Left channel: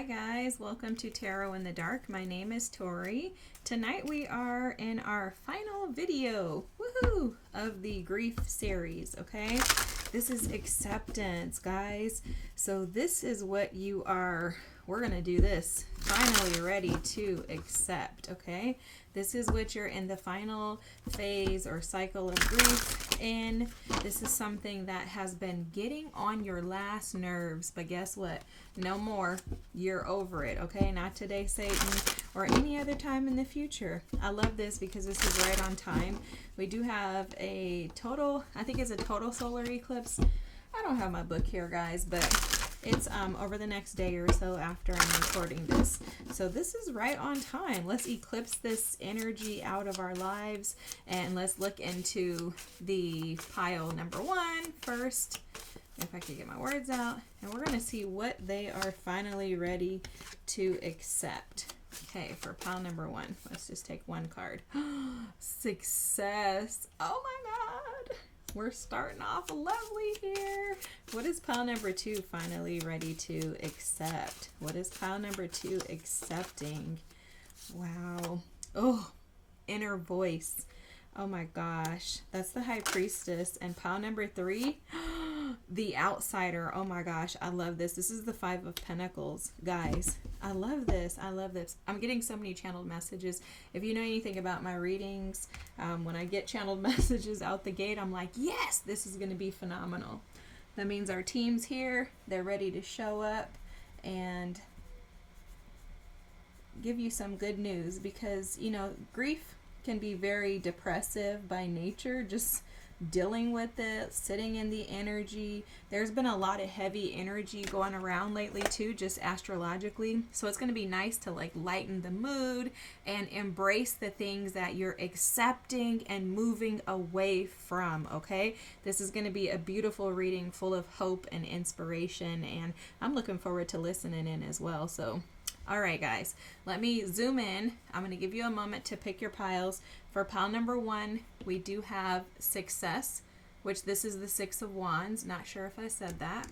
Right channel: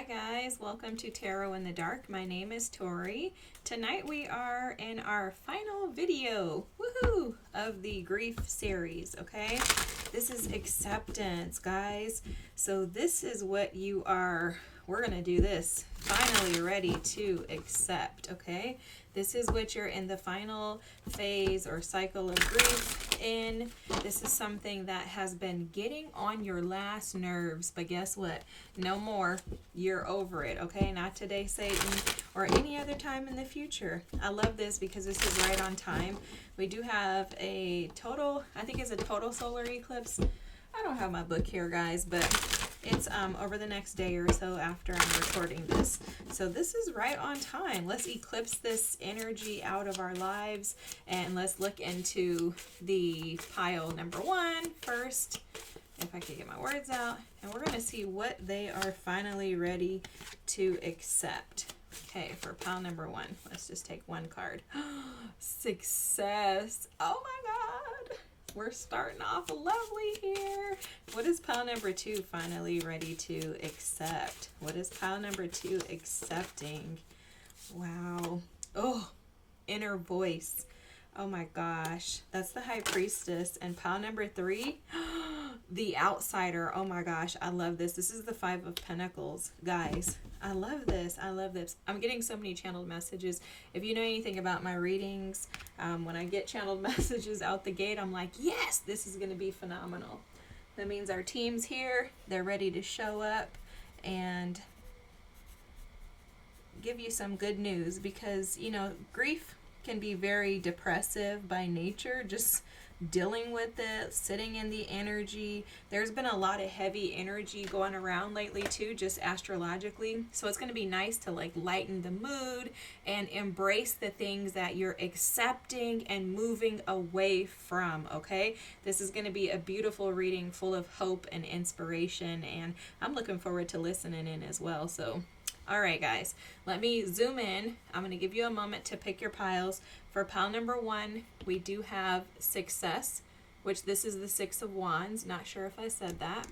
Hi guys, welcome to Tarot in the Dark. My name is Tori. Tonight we are in our final video, woohoo, of the grief series, okay? This is acceptance, guys. So this is what you are, we're gonna do this, finally ready to accept, okay? This is what you're in the final phase or cycle of grief in. This is something that has been getting on your last nerves, but guess what? No more. You're over it, okay? Not today, Satan, or any other time in the future. I love this because this is right on time. We do have a total, I think it's a total solar eclipse. I don't have my book here, guys, but it's over the next day or so after I'm recording this. So this is right on time. Let's eclipse this energy out of our lives and let's look into the pile number one first, if I could get my words out. And we're going to see what they are finally ready to accept. Okay, for pile number one, let's just take one card. Success. Oh my God. We're starting off lovely here. What is pile number two finally ready to accept? What is pile number two accepting? Wow. Oh, inner voice. Oh my gosh. That's the High Priestess. And pile number three, the outsider. Oh my gosh. I love this. This is the Five of Pentacles. Guys, I love this. I love this. I'm getting so many channeled messages. If you know anything about my readings, when I get channeled messages out the gate, I'm like, yes, this is going to be phenomenal. That means our team's here. They're ready to show up and give you some good news because, you know, grief can be very depressive by nature, just dealing with it, sitting in the energy. There's been a lot of heavy energy going around lately too, just astrologically. So it's going to be nice to like lighten the mood and embrace the things that you're accepting and moving away from, okay? This is going to be a beautiful reading full of hope and inspiration, and I'm looking forward to listening in as well. So all right, guys, let me zoom in. I'm going to give you a moment to pick your piles. For pile number one, we do have success, which this is the Six of Wands. Not sure if I said that.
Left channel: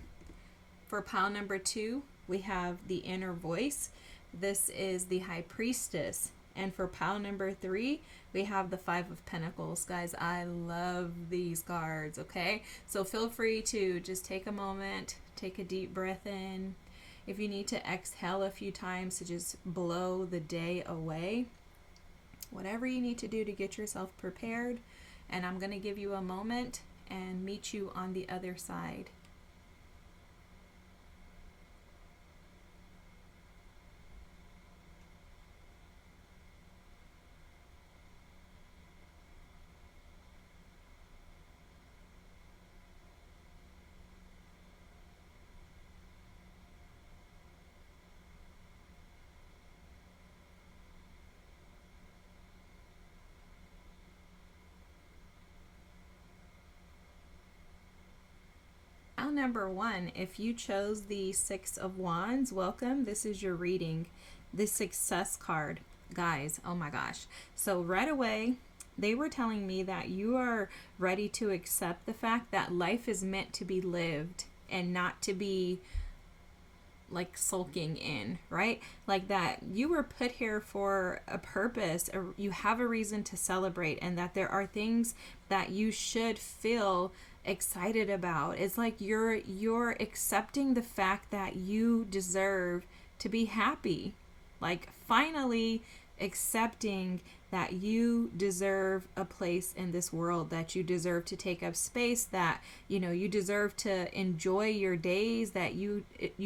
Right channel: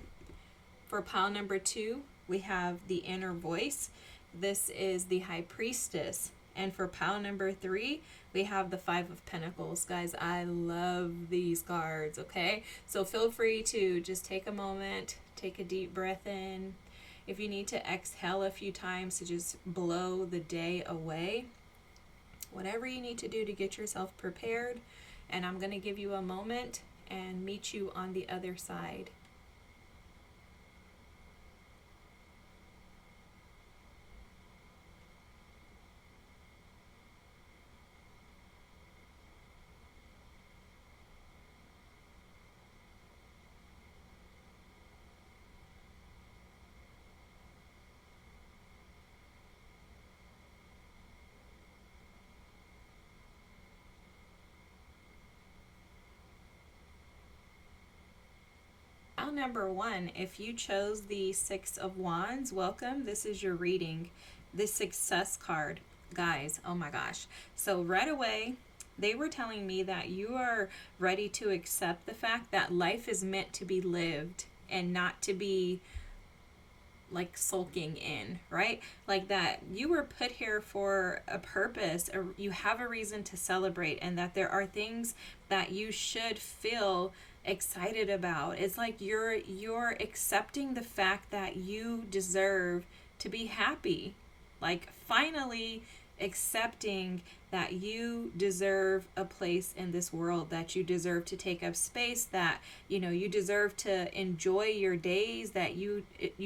For pile number two, we have the inner voice. This is the High Priestess. And for pile number three, we have the Five of Pentacles. Guys, I love these cards, okay? So feel free to just take a moment, take a deep breath in. If you need to exhale a few times to just blow the day away, whatever you need to do to get yourself prepared. And I'm going to give you a moment and meet you on the other side. Number one, if you chose the Six of Wands, welcome. This is your reading. The Success card, guys. Oh my gosh. So right away, they were telling me that you are ready to accept the fact that life is meant to be lived and not to be like sulking in, right? Like that you were put here for a purpose, or you have a reason to celebrate, and that there are things that you should feel excited about. It's like you're accepting the fact that you deserve to be happy. Like finally accepting that you deserve a place in this world, that you deserve to take up space, that you know you deserve to enjoy your days, that you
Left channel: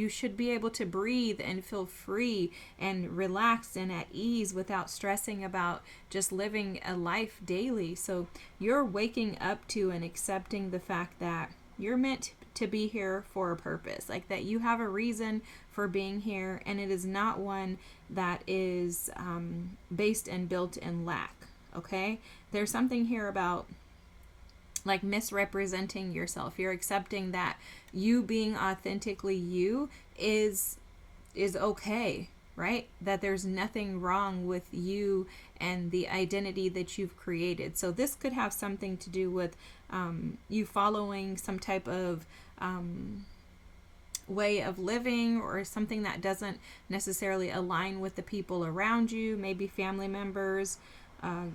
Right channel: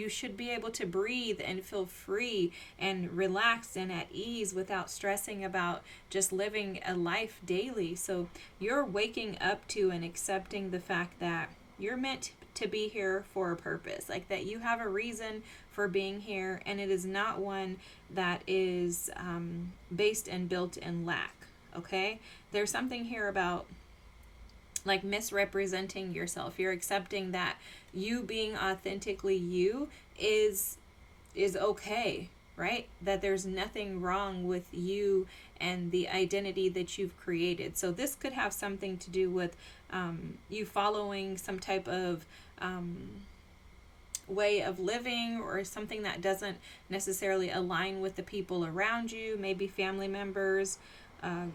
should be able to breathe and feel free and relaxed and at ease without stressing about just living a life daily. So you're waking up to and accepting the fact that you're meant to be here for a purpose, like that you have a reason for being here, and it is not one that is based and built in lack, okay? There's something here about like misrepresenting yourself. You're accepting that you being authentically you is okay, right? That there's nothing wrong with you and the identity that you've created. So this could have something to do with you following some type of way of living, or something that doesn't necessarily align with the people around you, maybe family members,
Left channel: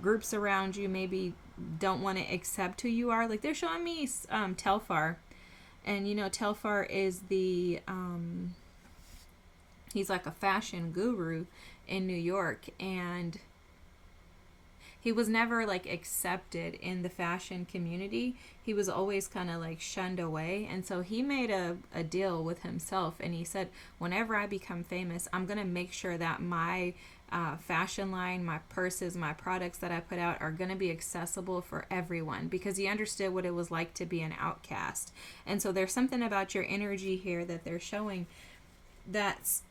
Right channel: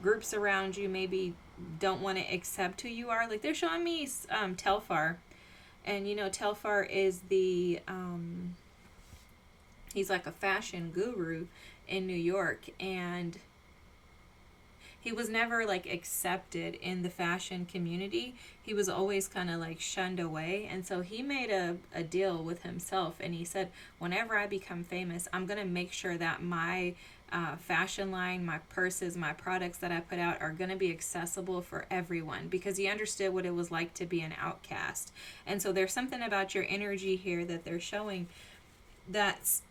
groups around you maybe don't want to accept who you are. Like they're showing me Telfar, and Telfar is the he's like a fashion guru in New York, and he was never like accepted in the fashion community. He was always kind of like shunned away. And so he made a deal with himself, and he said, whenever I become famous, I'm going to make sure that my fashion line, my purses, my products that I put out are going to be accessible for everyone, because he understood what it was like to be an outcast. And so there's something about your energy here that they're showing that's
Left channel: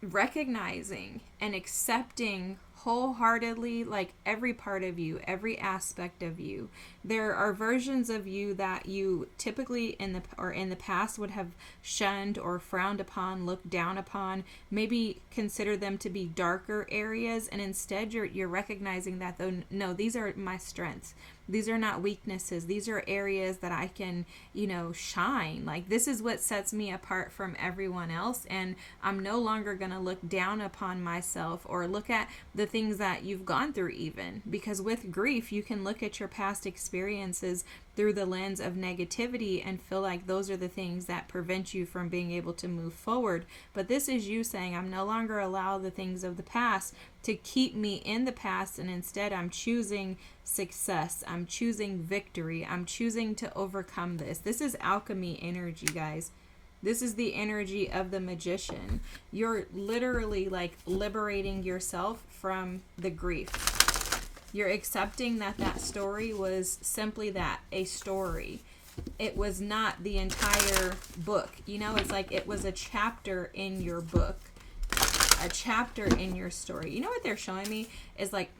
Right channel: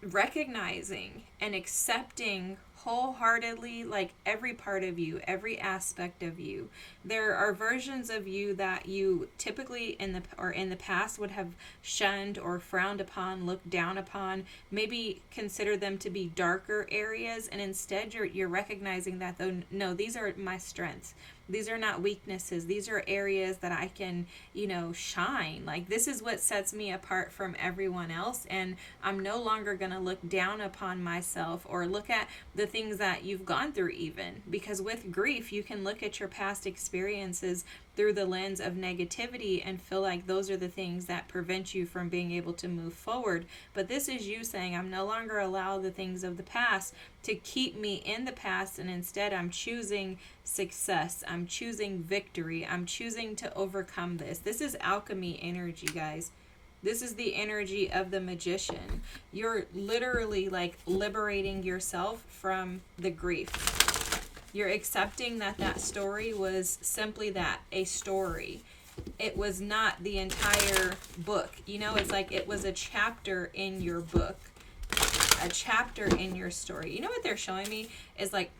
recognizing and accepting wholeheartedly, like every part of you, every aspect of you. There are versions of you that you typically in the past would have shunned or frowned upon, looked down upon, maybe consider them to be darker areas, and instead you're recognizing that, though, no, these are my strengths. These are not weaknesses. These are areas that I can, shine. Like, this is what sets me apart from everyone else. And I'm no longer going to look down upon myself or look at the things that you've gone through, even. Because with grief, you can look at your past experiences through the lens of negativity and feel like those are the things that prevent you from being able to move forward. But this is you saying, I'm no longer allow the things of the past to keep me in the past, and instead I'm choosing success. I'm choosing victory. I'm choosing to overcome this. This is alchemy energy, guys. This is the energy of the magician. You're literally like liberating yourself from the grief. You're accepting that story was simply that, a story. It was not the entire book. It's like it was a chapter in your book, a chapter in your story. You know what they're showing me is, like,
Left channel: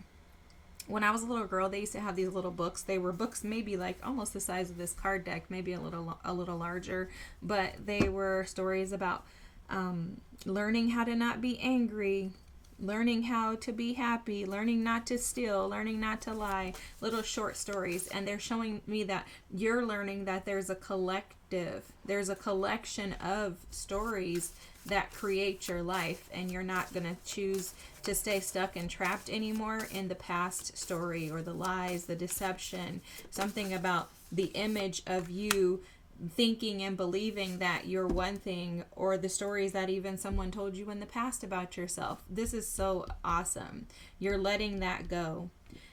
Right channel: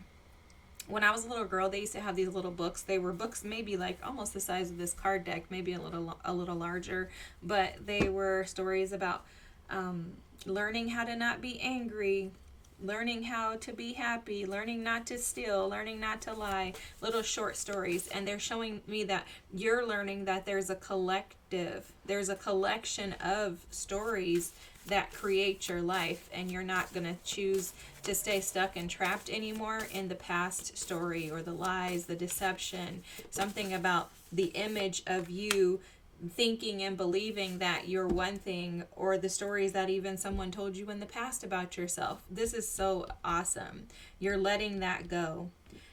when I was a little girl, they used to have these little books. They were books maybe like almost the size of this card deck, maybe a little larger, but they were stories about learning how to not be angry, learning how to be happy, learning not to steal, learning not to lie, little short stories. And they're showing me that you're learning that there's a collection of stories that create your life, and you're not going to choose to stay stuck and trapped anymore in the past story or the lies, the deception, something about the image of you thinking and believing that you're one thing, or the stories that even someone told you in the past about yourself. This is so awesome. You're letting that go.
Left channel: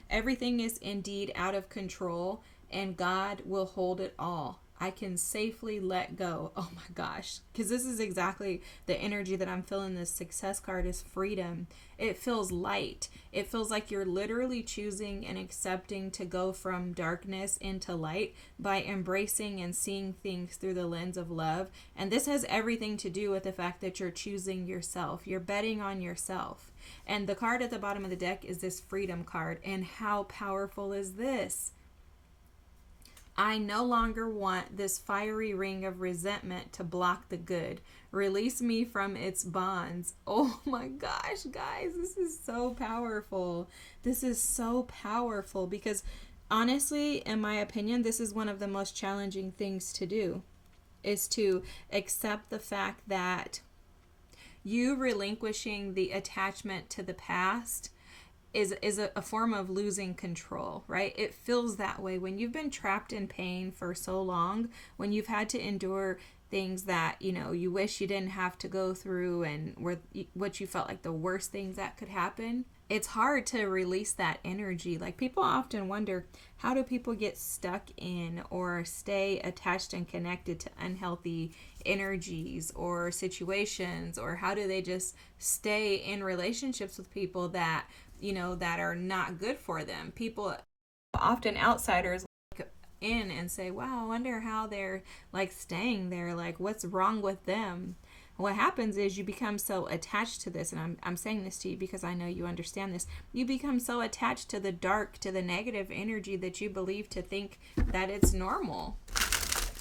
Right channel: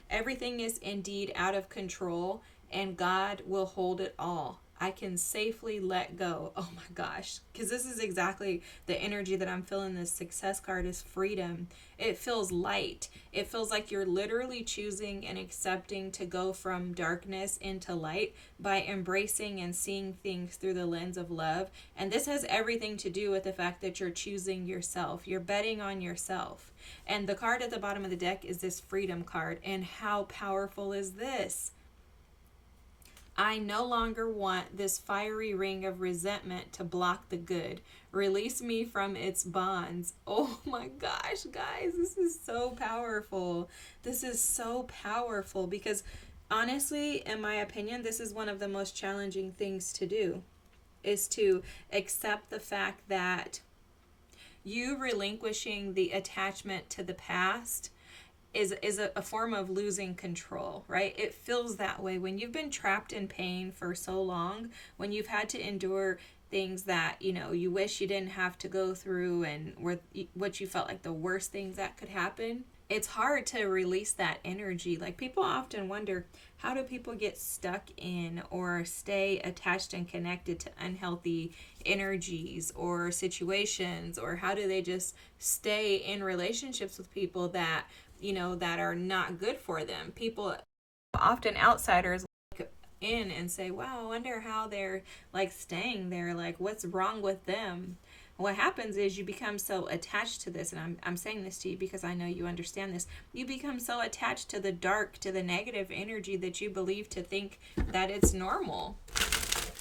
Everything is indeed out of control, and God will hold it all. I can safely let go. Oh my gosh. Because this is exactly the energy that I'm feeling. This success card is freedom. It feels light. It feels like you're literally choosing and accepting to go from darkness into light by embracing and seeing things through the lens of love. And this has everything to do with the fact that you're choosing yourself. You're betting on yourself. And the card at the bottom of the deck is this freedom card. And how powerful is this? I no longer want this fiery ring of resentment to block the good. Release me from its bonds. Oh my gosh, guys, this is so powerful. This is so powerful because honestly, in my opinion, this is one of the most challenging things to do, is to accept the fact that you relinquishing the attachment to the past is a form of losing control, right? It feels that way when you've been trapped in pain for so long, when you've had to endure things that, you wish you didn't have to go through, and what you felt like the worst things that could happen. It's hard to release that energy. Like, people often wonder, how do people get stuck in or stay attached and connected to unhealthy energies or situations, or how do they just stay in relationships with people that that are not good for them? People, often outsiders, look in and say, wow, I wonder how they're like staying there. Like, what's wrong with them? What happens is you become so attached to this, and I'm saying this to you because I know you understand this. You become so attached to the dark, to the negative energy, that you believe to think that it's normal.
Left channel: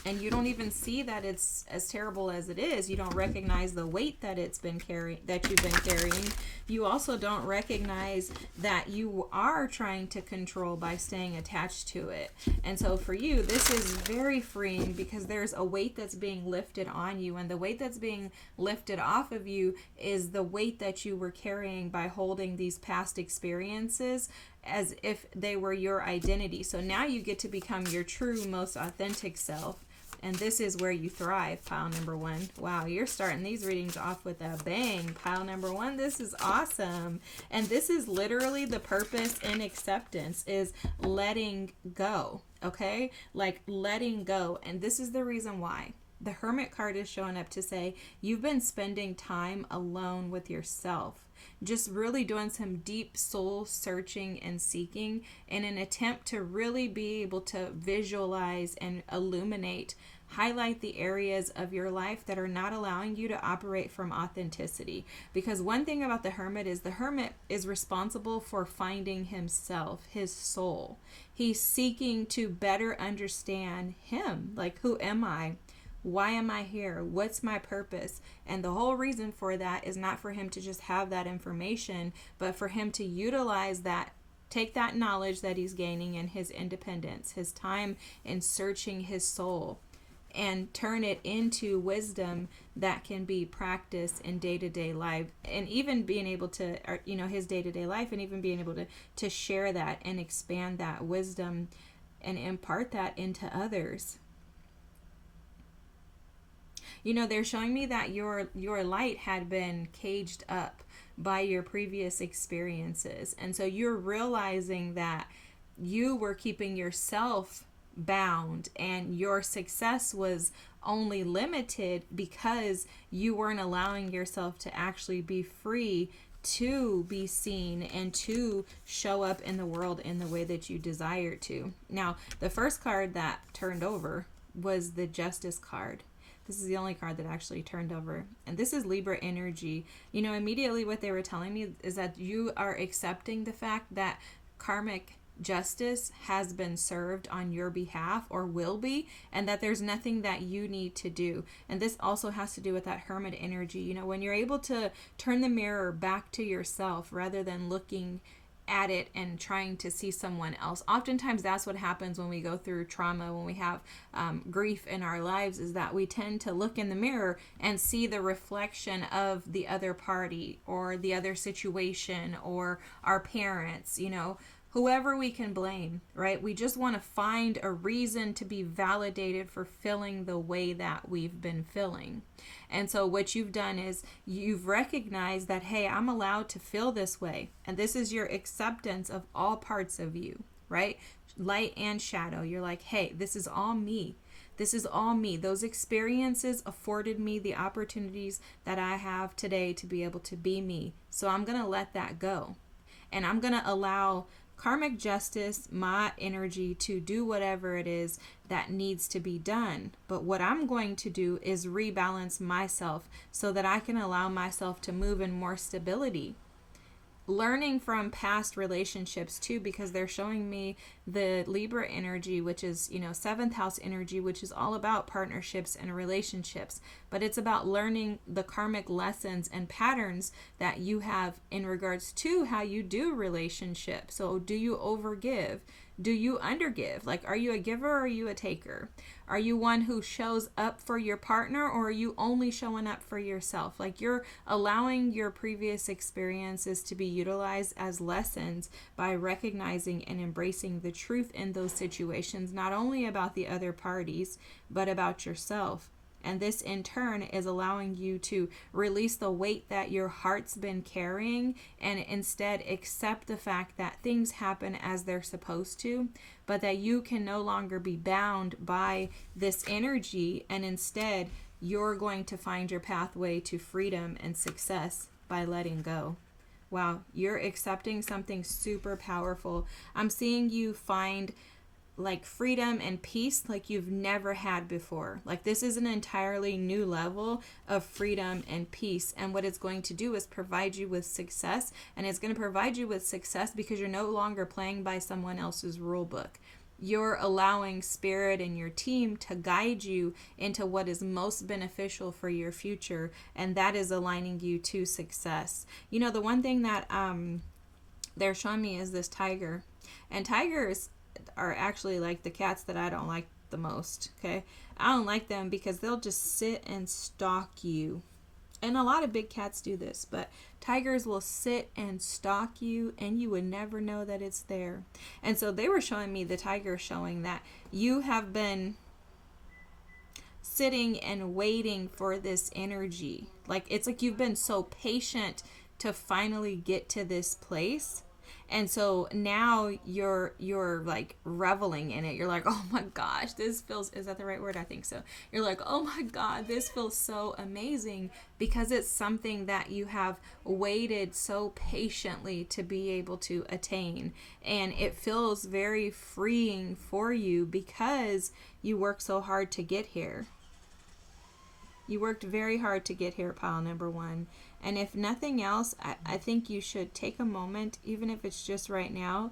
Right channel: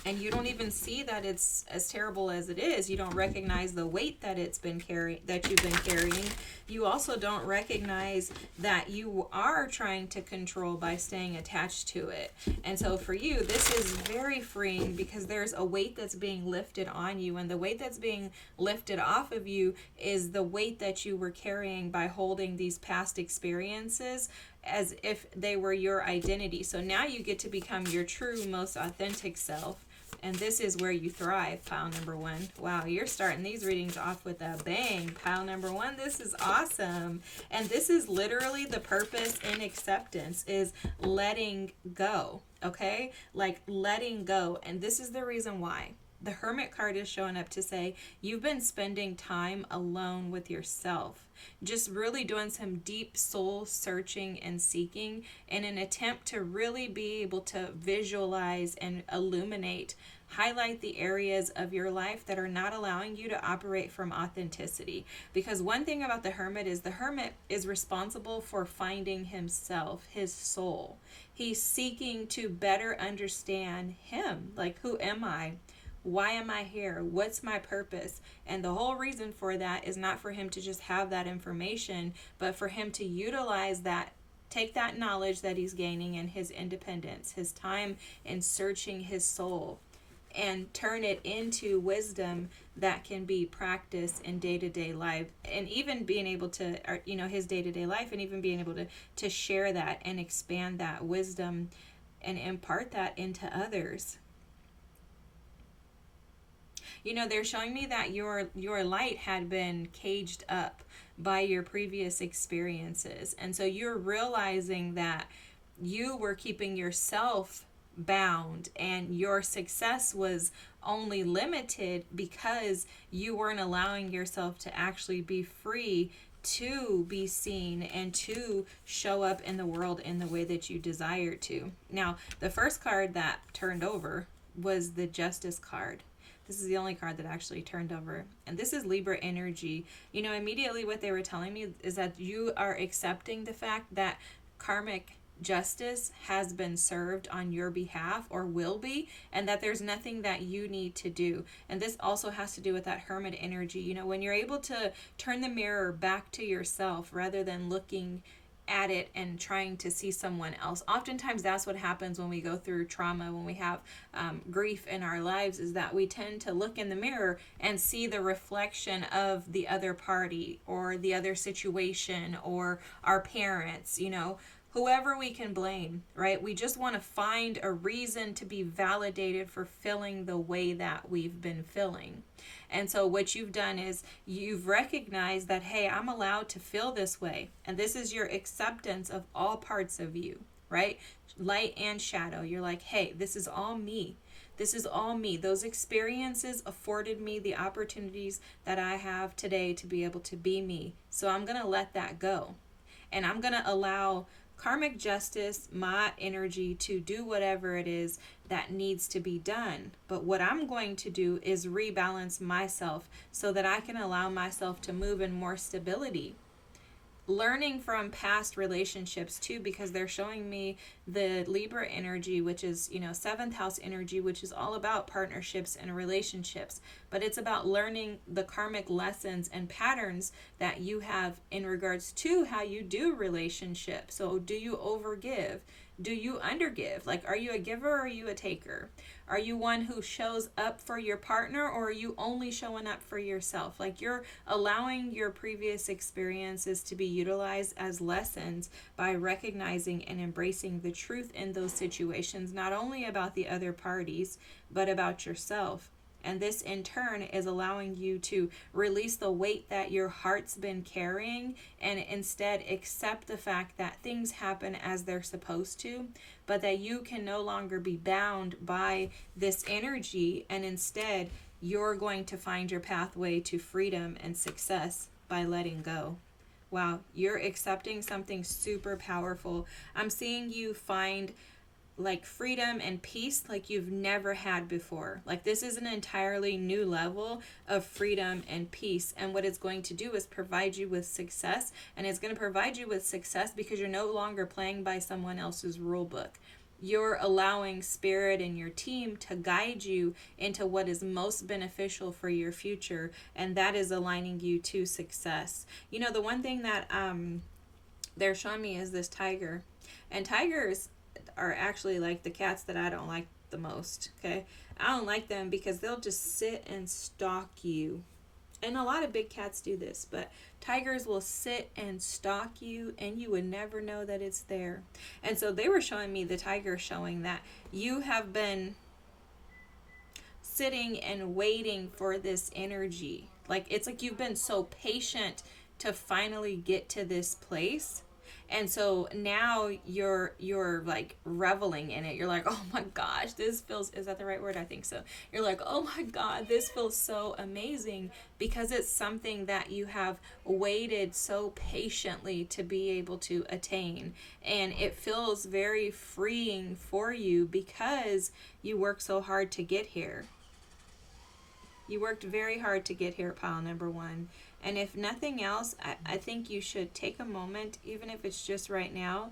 And you don't even see that it's as terrible as it is. You don't recognize the weight that you've been carrying. You also don't recognize that you are trying to control by staying attached to it. And so for you, this is very freeing because there's a weight that's being lifted on you, and the weight that's being lifted off of you is the weight that you were carrying by holding these past experiences as if they were your identity. So now you get to become your true, most authentic self. And this is where you thrive, pile number one. Wow, you're starting these readings off with a bang, pile number one. This is awesome. And this is literally the purpose in acceptance, is letting go, okay? Like letting go. And this is the reason why. The Hermit card is showing up to say, you've been spending time alone with yourself, just really doing some deep soul searching and seeking in an attempt to really be able to visualize and illuminate, highlight the areas of your life that are not allowing you to operate from authenticity. Because one thing about the Hermit is responsible for finding himself, his soul. He's seeking to better understand him. Like, who am I? Why am I here? What's my purpose? And the whole reason for that is not for him to just have that information, but for him to utilize that, take that knowledge that he's gaining in his independence, his time in searching his soul, and turn it into wisdom that can be practiced in day-to-day life, and even being able to, his day-to-day life, and even being able to share that and expand that wisdom and impart that into others. They're showing me that your light had been caged up by your previous experiences. And so you're realizing that you were keeping yourself bound, and your success was only limited because you weren't allowing yourself to actually be free to be seen and to show up in the world in the way that you desire to. Now, the first card that turned over was the Justice card. This is the only card that actually turned over. And this is Libra energy. Immediately what they were telling me is that you are accepting the fact that karmic justice has been served on your behalf, or will be, and that there's nothing that you need to do. And this also has to do with that Hermit energy. When you're able to turn the mirror back to yourself rather than looking at it and trying to see someone else. Oftentimes that's what happens when we go through trauma, when we have grief in our lives, is that we tend to look in the mirror and see the reflection of the other party or the other situation or our parents, whoever we can blame, right? We just want to find a reason to be validated for feeling the way that we've been feeling. And so what you've done is you've recognized that, hey, I'm allowed to feel this way. And this is your acceptance of all parts of you, right? Light and shadow. You're like, hey, this is all me. This is all me. Those experiences afforded me the opportunities that I have today to be able to be me. So I'm going to let that go. And I'm going to allow karmic justice, my energy, to do whatever it is that needs to be done. But what I'm going to do is rebalance myself so that I can allow myself to move in more stability. Learning from past relationships too, because they're showing me the Libra energy, which is, 7th house energy, which is all about partnerships and relationships. But it's about learning the karmic lessons and patterns that you have in regards to how you do relationships. So do you overgive? Do you undergive? Like, are you a giver or are you a taker? Are you one who shows up for your partner, or are you only showing up for yourself? Like, you're allowing your previous experiences to be utilized as lessons by recognizing and embracing the truth in those situations, not only about the other parties, but about yourself. And this in turn is allowing you to release the weight that your heart's been carrying, and instead accept the fact that things happen as they're supposed to, but that you can no longer be bound by this energy, and instead you're going to find your pathway to freedom and success by letting go. Wow, you're accepting something super powerful. I'm seeing you find like freedom and peace like you've never had before. Like, this is an entirely new level of freedom and peace. And what it's going to do is provide you with success. And it's going to provide you with success because you're no longer playing by someone else's rule book. You're allowing spirit and your team to guide you into what is most beneficial for your future, and that is aligning you to success. You know, the one thing that they're showing me is this tiger, and tigers are actually like the cats that I don't like the most. Okay, I don't like them because they'll just sit and stalk you, and a lot of big cats do this, but tigers will sit and stalk you and you would never know that it's there. And so they were showing me the tiger, showing that you have been sitting and waiting for this energy. Like, it's like you've been so patient to finally get to this place. And so now you're like reveling in it. You're like, oh my gosh, this feels, is that the right word? I think so. You're like, oh my God, this feels so amazing, because it's something that you have waited so patiently to be able to attain. And it feels very freeing for you because you worked so hard to get here. You worked very hard to get here, pile number one. And if nothing else, I think you should take a moment, even if it's just right now,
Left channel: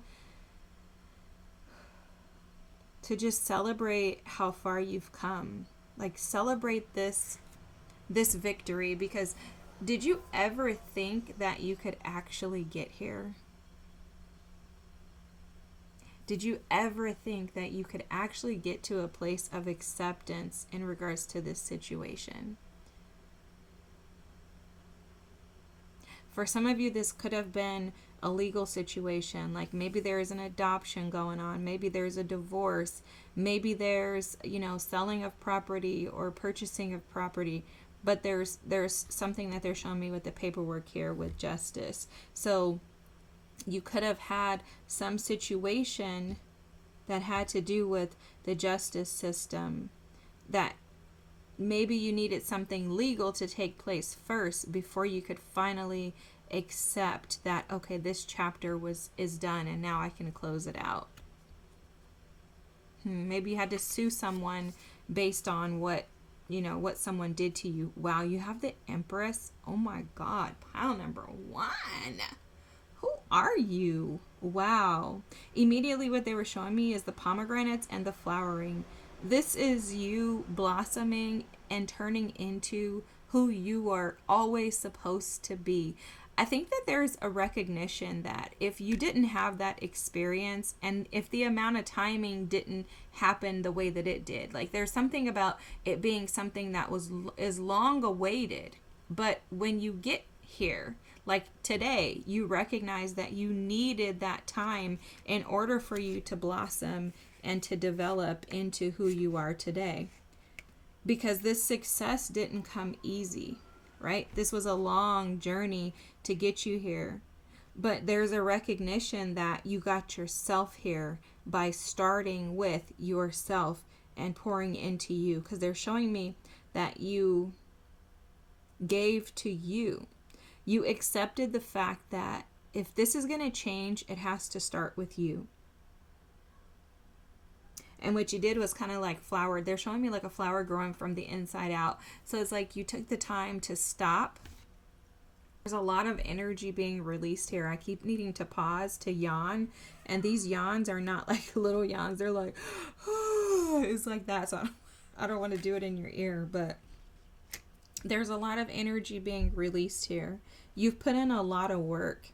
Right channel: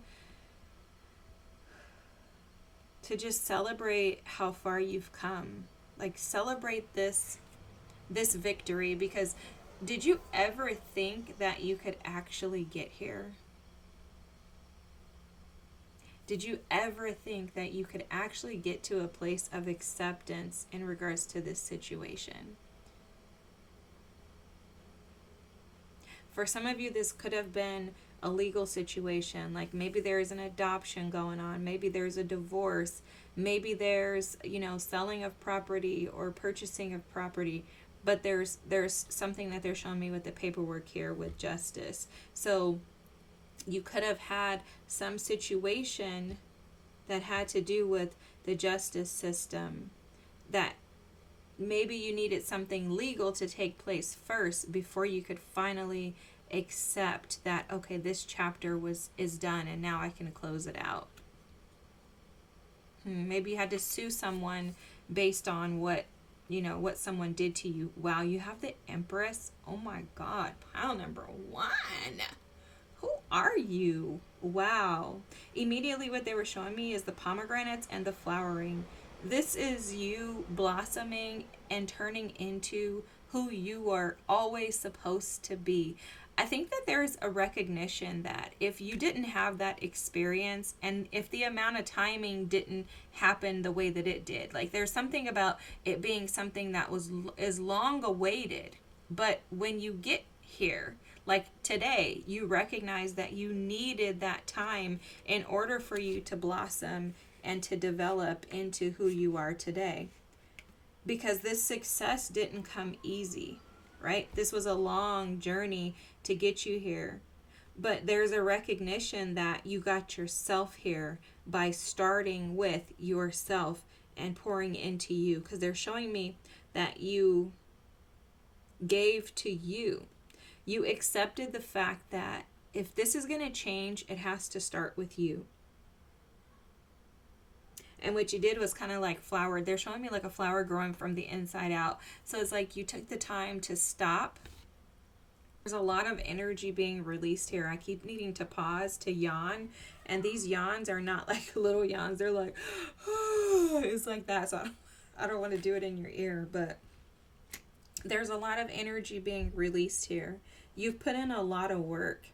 to just celebrate how far you've come. Like, celebrate this victory, because did you ever think that you could actually get here? Did you ever think that you could actually get to a place of acceptance in regards to this situation? For some of you, this could have been a legal situation. Like, maybe there's an adoption going on. Maybe there's a divorce. Maybe there's, selling of property or purchasing of property. But there's something that they're showing me with the paperwork here with justice. So you could have had some situation that had to do with the justice system, that maybe you needed something legal to take place first before you could finally accept that, okay, this chapter is done and now I can close it out. Maybe you had to sue someone based on what someone did to you. Wow, you have the Empress. Oh my God, pile number one. Who are you? Wow. Immediately what they were showing me is the pomegranates and the flowering. This is you blossoming and turning into who you are always supposed to be. I think that there's a recognition that if you didn't have that experience, and if the amount of timing didn't happen the way that it did, like, there's something about it being something that is long awaited, but when you get here, like today, you recognize that you needed that time in order for you to blossom and to develop into who you are today. Because this success didn't come easy, right? This was a long journey to get you here. But there's a recognition that you got yourself here by starting with yourself and pouring into you. Because they're showing me that you gave to you. You accepted the fact that if this is going to change, it has to start with you. And what you did was kind of like flowered. They're showing me like a flower growing from the inside out. So it's like you took the time to stop. There's a lot of energy being released here. I keep needing to pause to yawn. And these yawns are not like little yawns. They're like, it's like that. So I don't want to do it in your ear. But there's a lot of energy being released here. You've put in a lot of work.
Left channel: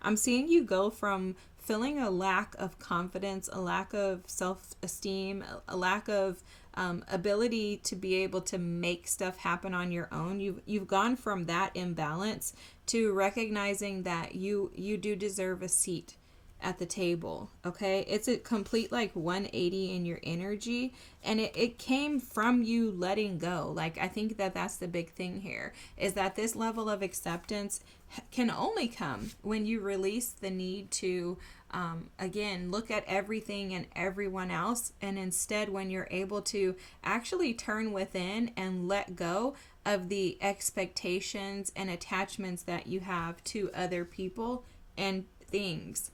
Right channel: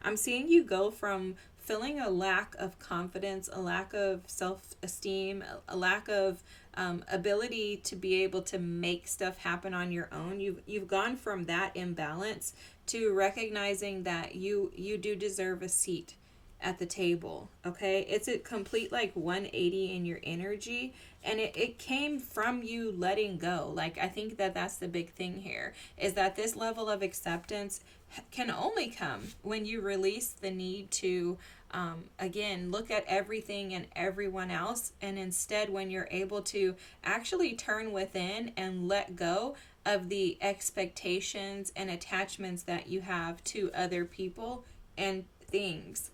I'm seeing you go from feeling a lack of confidence, a lack of self-esteem, a lack of ability to be able to make stuff happen on your own. You've gone from that imbalance to recognizing that you do deserve a seat at the table. Okay, it's a complete like 180 in your energy, and it came from you letting go. Like, I think that that's the big thing here, is that this level of acceptance can only come when you release the need to again look at everything and everyone else, and instead when you're able to actually turn within and let go of the expectations and attachments that you have to other people and things.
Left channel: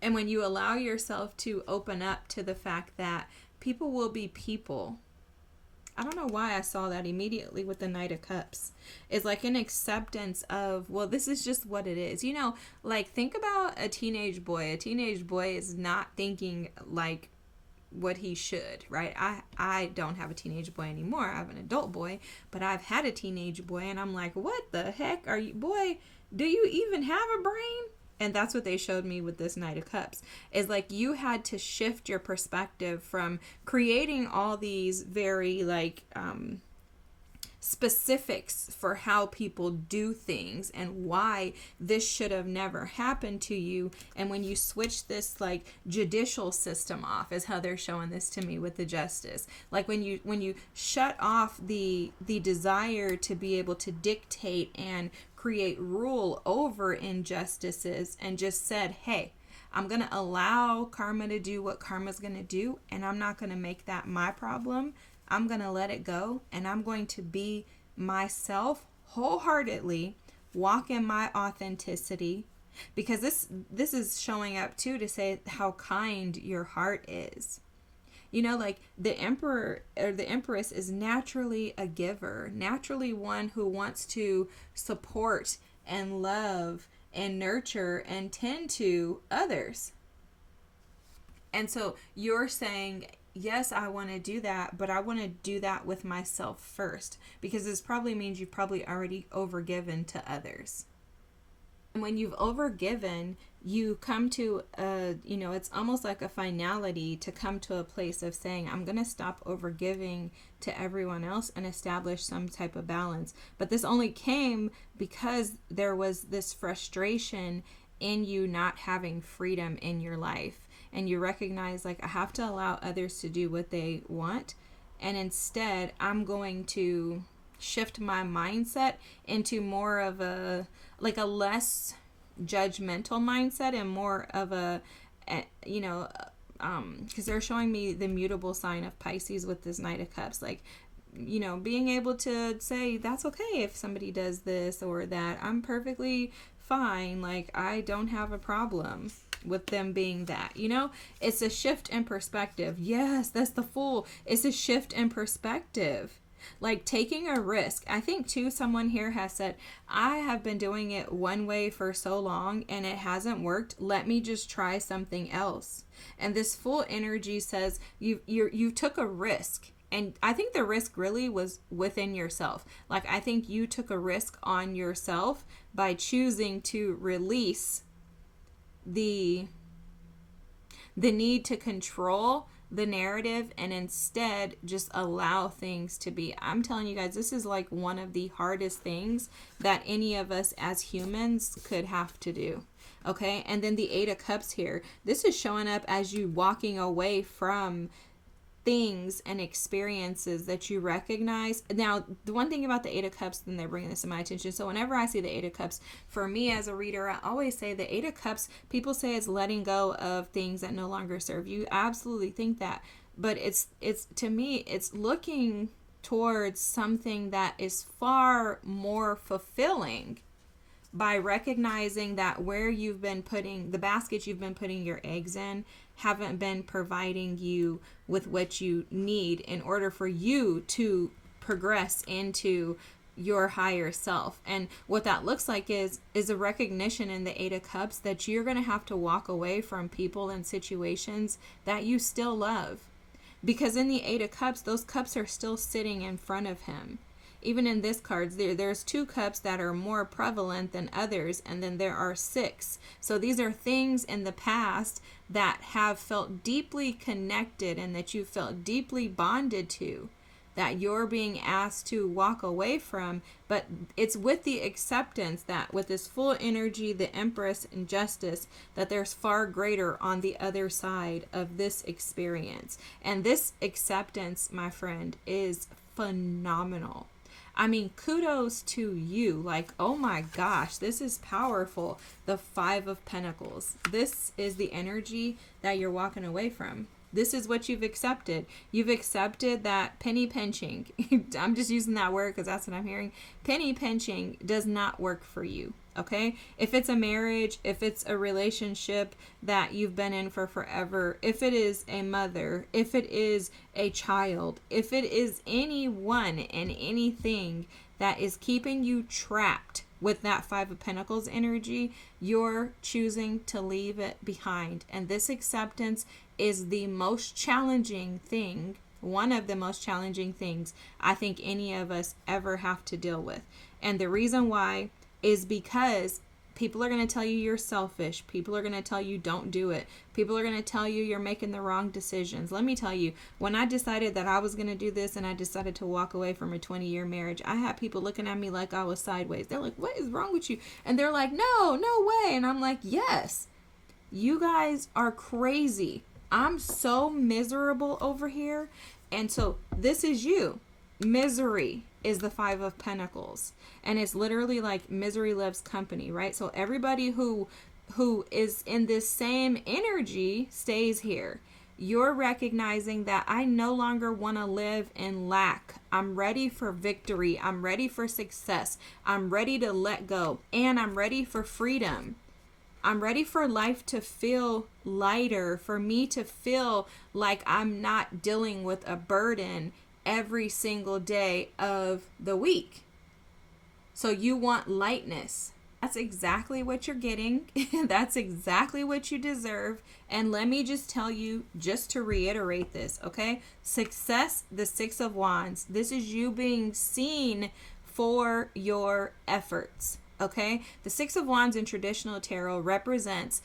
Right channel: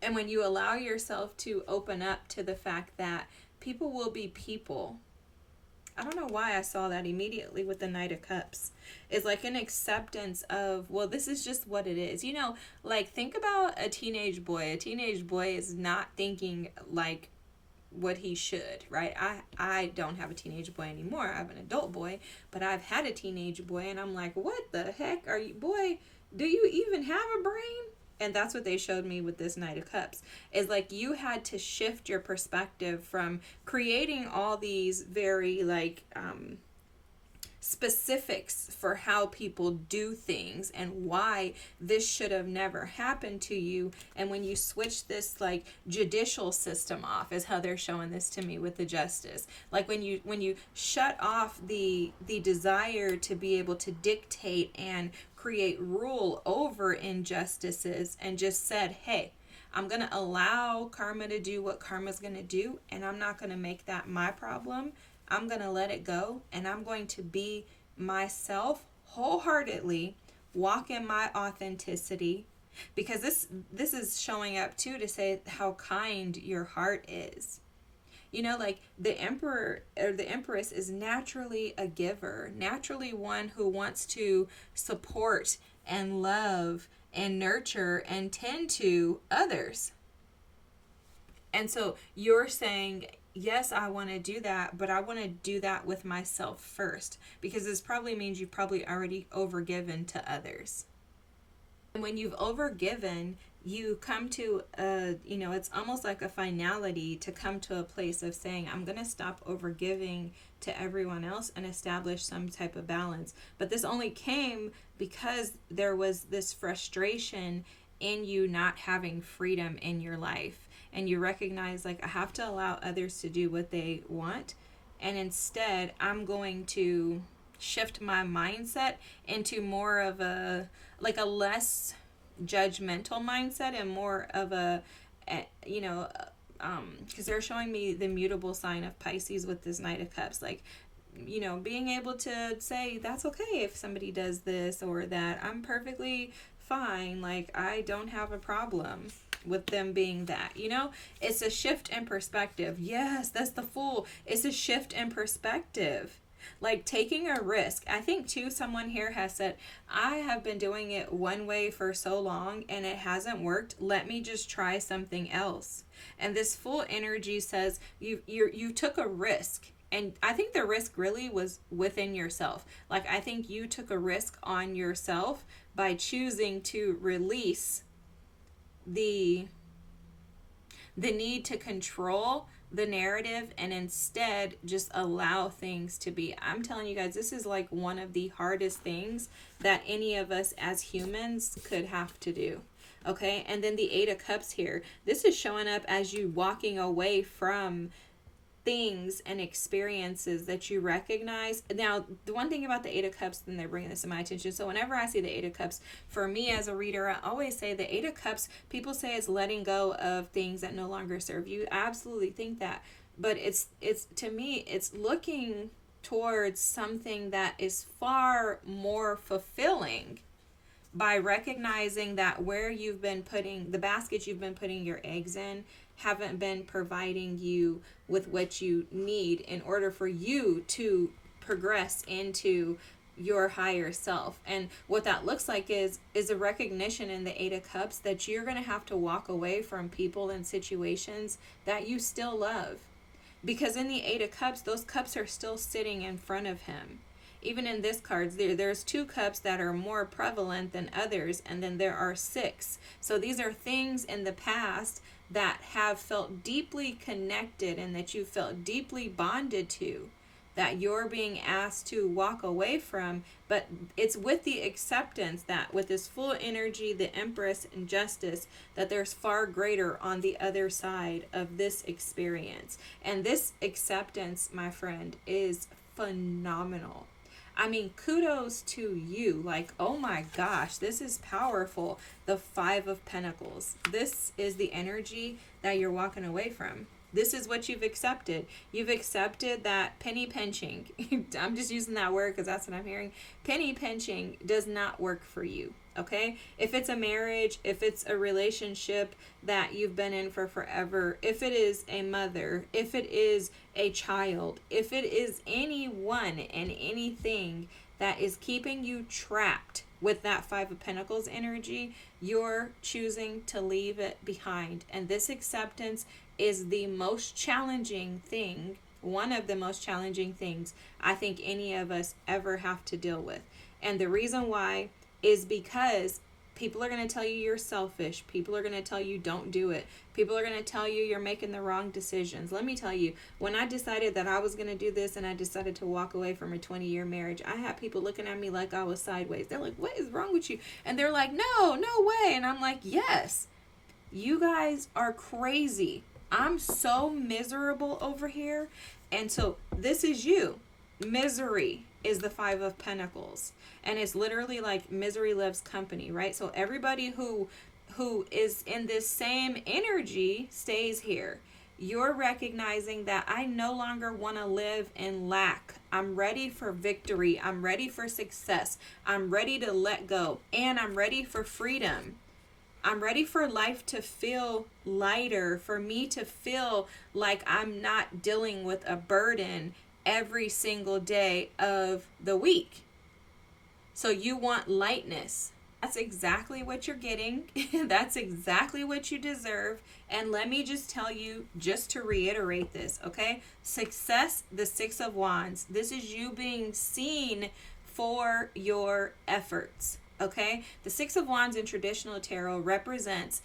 And when you allow yourself to open up to the fact that people will be people, I don't know why I saw that immediately with the Knight of Cups. It's like an acceptance of, well, this is just what it is. You know, like think about a teenage boy. A teenage boy is not thinking like what he should, right? I don't have a teenage boy anymore. I have an adult boy, but I've had a teenage boy, and I'm like, what the heck are you, boy? Do you even have a brain? And that's what they showed me with this Knight of Cups, is like you had to shift your perspective from creating all these very like specifics for how people do things and why this should have never happened to you. And when you switch this like judicial system off, is how they're showing this to me with the justice. Like when you shut off the desire to be able to dictate and create rule over injustices, and just said, hey, I'm going to allow karma to do what karma's going to do, and I'm not going to make that my problem. I'm going to let it go, and I'm going to be myself wholeheartedly, walk in my authenticity, because this is showing up too to say how kind your heart is. You know, like the emperor or the empress is naturally a giver, naturally one who wants to support and love and nurture and tend to others. And so you're saying, yes, I want to do that, but I want to do that with myself first, because this probably means you've probably already overgiven to others. And when you've overgiven, you come to it's almost like a finality to come to a place of saying, I'm going to stop overgiving to everyone else and establish some type of balance. But this only came because there was this frustration in you not having freedom in your life. And you recognize, like, I have to allow others to do what they want. And instead, I'm going to shift my mindset into more of a less judgmental mindset, and more of because they're showing me the mutable sign of Pisces with this Knight of Cups, like, being able to say, that's okay if somebody does this or that. I'm perfectly fine. Like, I don't have a problem with them being that. It's a shift in perspective. Yes, that's the Fool. It's a shift in perspective. Like taking a risk. I think too, someone here has said, I have been doing it one way for so long and it hasn't worked. Let me just try something else. And this Fool energy says you took a risk. And I think the risk really was within yourself. Like, I think you took a risk on yourself by choosing to release the need to control the narrative and instead just allow things to be. I'm telling you guys, this is like one of the hardest things that any of us as humans could have to do. Okay. And then the 8 of Cups here, this is showing up as you walking away from things and experiences that you recognize. Now, the one thing about the 8 of Cups, then they're bringing this to my attention. So whenever I see the 8 of Cups, for me as a reader, I always say the 8 of Cups, people say it's letting go of things that no longer serve you. I absolutely think that. But it's to me, it's looking towards something that is far more fulfilling by recognizing that where you've been putting, the basket you've been putting your eggs in, haven't been providing you with what you need in order for you to progress into your higher self. And what that looks like is a recognition in the 8 of Cups that you're going to have to walk away from people and situations that you still love. Because in the 8 of Cups, those cups are still sitting in front of him. Even in this card, there's 2 cups that are more prevalent than others, and then there are 6. So these are things in the past that have felt deeply connected and that you felt deeply bonded to, that you're being asked to walk away from. But it's with the acceptance that with this Fool energy, the Empress and Justice, that there's far greater on the other side of this experience. And this acceptance, my friend, is phenomenal. I mean, kudos to you. Like, oh my gosh, this is powerful. The 5 of Pentacles. This is the energy that you're walking away from. This is what you've accepted. You've accepted that penny pinching. I'm just using that word because that's what I'm hearing. Penny pinching does not work for you. Okay? If it's a marriage, if it's a relationship that you've been in for forever, if it is a mother, if it is a child, if it is anyone and anything that is keeping you trapped with that Five of Pentacles energy, you're choosing to leave it behind. And this acceptance is the most challenging thing, one of the most challenging things I think any of us ever have to deal with. And the reason why is because people are going to tell you you're selfish. People are going to tell you don't do it. People are going to tell you you're making the wrong decisions. Let me tell you, when I decided that I was going to do this and I decided to walk away from a 20-year marriage, I had people looking at me like I was sideways. They're like, what is wrong with you? And they're like, no way. And I'm like, yes, you guys are crazy. I'm so miserable over here. And so this is you. Misery is the Five of Pentacles. And it's literally like misery loves company, right? So everybody who is in this same energy stays here. You're recognizing that I no longer want to live in lack. I'm ready for victory. I'm ready for success. I'm ready to let go. And I'm ready for freedom. I'm ready for life to feel lighter, for me to feel like I'm not dealing with a burden every single day of the week. So you want lightness. That's exactly what you're getting. That's exactly what you deserve. And let me just tell you, just to reiterate this, okay? Success, the Six of Wands. This is you being seen for your efforts, okay? The Six of Wands in traditional tarot represents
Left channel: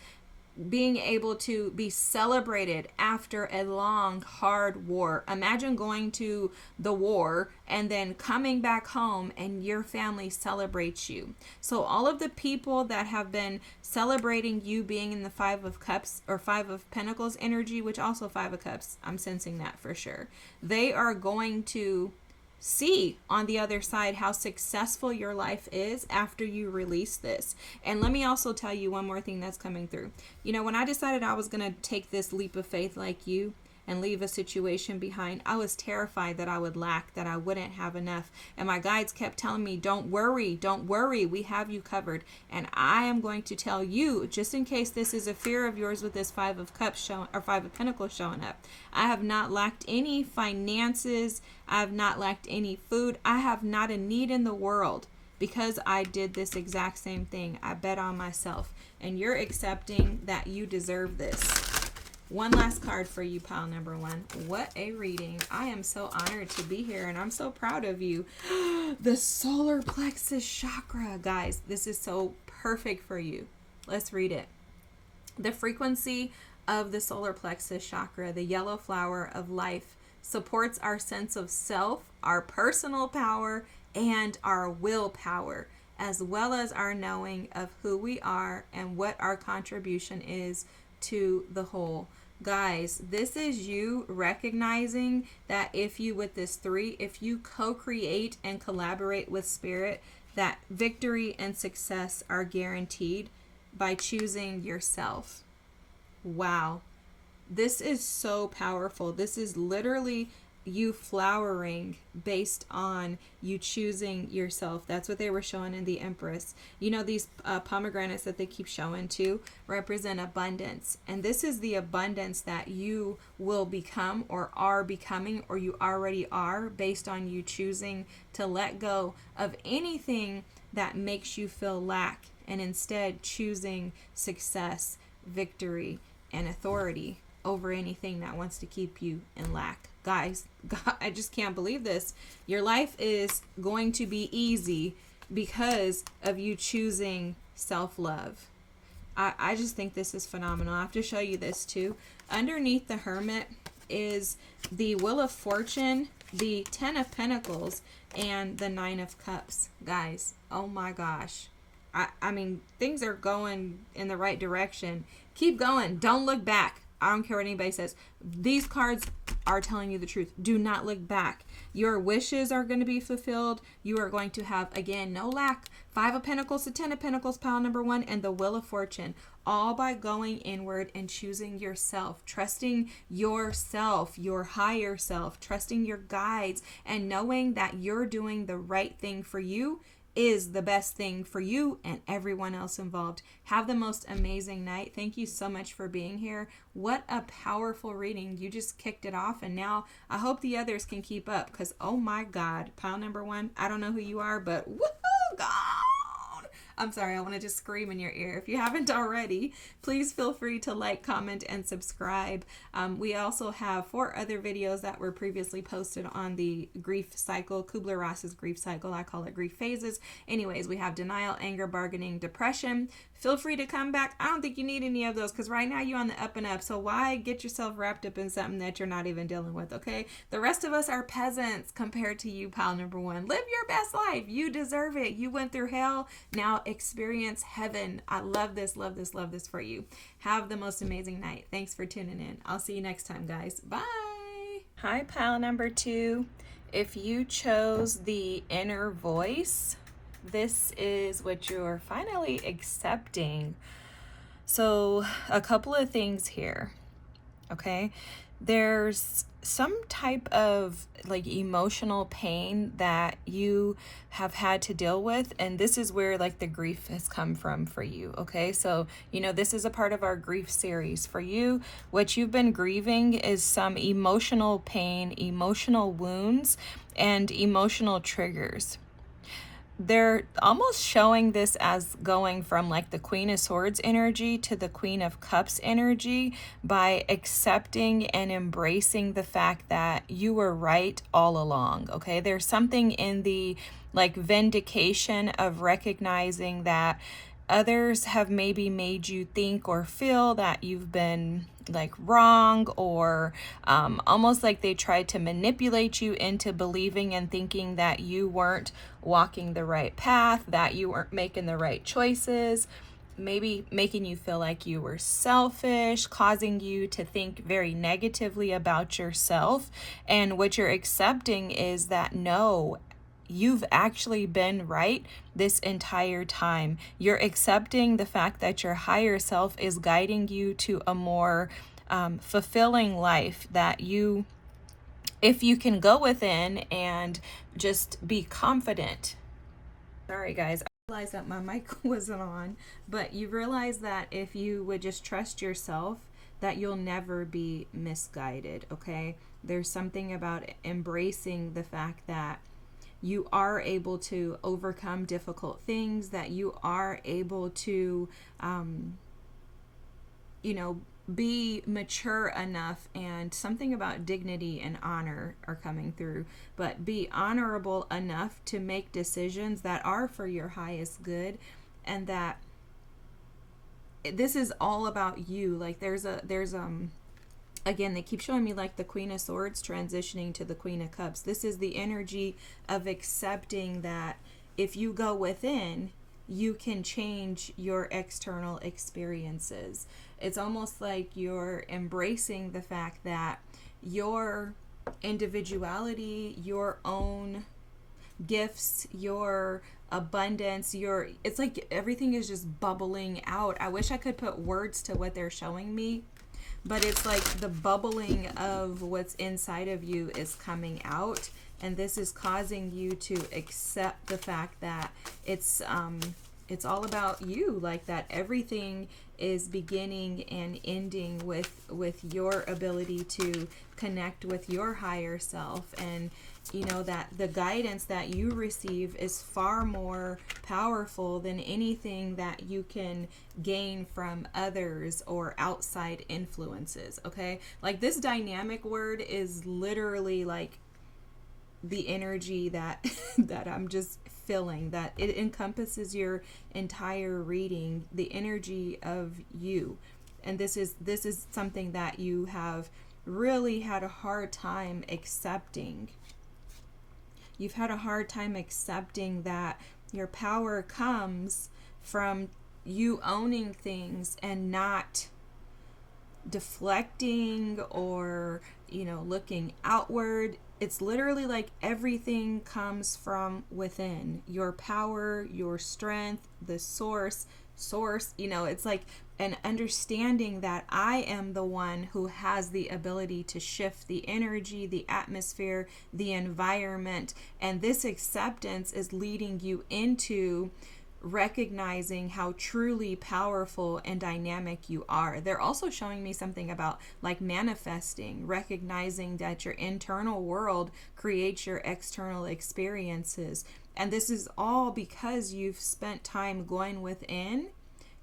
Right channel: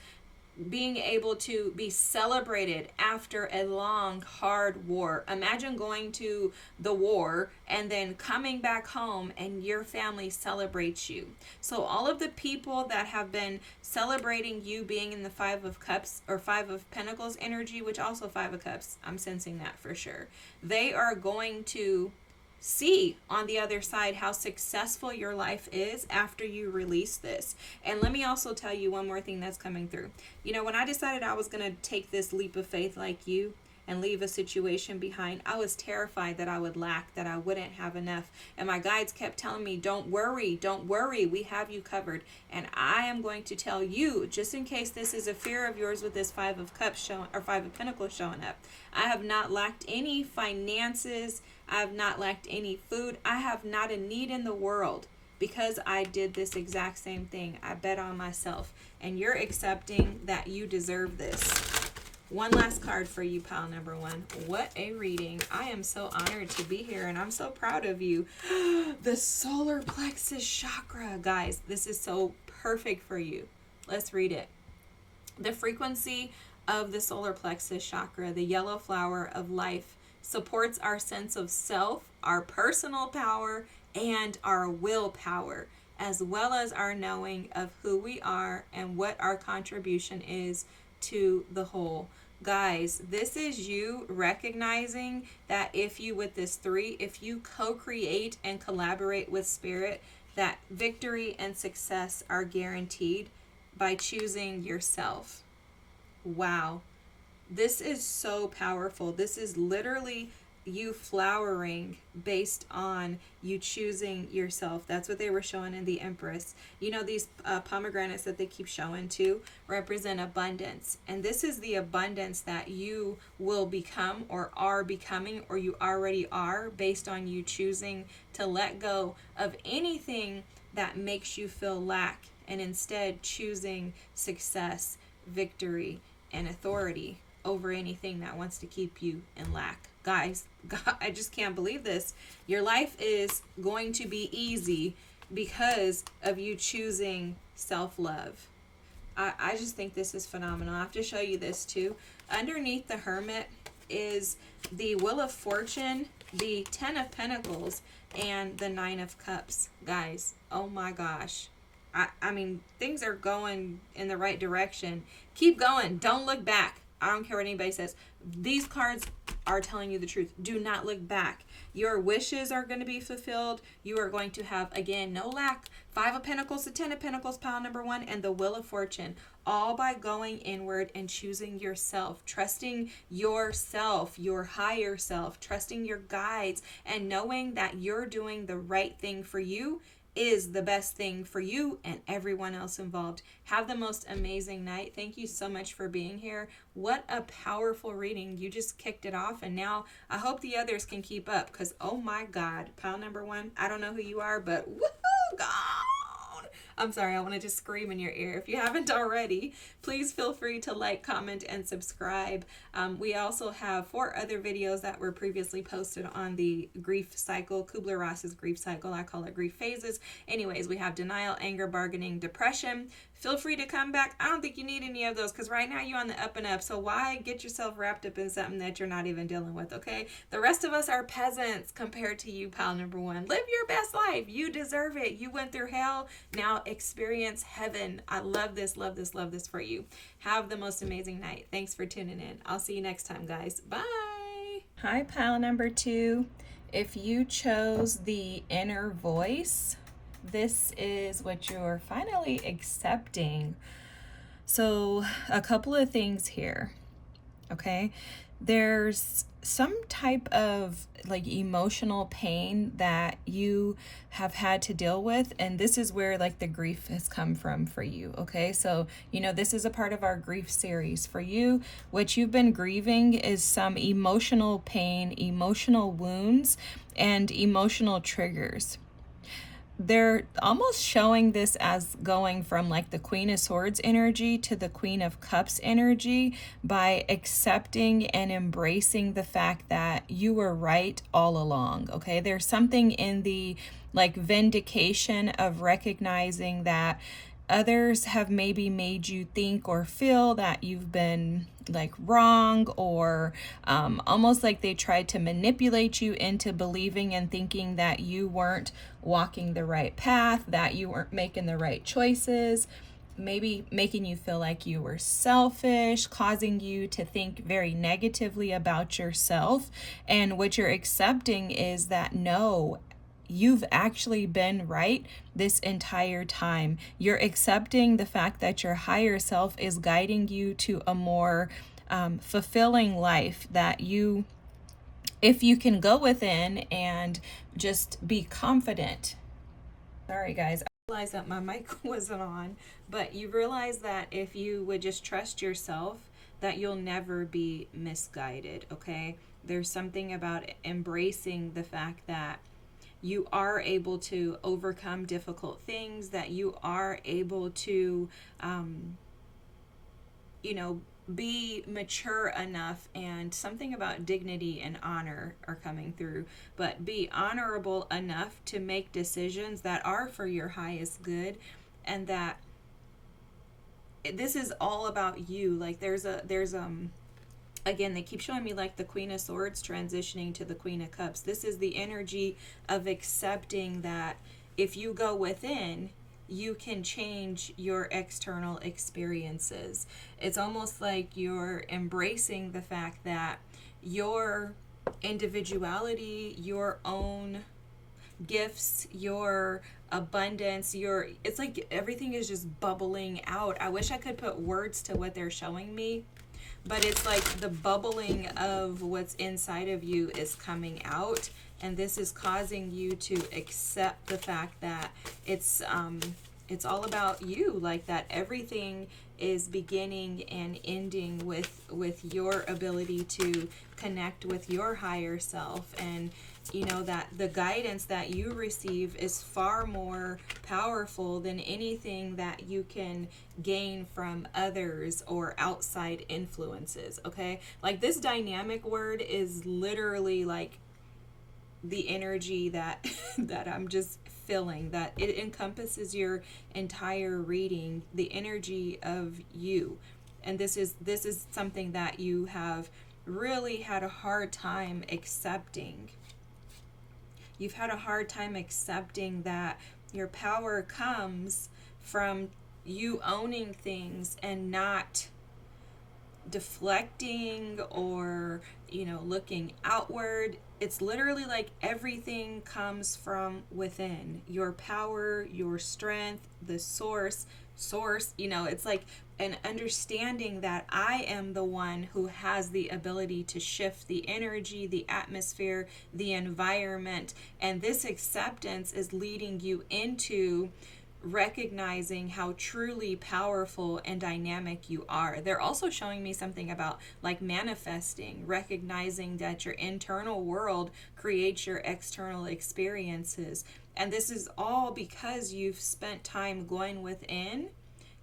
being able to be celebrated after a long, hard war. Imagine going to the war and then coming back home and your family celebrates you. So all of the people that have been celebrating you being in the Five of Cups or Five of Pentacles energy, which also Five of Cups, I'm sensing that for sure. They are going to see on the other side how successful your life is after you release this. And let me also tell you one more thing that's coming through. You know, when I decided I was going to take this leap of faith like you and leave a situation behind, I was terrified that I would lack, that I wouldn't have enough. And my guides kept telling me, don't worry, we have you covered. And I am going to tell you, just in case this is a fear of yours with this Five of Cups showing, or Five of Pentacles showing up, I have not lacked any finances. I have not lacked any food. I have not a need in the world because I did this exact same thing. I bet on myself. And you're accepting that you deserve this. One last card for you, pile number one. What a reading. I am so honored to be here and I'm so proud of you. The solar plexus chakra. Guys, this is so perfect for you. Let's read it. The frequency of the solar plexus chakra, the yellow flower of life, supports our sense of self, our personal power, and our willpower, as well as our knowing of who we are and what our contribution is to the whole. Guys, this is you recognizing that if you, with this 3, if you co-create and collaborate with Spirit, that victory and success are guaranteed by choosing yourself. Wow. This is so powerful. This is literally you flowering based on you choosing yourself. That's what they were showing in the Empress. You know, these pomegranates that they keep showing too represent abundance. And this is the abundance that you will become or are becoming or you already are based on you choosing to let go of anything that makes you feel lack and instead choosing success, victory, and authority over anything that wants to keep you in lack. Guys, God, I just can't believe this. Your life is going to be easy because of you choosing self-love. I just think this is phenomenal. I have to show you this too. Underneath the Hermit is the Wheel of Fortune, the 10 of Pentacles, and the 9 of Cups. Guys, oh my gosh. I mean, things are going in the right direction. Keep going. Don't look back. I don't care what anybody says. These cards are telling you the truth. Do not look back. Your wishes are going to be fulfilled. You are going to have, again, no lack. 5 of Pentacles to 10 of Pentacles, pile number 1, and the Wheel of Fortune. All by going inward and choosing yourself, trusting yourself, your higher self, trusting your guides, and knowing that you're doing the right thing for you is the best thing for you and everyone else involved. Have the most amazing night. Thank you so much for being here. What a powerful reading. You just kicked it off, and now I hope the others can keep up, because oh my God, pile number 1, I don't know who you are, but woohoo, God. I'm sorry, I want to just scream in your ear. If you haven't already, please feel free to like, comment, and subscribe. We also have 4 other videos that were previously posted on the grief cycle, Kubler-Ross's grief cycle. I call it grief phases. Anyways, we have denial, anger, bargaining, depression. Feel free to come back. I don't think you need any of those, because right now you're on the up and up. So why get yourself wrapped up in something that you're not even dealing with, okay? The rest of us are peasants compared to you, pile number 1. Live your best life. You deserve it. You went through hell. Now experience heaven. I love this, love this, love this for you. Have the most amazing night. Thanks for tuning in. I'll see you next time, guys. Bye. Hi, pile number 2. If you chose the inner voice, this is what you're finally accepting. So a couple of things here, okay? There's some type of like emotional pain that you have had to deal with, and this is where like the grief has come from for you, okay? So, you know, this is a part of our grief series. For you, what you've been grieving is some emotional pain, emotional wounds, and emotional triggers. They're almost showing this as going from like the Queen of Swords energy to the Queen of Cups energy by accepting and embracing the fact that you were right all along, okay? There's something in the like vindication of recognizing that others have maybe made you think or feel that you've been like wrong, or almost like they tried to manipulate you into believing and thinking that you weren't walking the right path, that you weren't making the right choices, maybe making you feel like you were selfish, causing you to think very negatively about yourself. And what you're accepting is that no, you've actually been right this entire time. You're accepting the fact that your higher self is guiding you to a more fulfilling life, that you, if you can go within and just be confident. Sorry guys, I realized that my mic wasn't on, but you realize that if you would just trust yourself, that you'll never be misguided, okay? There's something about embracing the fact that you are able to overcome difficult things, that you are able to, you know, be mature enough, and something about dignity and honor are coming through, but be honorable enough to make decisions that are for your highest good, and that this is all about you. Like there's again, they keep showing me like the Queen of Swords transitioning to the Queen of Cups. This is the energy of accepting that if you go within, you can change your external experiences. It's almost like you're embracing the fact that your individuality, your own gifts, your abundance, it's like everything is just bubbling out. I wish I could put words to what they're showing me, but it's like the bubbling of what's inside of you is coming out, and this is causing you to accept the fact that it's all about you, like that everything is beginning and ending with your ability to connect with your higher self, and you know that the guidance that you receive is far more powerful than anything that you can gain from others or outside influences, okay? Like this dynamic word is literally like the energy that that I'm just feeling, that it encompasses your entire reading, the energy of you. And this is something that you have really had a hard time accepting. You've had a hard time accepting that your power comes from you owning things and not deflecting or, looking outward. It's literally like everything comes from within. Your power, your strength, the source, it's like an understanding that I am the one who has the ability to shift the energy, the atmosphere, the environment. And this acceptance is leading you into recognizing how truly powerful and dynamic you are. They're also showing me something about like manifesting, recognizing that your internal world creates your external experiences. And this is all because you've spent time going within,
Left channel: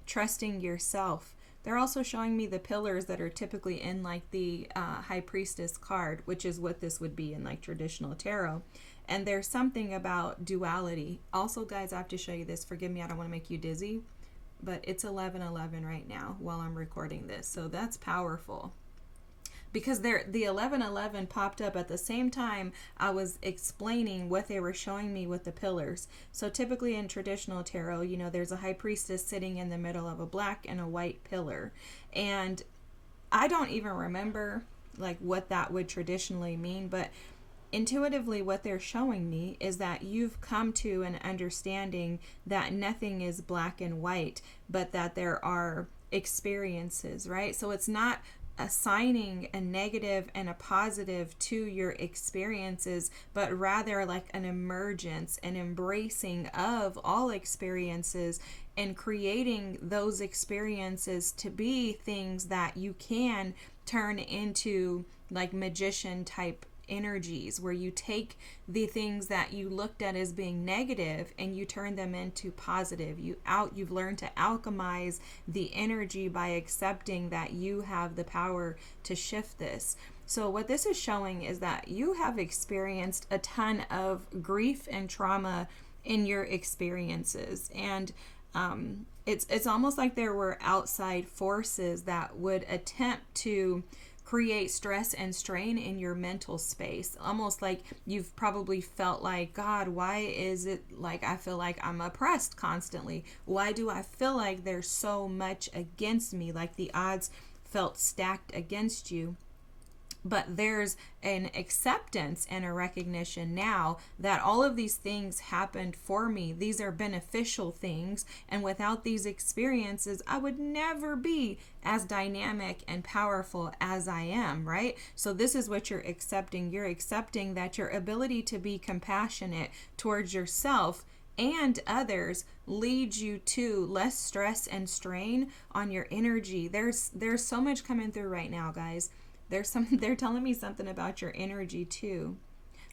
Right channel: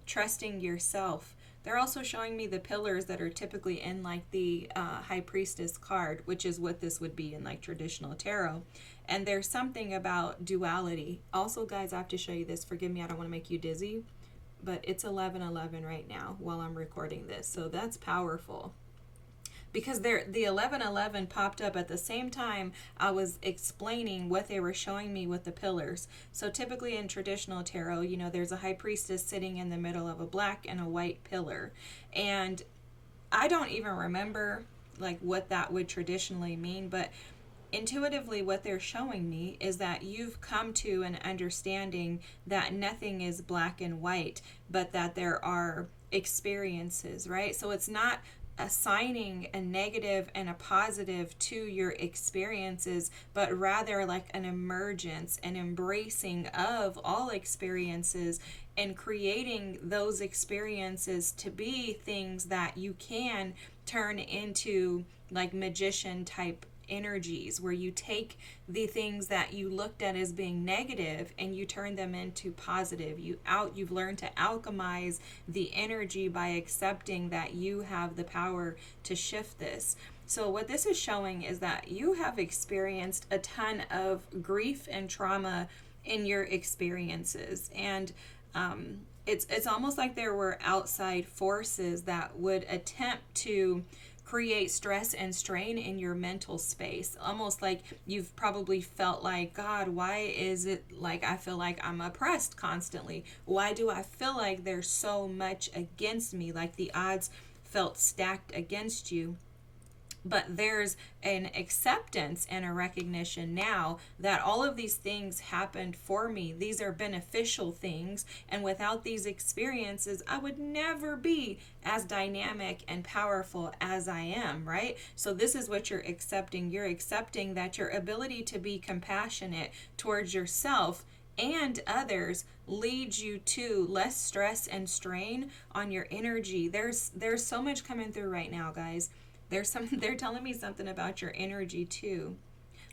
trusting yourself. They're also showing me the pillars that are typically in like the High Priestess card, which is what this would be in like traditional tarot. And there's something about duality. Also, guys, I have to show you this. Forgive me, I don't want to make you dizzy, but it's 11:11 right now while I'm recording this. So that's powerful. Because the 11:11 popped up at the same time I was explaining what they were showing me with the pillars. So typically in traditional tarot, there's a high priestess sitting in the middle of a black and a white pillar. And I don't even remember like what that would traditionally mean, but intuitively what they're showing me is that you've come to an understanding that nothing is black and white, but that there are experiences, right? So it's not assigning a negative and a positive to your experiences, but rather like an emergence and embracing of all experiences and creating those experiences to be things that you can turn into like magician type energies, where you take the things that you looked at as being negative and you turn them into positive. You've learned to alchemize the energy by accepting that you have the power to shift this. So what this is showing is that you have experienced a ton of grief and trauma in your experiences, and it's almost like there were outside forces that would attempt to create stress and strain in your mental space. Almost like you've probably felt like, God, why is it like I feel like I'm oppressed constantly? Why do I feel like there's so much against me? Like the odds felt stacked against you. But there's an acceptance and a recognition now that all of these things happened for me. These are beneficial things. And without these experiences, I would never be as dynamic and powerful as I am, right? So this is what you're accepting. You're accepting that your ability to be compassionate towards yourself and others leads you to less stress and strain on your energy. There's so much coming through right now, guys. They're telling me something about your energy too.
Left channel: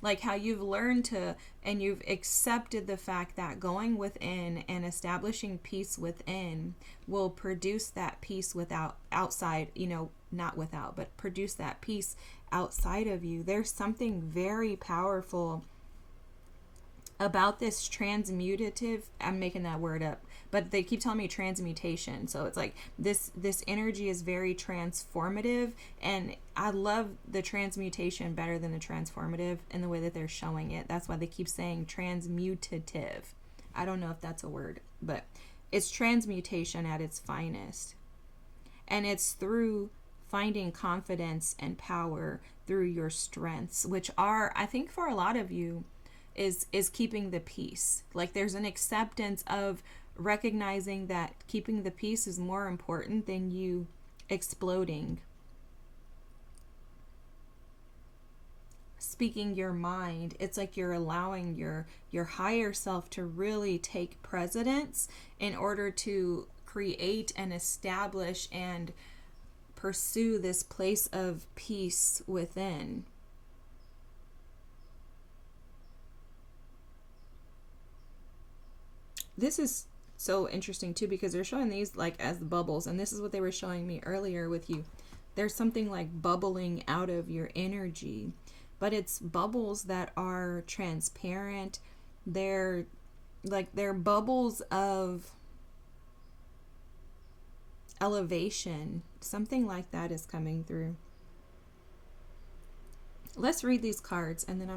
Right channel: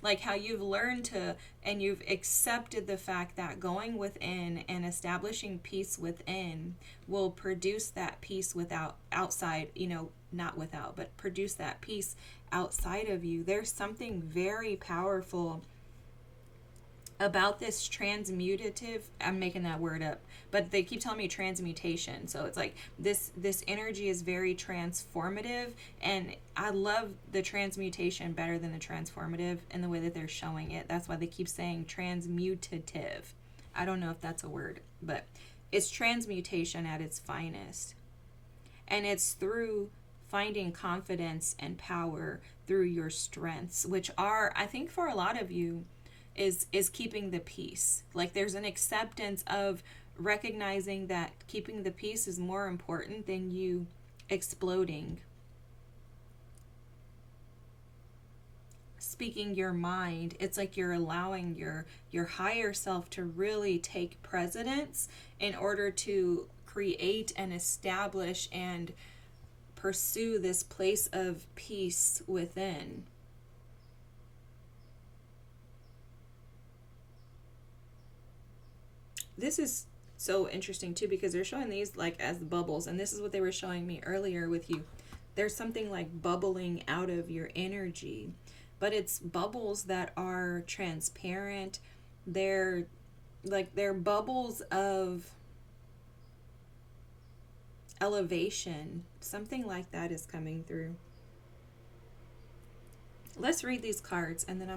Like how you've learned to, and you've accepted the fact that going within and establishing peace within will produce that peace outside, not without, but produce that peace outside of you. There's something very powerful about this transmutative, I'm making that word up, but they keep telling me transmutation. So it's like this energy is very transformative, and I love the transmutation better than the transformative in the way that they're showing it. That's why they keep saying transmutative. I don't know if that's a word, but it's transmutation at its finest. And it's through finding confidence and power through your strengths, which are, I think for a lot of you, is keeping the peace. Like there's an acceptance of recognizing that keeping the peace is more important than you exploding, speaking your mind. It's like you're allowing your higher self to really take precedence in order to create and establish and pursue this place of peace within. This is so interesting too, because they're showing these like as bubbles, and this is what they were showing me earlier with you. There's something like bubbling out of your energy, but it's bubbles that are transparent. They're bubbles of elevation. Something like that is coming through. Let's read these cards, and then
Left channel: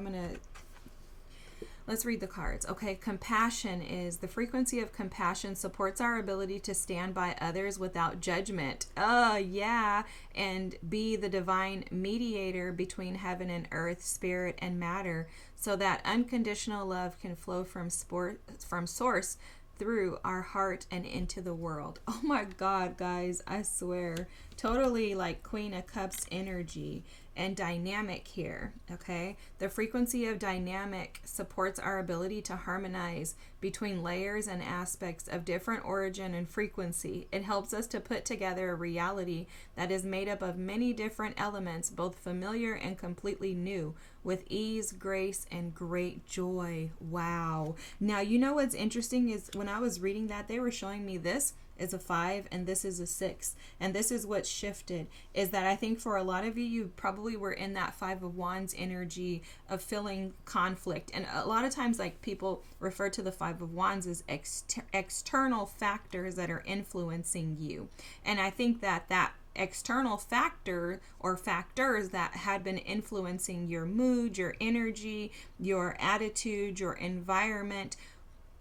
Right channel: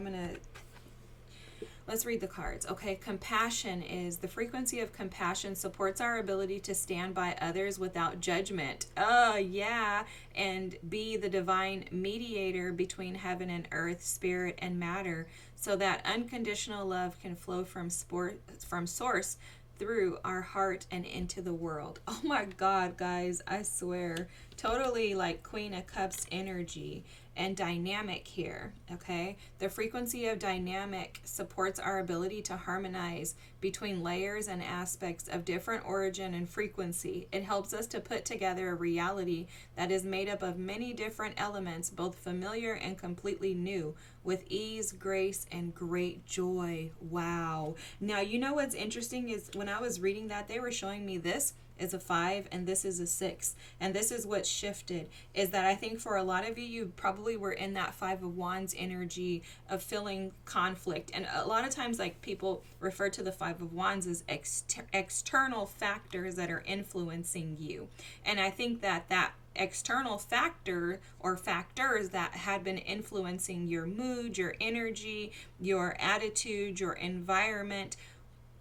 Let's read the cards. Okay, compassion is the frequency of compassion supports our ability to stand by others without judgment. Yeah. And be the divine mediator between heaven and earth, spirit and matter, so that unconditional love can flow from source through our heart and into the world. Oh my God, guys, I swear. Totally like Queen of Cups energy and dynamic here, okay? The frequency of dynamic supports our ability to harmonize between layers and aspects of different origin and frequency. It helps us to put together a reality that is made up of many different elements, both familiar and completely new, with ease, grace, and great joy. Wow. Now, you know what's interesting is when I was reading that, they were showing me this is a 5 and this is a 6, and this is what shifted, is that I think for a lot of you probably were in that 5 of Wands energy of feeling conflict. And a lot of times, like, people refer to the 5 of Wands as external factors that are influencing you, and I think that external factor or factors that had been influencing your mood, your energy, your attitude, your environment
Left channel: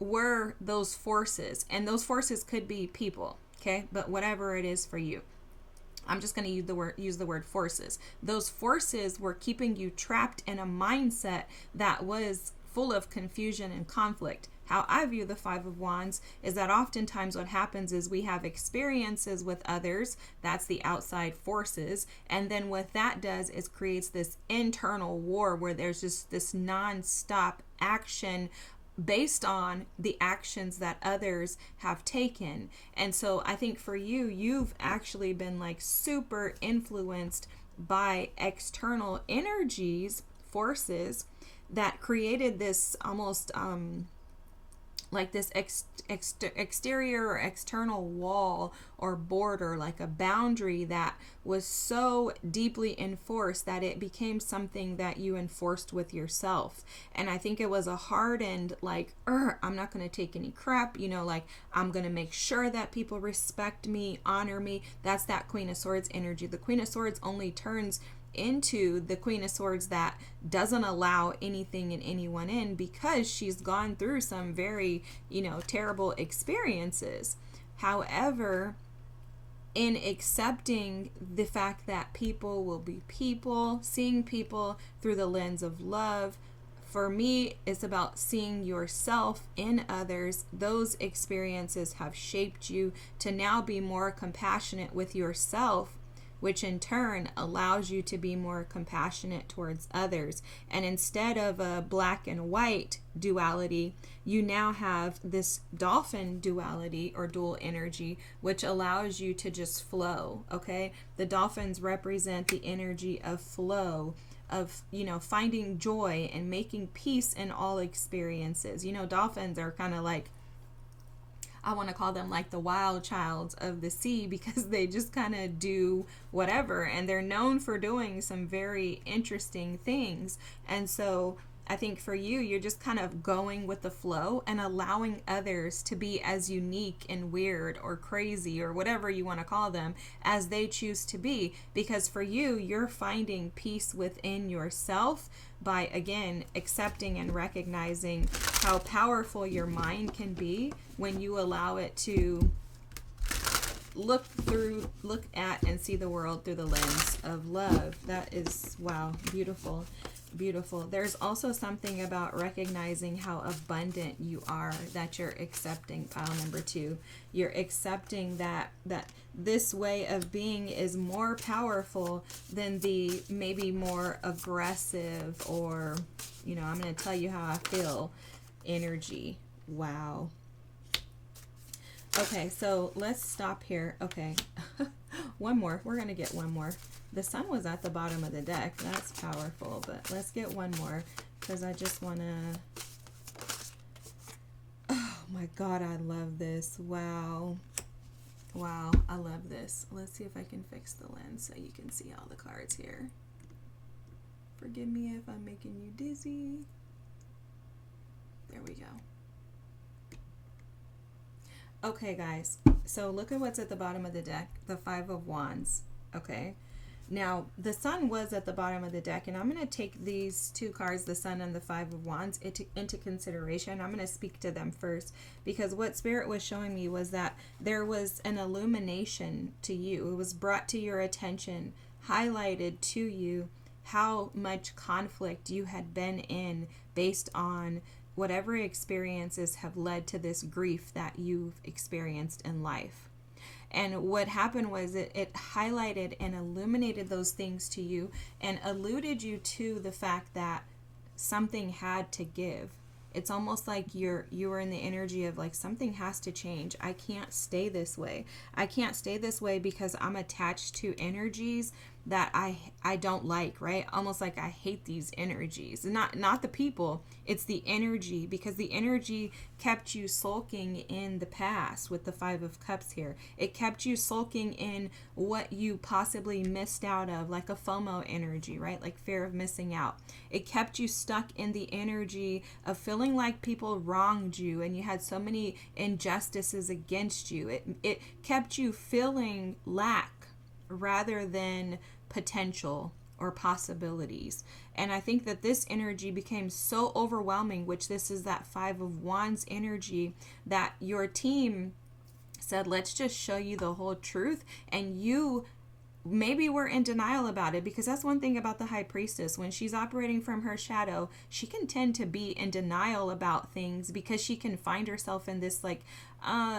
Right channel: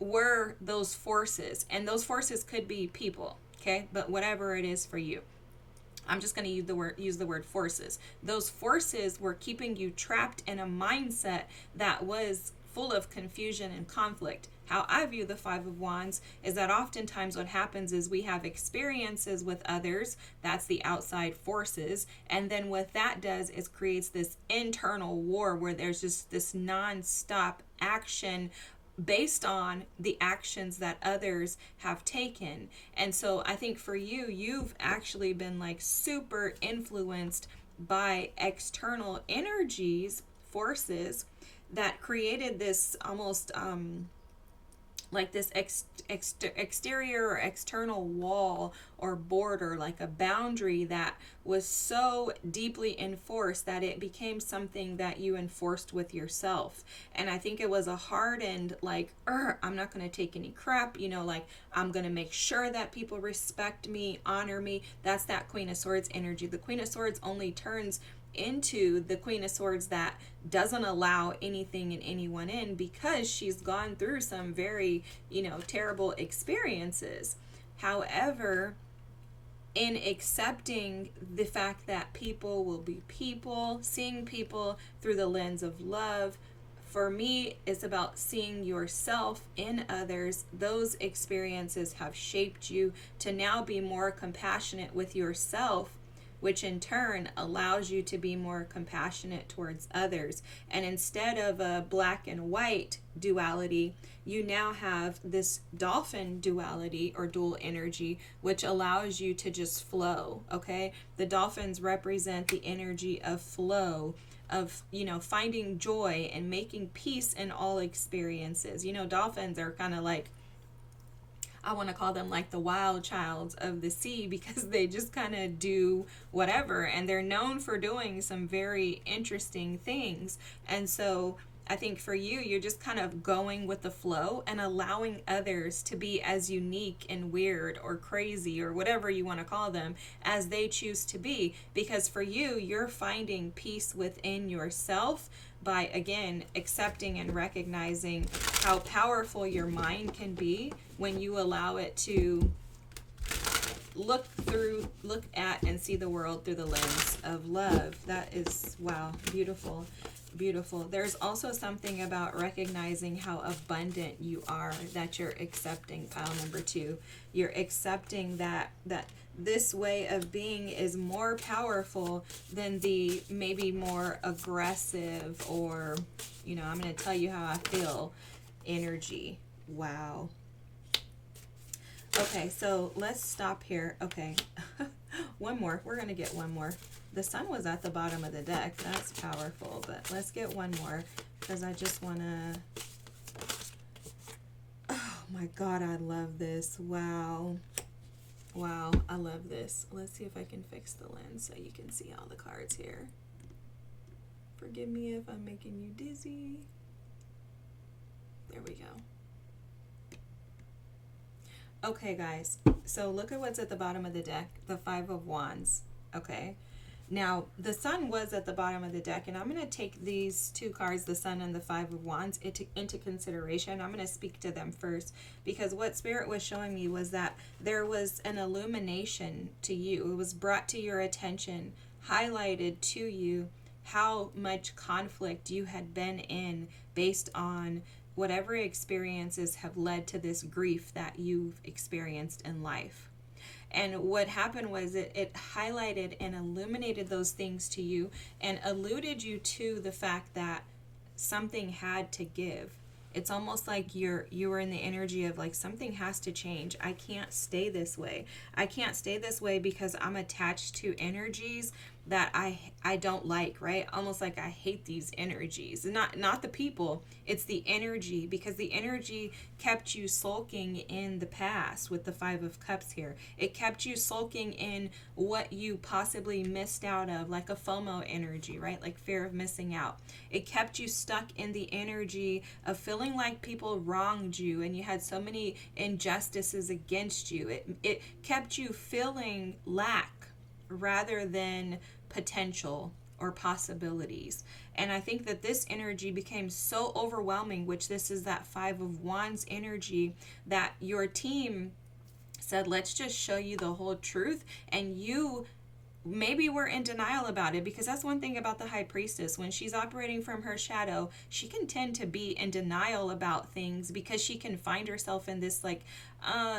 were those forces. And those forces could be people, okay? But whatever it is for you, I'm just going to use the word forces. Those forces were keeping you trapped in a mindset that was full of confusion and conflict. How I view the 5 of Wands is that oftentimes what happens is we have experiences with others, that's the outside forces, and then what that does is creates this internal war where there's just this non-stop action based on the actions that others have taken. And so I think for you, you've actually been like super influenced by external energies, forces that created this almost like this exterior or external wall or border, like a boundary that was so deeply enforced that it became something that you enforced with yourself. And I think it was a hardened, like, I'm not going to take any crap, like, I'm going to make sure that people respect me, honor me. That's that Queen of Swords energy. The Queen of Swords only turns into the Queen of Swords that doesn't allow anything and anyone in, because she's gone through some very, terrible experiences. However, in accepting the fact that people will be people, seeing people through the lens of love, for me, it's about seeing yourself in others. Those experiences have shaped you to now be more compassionate with yourself, which in turn allows you to be more compassionate towards others. And instead of a black and white duality, you now have this dolphin duality or dual energy, which allows you to just flow, okay? The dolphins represent the energy of flow, of, finding joy and making peace in all experiences. Dolphins are kind of like, I want to call them like the wild childs of the sea, because they just kind of do whatever, and they're known for doing some very interesting things. And so I think for you, you're just kind of going with the flow and allowing others to be as unique and weird or crazy or whatever you want to call them as they choose to be. Because for you, you're finding peace within yourself by, again, accepting and recognizing how powerful your mind can be when you allow it to look at and see the world through the lens of love. That is, wow, beautiful. Beautiful. There's also something about recognizing how abundant you are that you're accepting. Pile number 2. You're accepting that this way of being is more powerful than the maybe more aggressive or, I'm going to tell you how I feel energy. Wow. Okay, so let's stop here. Okay. One more. We're going to get one more. The sun was at the bottom of the deck. That's powerful, but let's get one more because I just want to... Oh my God, I love this. Wow. Wow, I love this. Let's see if I can fix the lens so you can see all the cards here. Forgive me if I'm making you dizzy. There we go. Okay, guys. So look at what's at the bottom of the deck. The 5 of Wands. Okay. Now, the sun was at the bottom of the deck, and I'm going to take these two cards, the sun and the five of wands, into consideration. I'm going to speak to them first, because what Spirit was showing me was that there was an illumination to you. It was brought to your attention, highlighted to you, how much conflict you had been in based on whatever experiences have led to this grief that you've experienced in life. And what happened was it highlighted and illuminated those things to you and alluded you to the fact that something had to give. It's almost like you were in the energy of like, something has to change. I can't stay this way. I can't stay this way because I'm attached to energies that I don't like, right? Almost like I hate these energies. Not the people, it's the energy, because the energy kept you sulking in the past with the Five of Cups here. It kept you sulking in what you possibly missed out of, like a FOMO energy, right? Like fear of missing out. It kept you stuck in the energy of feeling like people wronged you and you had so many injustices against you. It kept you feeling lack rather than potential or possibilities. And I think that this energy became so overwhelming, which this is that Five of Wands energy, that your team said, let's just show you the whole truth. And you maybe were in denial about it, because that's one thing about the High Priestess. When she's operating from her shadow, she can tend to be in denial about things, because she can find herself in this like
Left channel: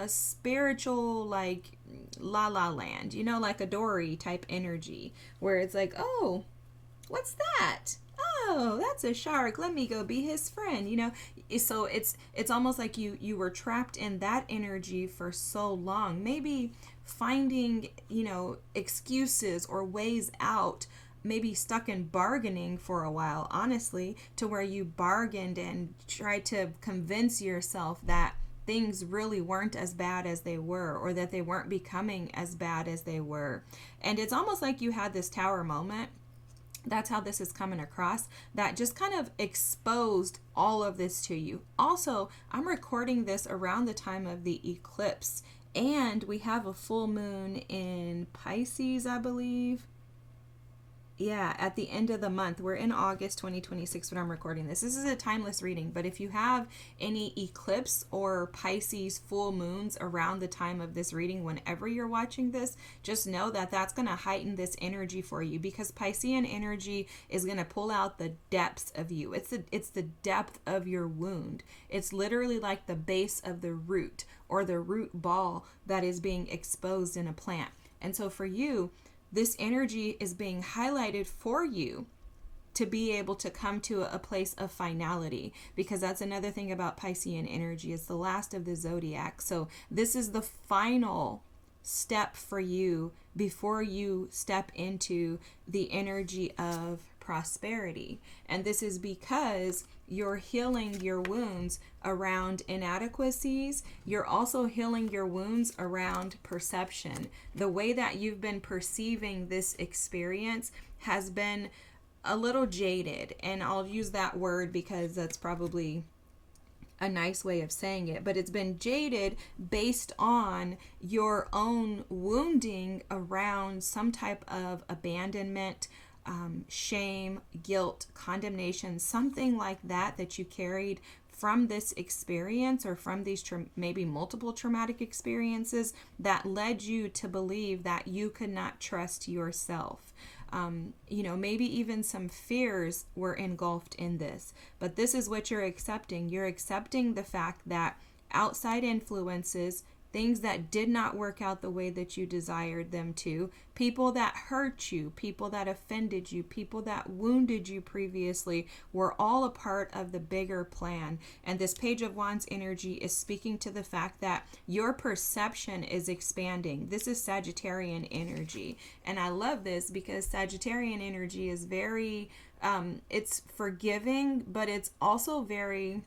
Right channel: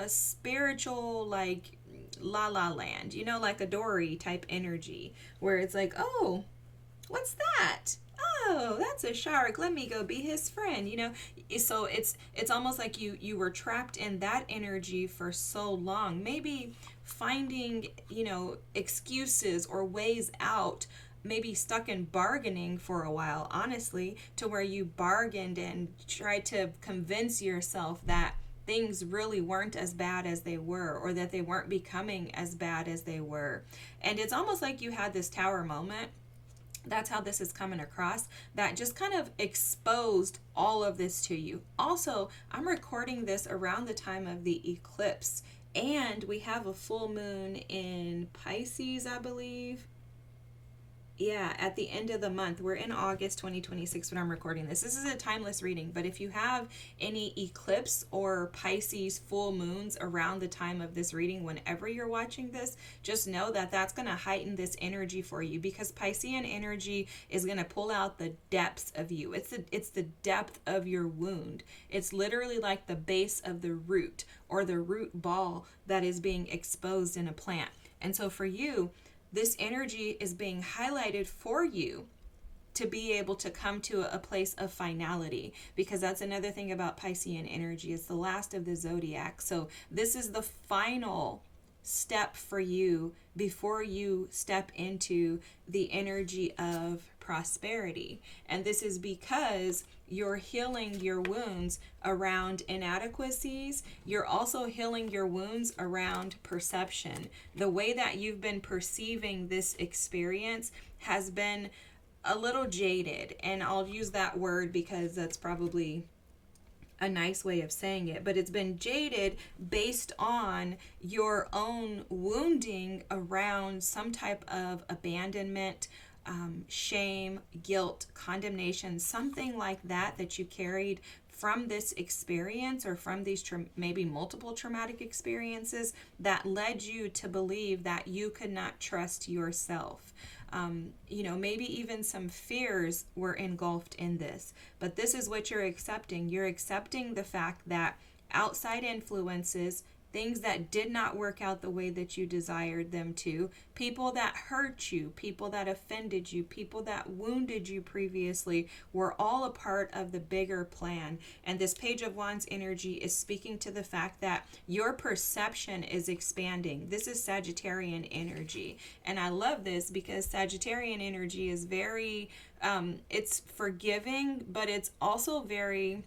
spiritual like la la land, you know, like a Dory type energy, where it's like, oh, what's that? Oh, that's a shark. Let me go be his friend, you know? So it's almost like you were trapped in that energy for so long, maybe finding, you know, excuses or ways out, maybe stuck in bargaining for a while, honestly, to where you bargained and tried to convince yourself that things really weren't as bad as they were, or that they weren't becoming as bad as they were. And it's almost like you had this tower moment. That's how this is coming across, that just kind of exposed all of this to you. Also, I'm recording this around the time of the eclipse, and we have a full moon in Pisces, I believe. Yeah, at the end of the month. We're in August 2026 when I'm recording this. This is a timeless reading, but if you have any eclipse or Pisces full moons around the time of this reading, whenever you're watching this, just know that that's going to heighten this energy for you, because Piscean energy is going to pull out the depths of you. It's the depth of your wound. It's literally like the base of the root, or the root ball that is being exposed in a plant. And so for you, this energy is being highlighted for you to be able to come to a place of finality, because that's another thing about Piscean energy. It's the last of the zodiac. So this is the final step for you before you step into the energy of prosperity. And this is because you're healing your wounds around inadequacies. You're also healing your wounds around perception. The way that you've been perceiving this experience has been a little jaded. And I'll use that word because that's probably a nice way of saying it, but it's been jaded based on your own wounding around some type of abandonment, shame, guilt, condemnation, something like that you carried from this experience, or from these maybe multiple traumatic experiences that led you to believe that you could not trust yourself. You know, maybe even some fears were engulfed in this, but this is what you're accepting. You're accepting the fact that outside influences, things that did not work out the way that you desired them to, people that hurt you, people that offended you, people that wounded you previously, were all a part of the bigger plan. And this Page of Wands energy is speaking to the fact that your perception is expanding. This is Sagittarian energy. And I love this because Sagittarian energy is very, it's forgiving, but it's also very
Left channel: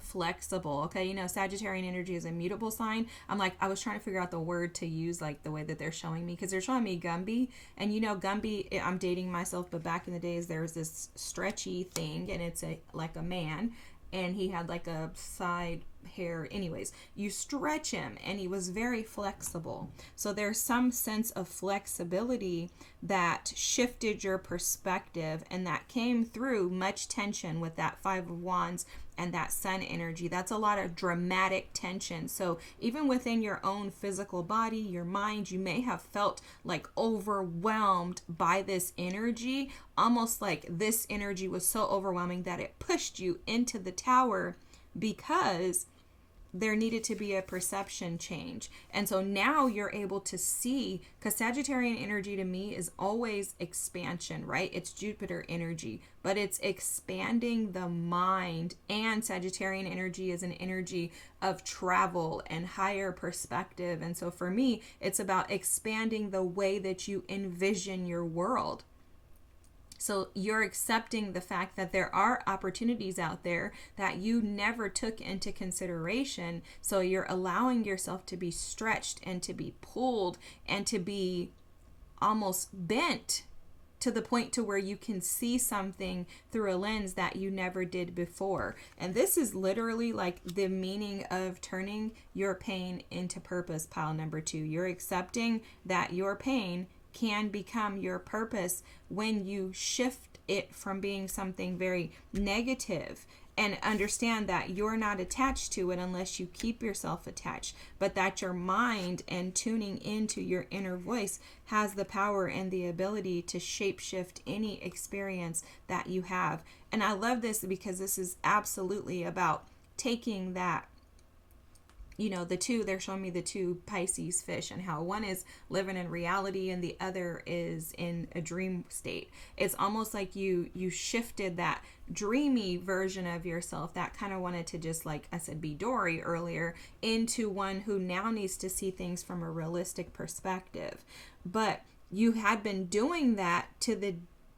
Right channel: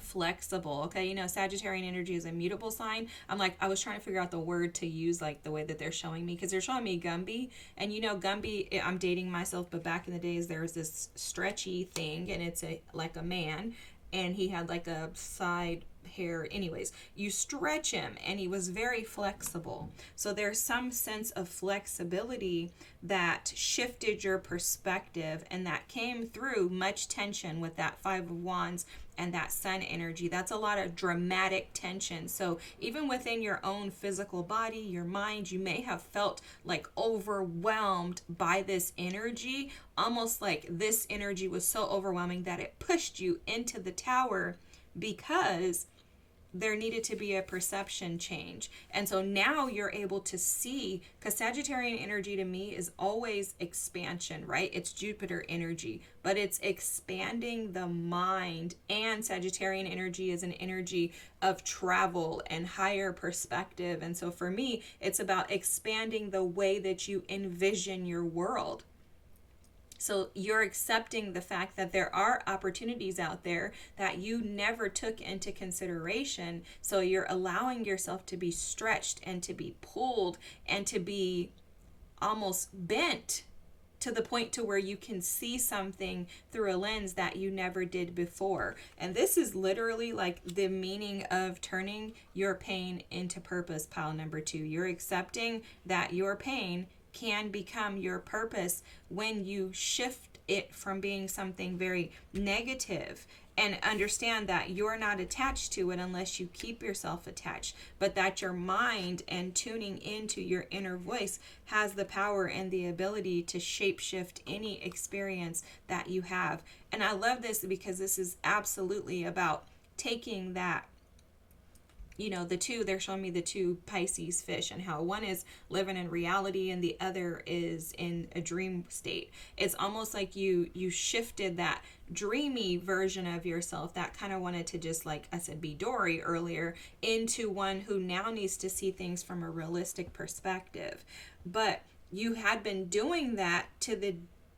flexible. Okay, you know, Sagittarian energy is a mutable sign. I was trying to figure out the word to use, like the way that they're showing me, because they're showing me Gumby, and you know, Gumby, I'm dating myself, but back in the days there was this stretchy thing, and it's like a man, and he had like a side hair. Anyways, you stretch him and he was very flexible. So there's some sense of flexibility that shifted your perspective, and that came through much tension with that Five of Wands and that Sun energy. That's a lot of dramatic tension. So even within your own physical body, your mind, you may have felt like overwhelmed by this energy, almost like this energy was so overwhelming that it pushed you into the tower, because there needed to be a perception change. And so now you're able to see, because Sagittarian energy to me is always expansion, right? It's Jupiter energy, but it's expanding the mind. And Sagittarian energy is an energy of travel and higher perspective. And so for me, it's about expanding the way that you envision your world. So you're accepting the fact that there are opportunities out there that you never took into consideration. So you're allowing yourself to be stretched and to be pulled and to be almost bent to the point to where you can see something through a lens that you never did before. And this is literally like the meaning of turning your pain into purpose, pile number 2. You're accepting that your pain can become your purpose when you shift it from being something very negative, and understand that you're not attached to it unless you keep yourself attached, but that your mind and tuning into your inner voice has the power and the ability to shapeshift any experience that you have. And I love this because this is absolutely about taking that, the two, they're showing me the two Pisces fish and how one is living in reality and the other is in a dream state. It's almost like you shifted that dreamy version of yourself that kind of wanted to just, like I said, be Tori earlier, into one who now needs to see things from a realistic perspective. But you had been doing that to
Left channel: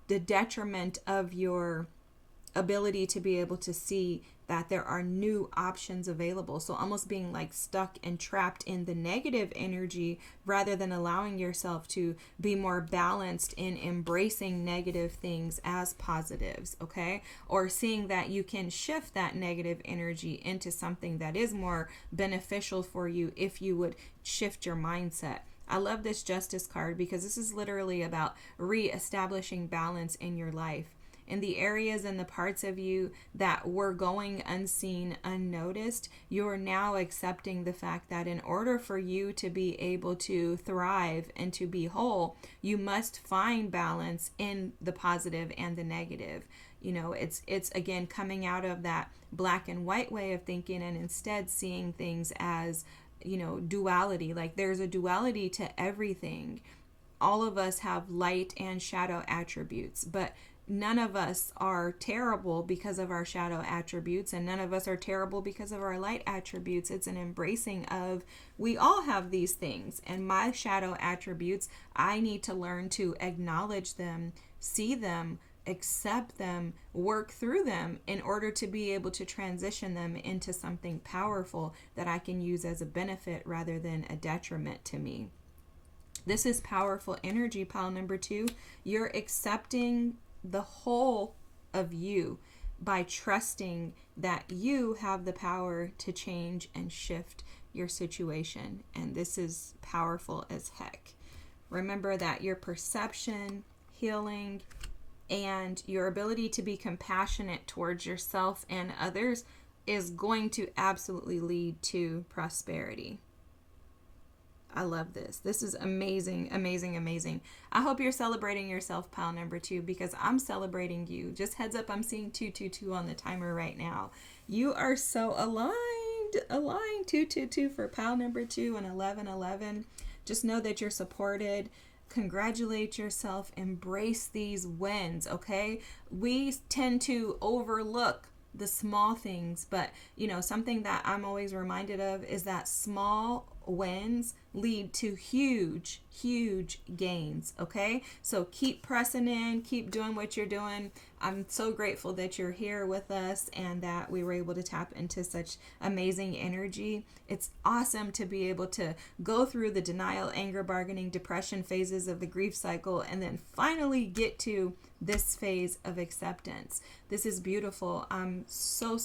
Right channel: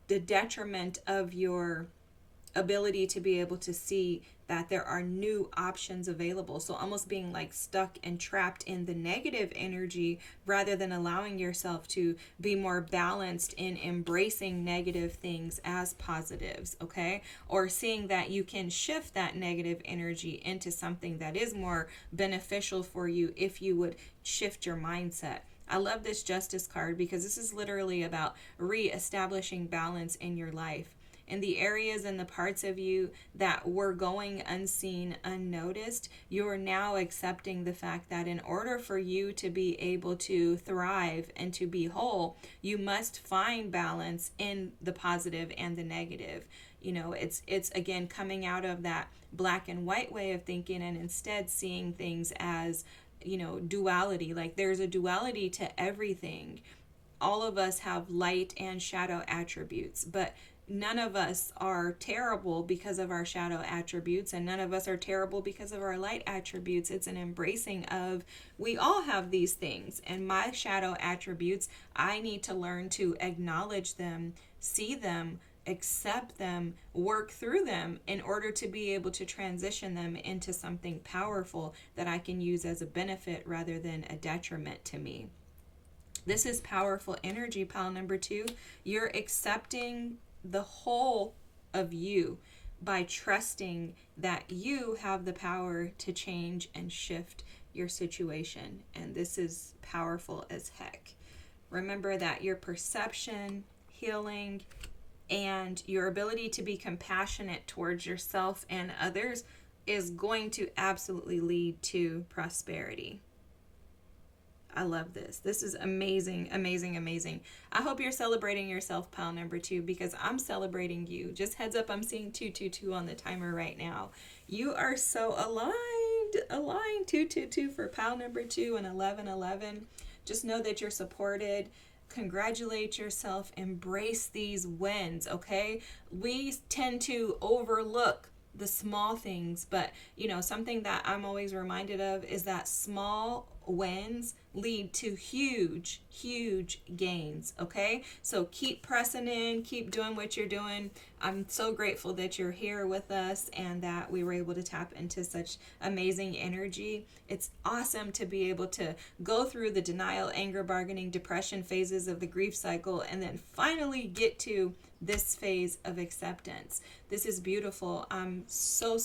the detriment of your ability to be able to see that there are new options available. So almost being like stuck and trapped in the negative energy rather than allowing yourself to be more balanced in embracing negative things as positives, okay? Or seeing that you can shift that negative energy into something that is more beneficial for you if you would shift your mindset. I love this Justice card because this is literally about reestablishing balance in your life. In the areas and the parts of you that were going unseen, unnoticed, you're now accepting the fact that in order for you to be able to thrive and to be whole, you must find balance in the positive and the negative. It's again coming out of that black and white way of thinking and instead seeing things as, duality. Like there's a duality to everything. All of us have light and shadow attributes, but none of us are terrible because of our shadow attributes, and none of us are terrible because of our light attributes. It's an embracing of, we all have these things, and my shadow attributes, I need to learn to acknowledge them, see them, accept them, work through them in order to be able to transition them into something powerful that I can use as a benefit rather than a detriment to me. This is powerful energy, pile number 2. You're accepting the whole of you by trusting that you have the power to change and shift your situation. And this is powerful as heck. Remember that your perception, healing, and your ability to be compassionate towards yourself and others is going to absolutely lead to prosperity. I love this. This is amazing, amazing, amazing. I hope you're celebrating yourself, pile number 2, because I'm celebrating you. Just heads up, I'm seeing 222 on the timer right now. You are so aligned. 222 for pile number 2 and 1111. Just know that you're supported. Congratulate yourself. Embrace these wins, okay? We tend to overlook the small things, but something that I'm always reminded of is that small wins lead to huge, huge gains, okay? So keep pressing in, keep doing what you're doing. I'm so grateful that you're here with us and that we were able to tap into such amazing energy. It's awesome to be able to go through the denial, anger, bargaining, depression phases of the grief cycle and then finally get to this phase of acceptance. This is beautiful. I'm so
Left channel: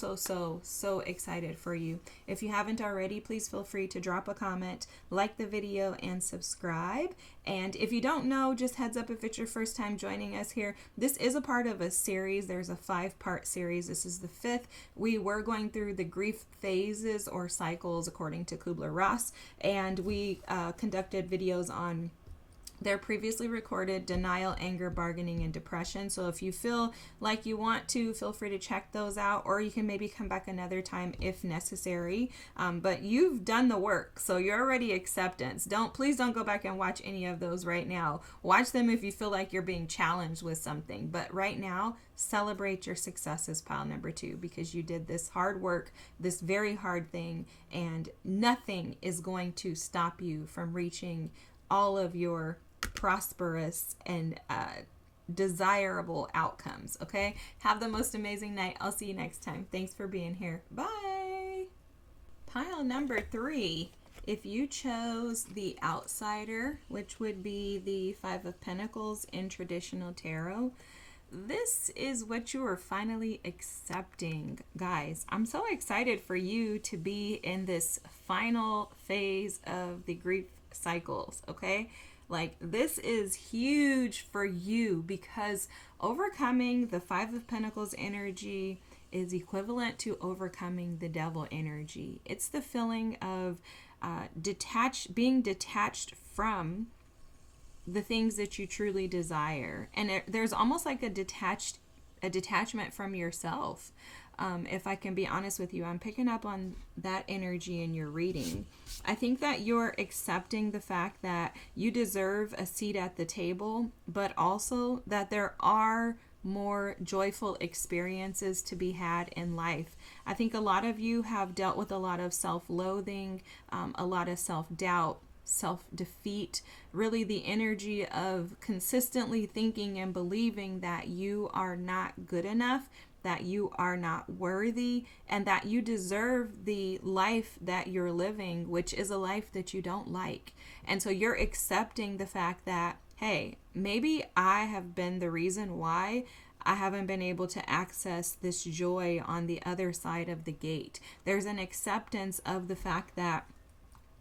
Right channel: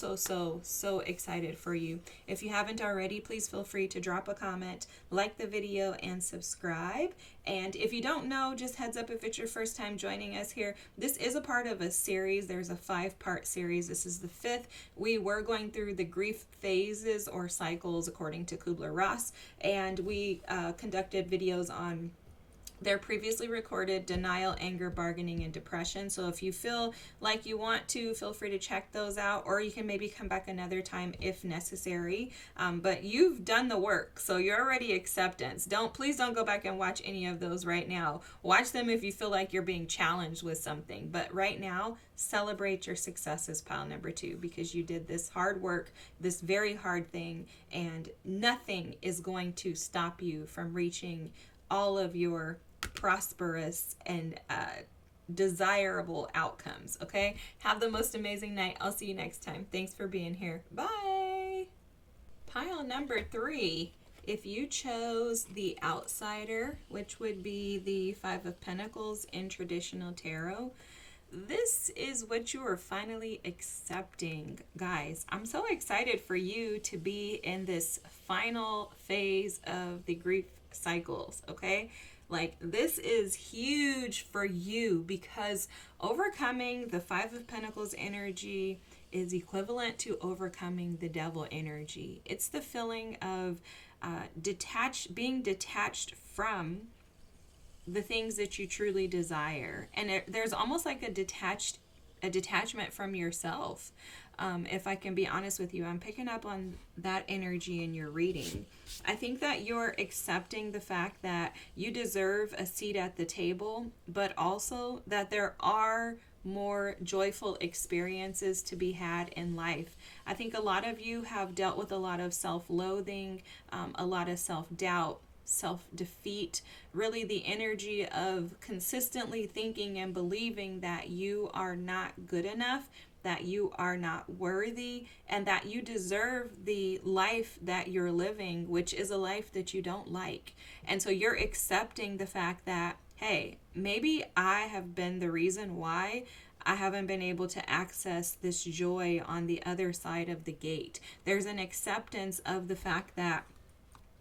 excited for you. If you haven't already, please feel free to drop a comment, like the video, and subscribe. And if you don't know, just heads up if it's your first time joining us here, this is a part of a series. There's a 5-part series. This is the 5th. We were going through the grief phases or cycles according to Kubler-Ross, and we conducted videos on their previously recorded denial, anger, bargaining, and depression. So if you feel like you want to, feel free to check those out, or you can maybe come back another time if necessary. But you've done the work, so you're already acceptance. Please don't go back and watch any of those right now. Watch them if you feel like you're being challenged with something. But right now, celebrate your successes, pile number 2, because you did this hard work, this very hard thing, and nothing is going to stop you from reaching all of your prosperous and desirable outcomes. Okay, have the most amazing night. I'll see you next time. Thanks for being here. Bye. Pile number 3, if you chose the outsider, which would be the 5 of Pentacles in traditional tarot, this is what you are finally accepting. Guys, I'm so excited for you to be in this final phase of the grief cycles. Okay, like this is huge for you because overcoming the 5 of Pentacles energy is equivalent to overcoming the devil energy. It's the feeling of being detached from the things that you truly desire, and there's almost like a detachment from yourself. If I can be honest with you, I'm picking up on that energy in your reading. I think that you're accepting the fact that you deserve a seat at the table, but also that there are more joyful experiences to be had in life. I think a lot of you have dealt with a lot of self-loathing, a lot of self-doubt, self-defeat, really the energy of consistently thinking and believing that you are not good enough, that you are not worthy, and that you deserve the life that you're living, which is a life that you don't like. And so you're accepting the fact that, hey, maybe I have been the reason why I haven't been able to access this joy on the other side of the gate. There's an acceptance of the fact that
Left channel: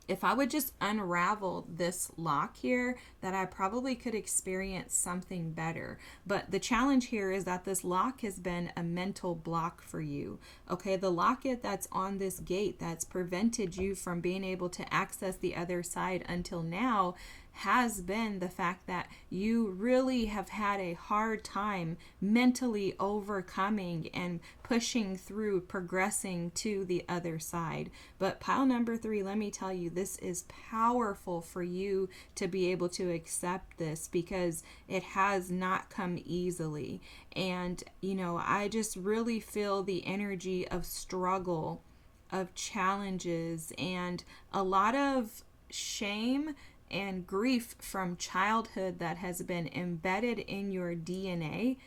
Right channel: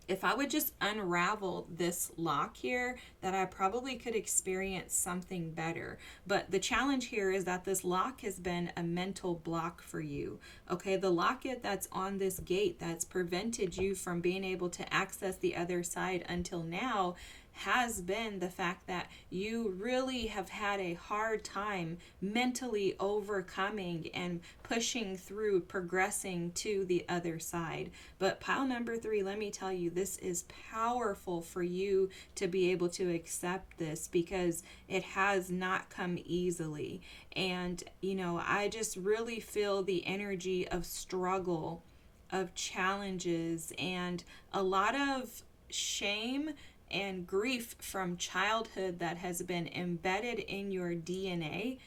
if I would just unravel this lock here, that I probably could experience something better. But the challenge here is that this lock has been a mental block for you. Okay, the locket that's on this gate that's prevented you from being able to access the other side until now has been the fact that you really have had a hard time mentally overcoming and pushing through, progressing to the other side. But pile number 3, let me tell you, this is powerful for you to be able to accept this because it has not come easily. And, you know, I just really feel the energy of struggle, of challenges, and a lot of shame and grief from childhood that has been embedded in your DNA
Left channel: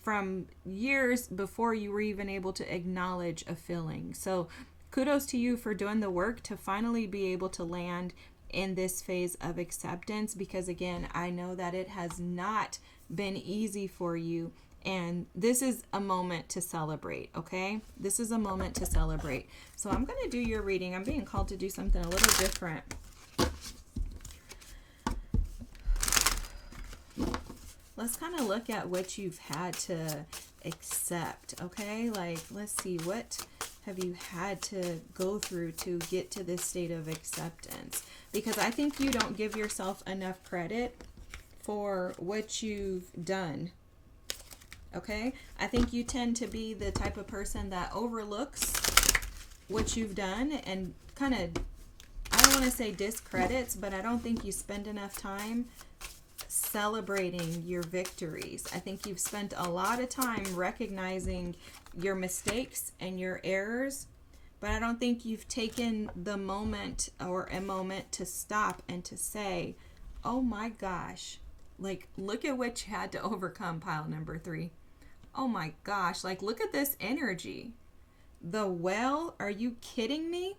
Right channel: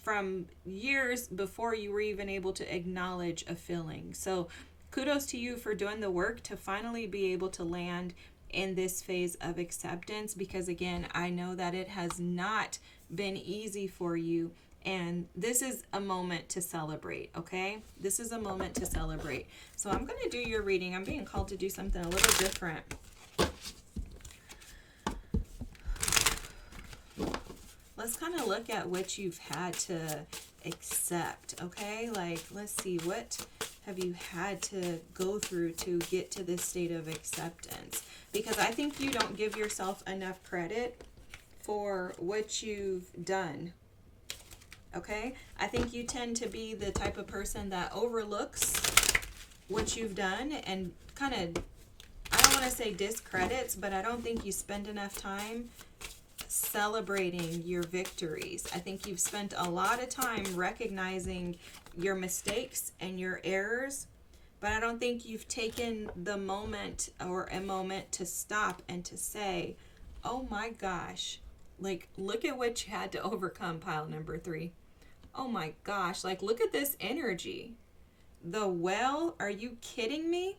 from years before you were even able to acknowledge a feeling. So kudos to you for doing the work to finally be able to land in this phase of acceptance, because again, I know that it has not been easy for you. And this is a moment to celebrate, okay? This is a moment to celebrate. So I'm going to do your reading. I'm being called to do something a little different. Let's kind of look at what you've had to accept, okay? Like, let's see, what have you had to go through to get to this state of acceptance? Because I think you don't give yourself enough credit for what you've done, okay? I think you tend to be the type of person that overlooks what you've done and kind of, I don't want to say discredits, but I don't think you spend enough time celebrating your victories. I think you've spent a lot of time recognizing your mistakes and your errors, But I don't think you've taken the moment or a moment to stop and to say, oh my gosh, like, look at what you had to overcome, pile number 3. Oh my gosh, like, look at this energy. The well, are you kidding me?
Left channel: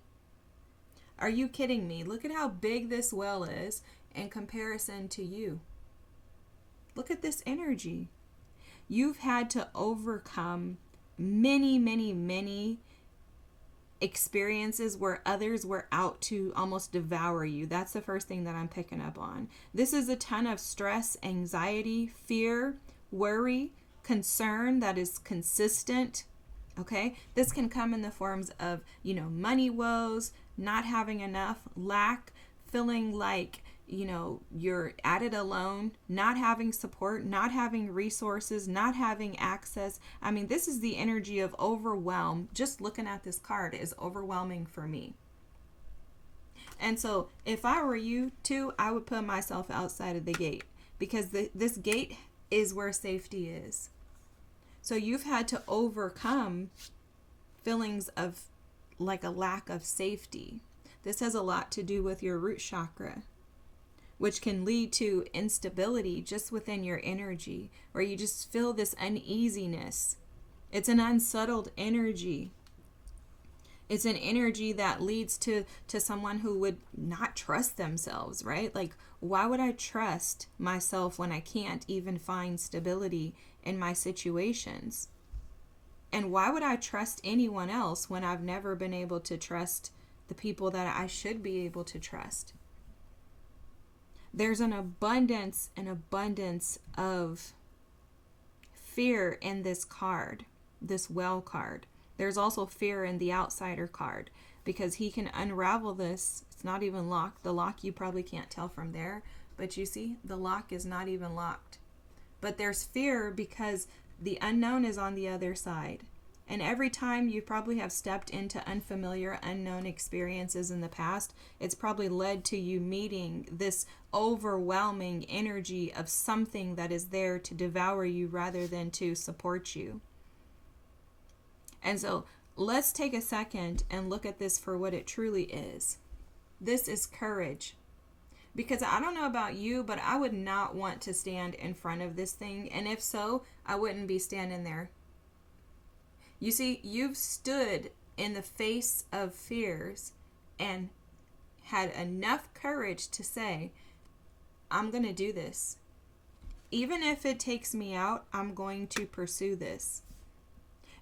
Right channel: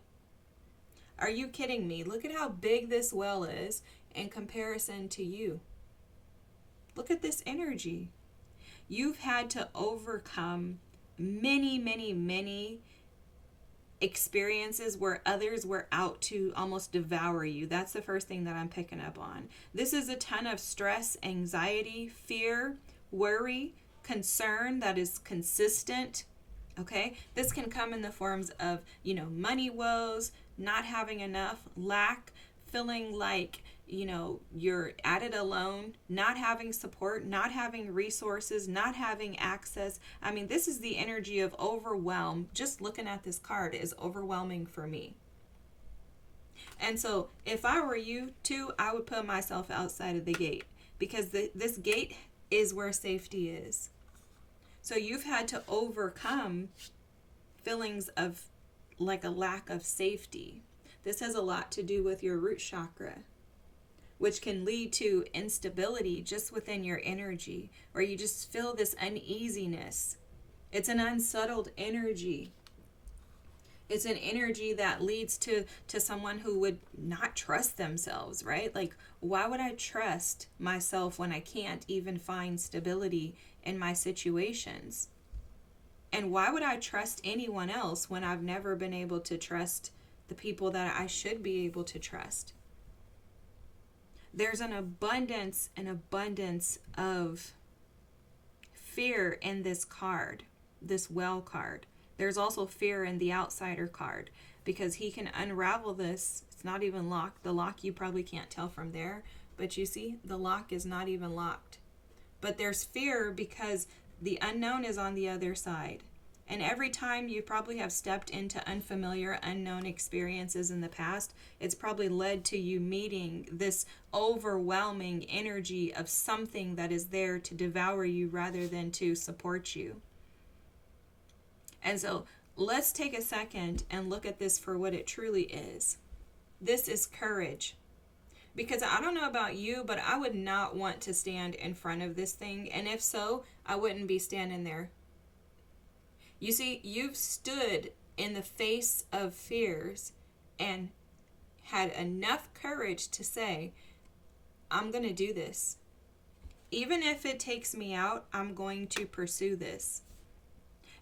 Are you kidding me? Look at how big this well is in comparison to you. Look at this energy. You've had to overcome many, many, many experiences where others were out to almost devour you. That's the first thing that I'm picking up on. This is a ton of stress, anxiety, fear, worry, concern that is consistent. Okay, this can come in the forms of, money woes, not having enough, lack, feeling like, you're at it alone, not having support, not having resources, not having access. I mean, this is the energy of overwhelm. Just looking at this card is overwhelming for me. And so if I were you too, I would put myself outside of the gate, because this gate is where safety is. So you've had to overcome feelings of like a lack of safety. This has a lot to do with your root chakra, which can lead to instability just within your energy, where you just feel this uneasiness. It's an unsettled energy. It's an energy that leads to someone who would not trust themselves, right? Like, why would I trust myself when I can't even find stability in my situations? And why would I trust anyone else when I've never been able to trust the people that I should be able to trust? There's an abundance of fear in this card, this well card. There's also fear in the outsider card, because he can unravel this. It's not even locked. The lock you probably can't tell from there, but you see, the lock is not even locked. But there's fear because the unknown is on the other side. And every time you probably have stepped into unfamiliar, unknown experiences in the past, it's probably led to you meeting this overwhelming energy of something that is there to devour you rather than to support you. And so let's take a second and look at this for what it truly is. This is courage. Because I don't know about you, but I would not want to stand in front of this thing. And if so, I wouldn't be standing there. You see, you've stood in the face of fears and had enough courage to say, I'm going to do this. Even if it takes me out, I'm going to pursue this.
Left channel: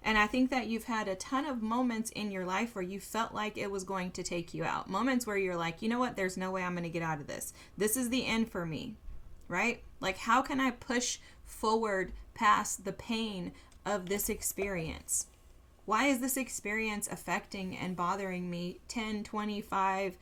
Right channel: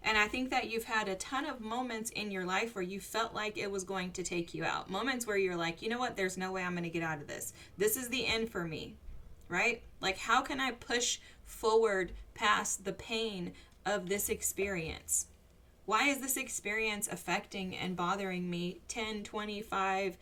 And I think that you've had a ton of moments in your life where you felt like it was going to take you out. Moments where you're like, you know what? There's no way I'm going to get out of this. This is the end for me, right? Like, how can I push forward past the pain of this experience? Why is this experience affecting and bothering me 10, 25,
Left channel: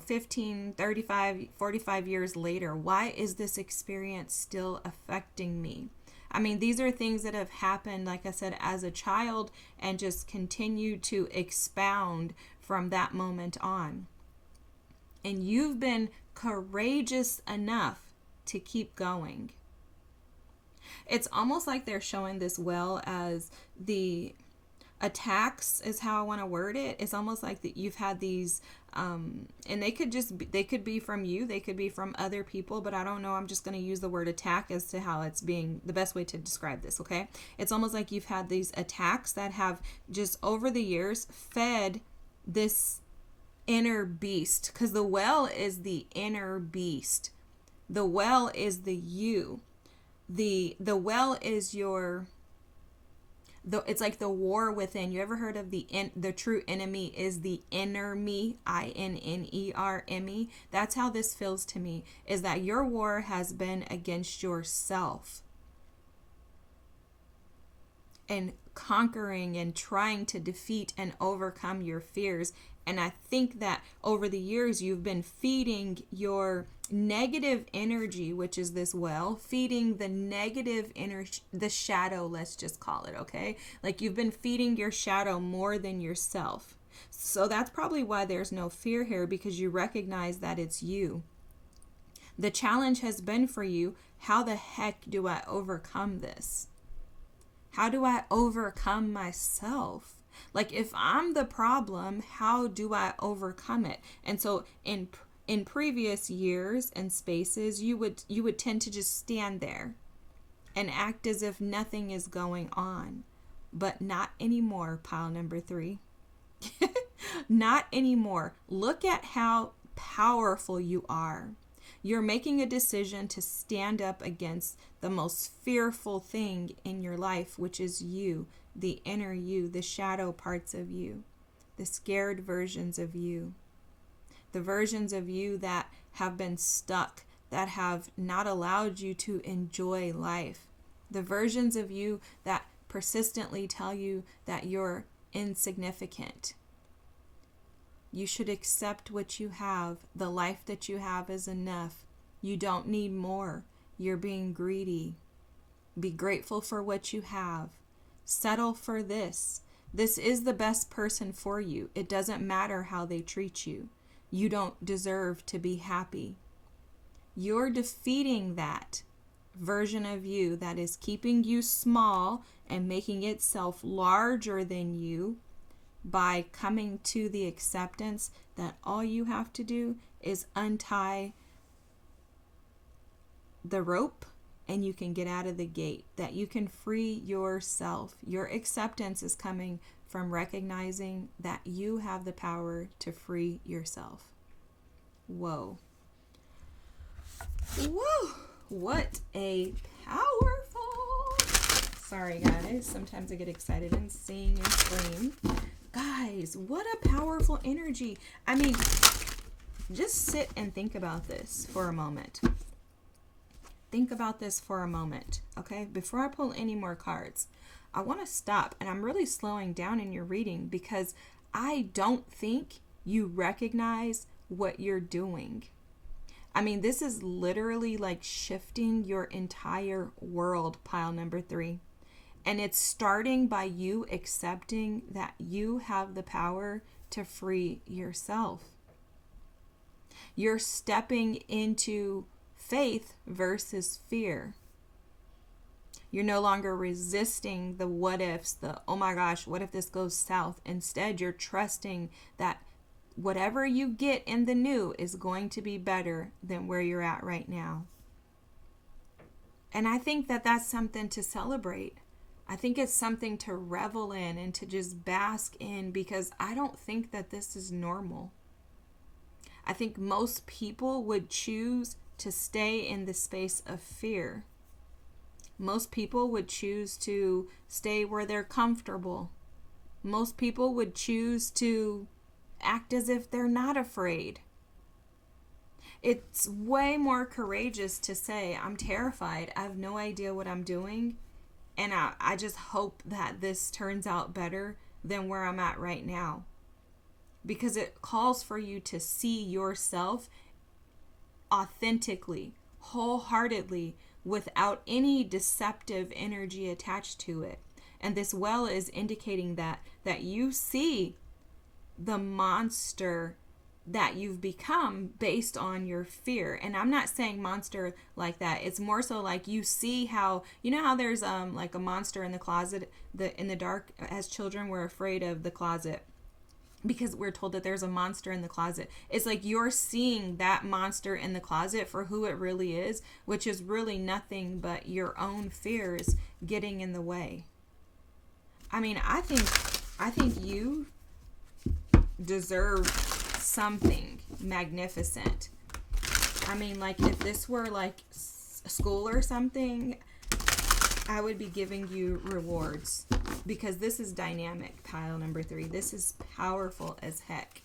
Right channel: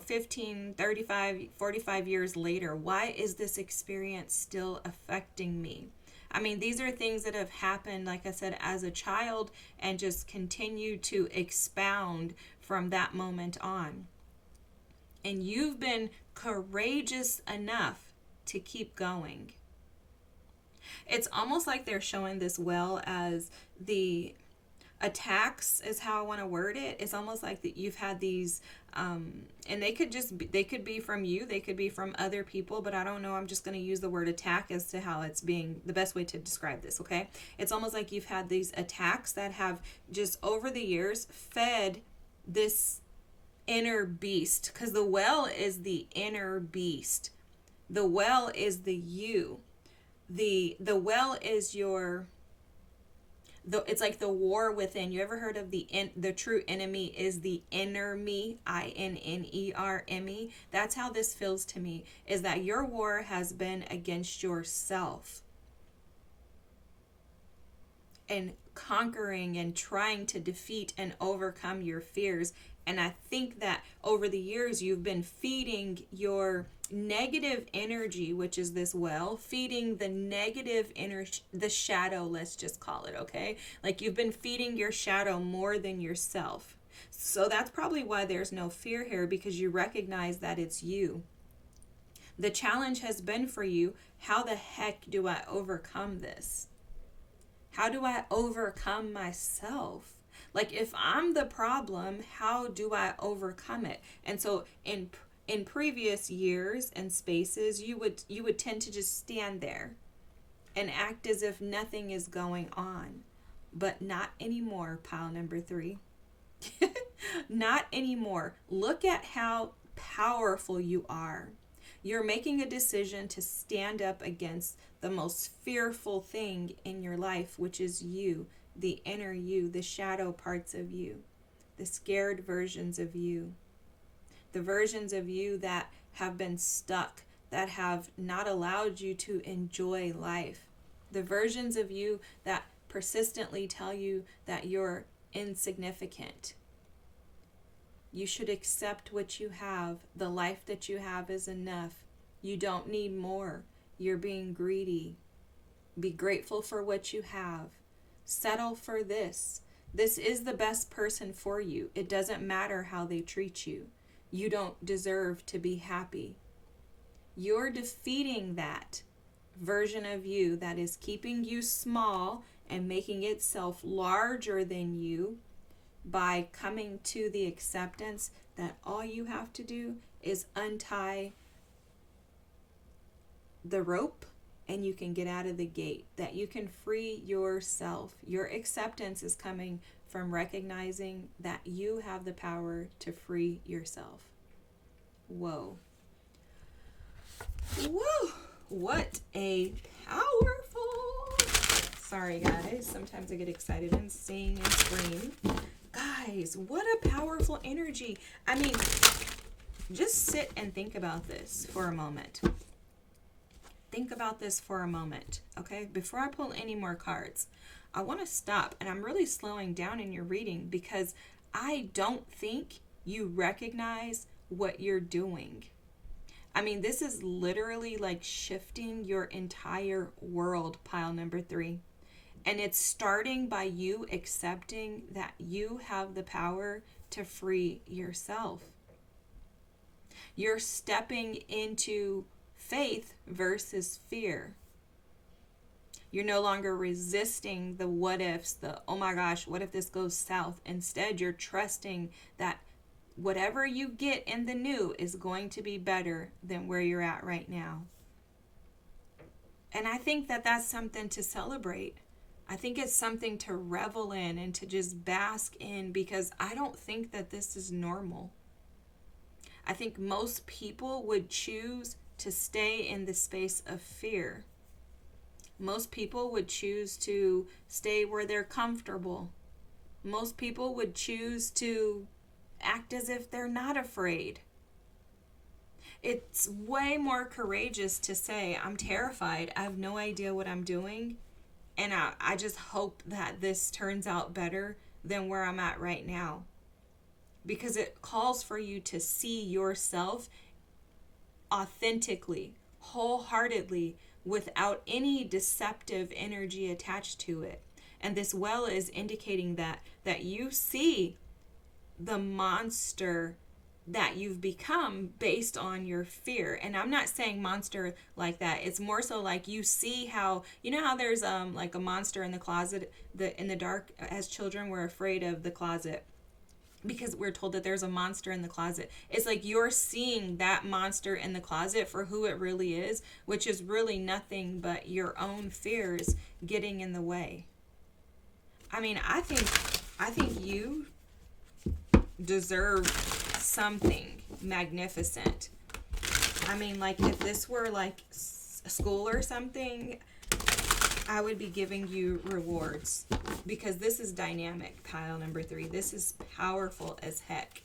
15, 35, 45 years later? Why is this experience still affecting me? I mean, these are things that have happened, like I said, as a child, and just continue to expound from that moment on. And you've been courageous enough to keep going. It's almost like they're showing this well as the attacks, is how I want to word it. It's almost like that you've had these and they could be from you, they could be from other people, but I don't know, I'm just going to use the word attack as to how it's being the best way to describe this. Okay, it's almost like you've had these attacks that have just over the years fed this inner beast, because the well is the inner beast. The well is the you. The well is your it's like the war within. You ever heard of the true enemy is the inner me, INNERME? That's how this feels to me, is that your war has been against yourself and conquering and trying to defeat and overcome your fears. And I think that over the years you've been feeding your negative energy, which is this well, feeding the negative energy, the shadow, let's just call it, okay? Like, you've been feeding your shadow more than yourself. So that's probably why there's no fear here, because you recognize that it's you. The challenge has been for you, how the heck do I overcome this? How do I overcome myself? Like, if I'm the problem, how do I overcome it? And so in previous years and spaces, you would tend to just stand there and act as if nothing is going on. But not anymore, pile number 3. Not anymore. Look at how powerful you are. You're making a decision to stand up against the most fearful thing in your life, which is you, the inner you, the shadow parts of you, the scared versions of you, the versions of you that have been stuck, that have not allowed you to enjoy life, the versions of you that persistently tell you that you're insignificant. You should accept what you have. The life that you have is enough. You don't need more. You're being greedy. Be grateful for what you have. Settle for this. This is the best person for you. It doesn't matter how they treat you. You don't deserve to be happy. You're defeating that version of you that is keeping you small and making itself larger than you by coming to the acceptance that all you have to do is untie the rope and you can get out of the gate, that you can free yourself. Your acceptance is coming from recognizing that you have the power to free yourself. Whoa. Whoa. What a powerful... Sorry, guys. Sometimes I get excited and sing and scream. Guys, what a powerful energy. I mean, just sit and think about this for a moment. Think about this for a moment, okay? Before I pull any more cards, I want to stop, and I'm really slowing down in your reading because I don't think you recognize what you're doing. I mean, this is literally like shifting your entire world, pile number 3. And it's starting by you accepting that you have the power to free yourself. You're stepping into faith versus fear. You're no longer resisting the what ifs, the oh my gosh, what if this goes south? Instead, you're trusting that whatever you get in the new is going to be better than where you're at right now. And I think that that's something to celebrate. I think it's something to revel in and to just bask in, because I don't think that this is normal. I think most people would choose to stay in the space of fear. Most people would choose to stay where they're comfortable. Most people would choose to act as if they're not afraid. It's way more courageous to say, I'm terrified. I have no idea what I'm doing. And I just hope that this turns out better than where I'm at right now. Because it calls for you to see yourself authentically, wholeheartedly, without any deceptive energy attached to it. And this well is indicating that you see the monster that you've become based on your fear. And I'm not saying monster like that. It's more so like you see how, you know how there's like a monster in the closet, in the dark. As children, we're afraid of the closet because we're told that there's a monster in the closet. It's like you're seeing that monster in the closet for who it really is, which is really nothing but your own fears getting in the way. I mean, I think you deserve something magnificent. I mean, like, if this were like school or something, I would be giving you rewards, because this is dynamic, pile number 3. This is powerful as heck,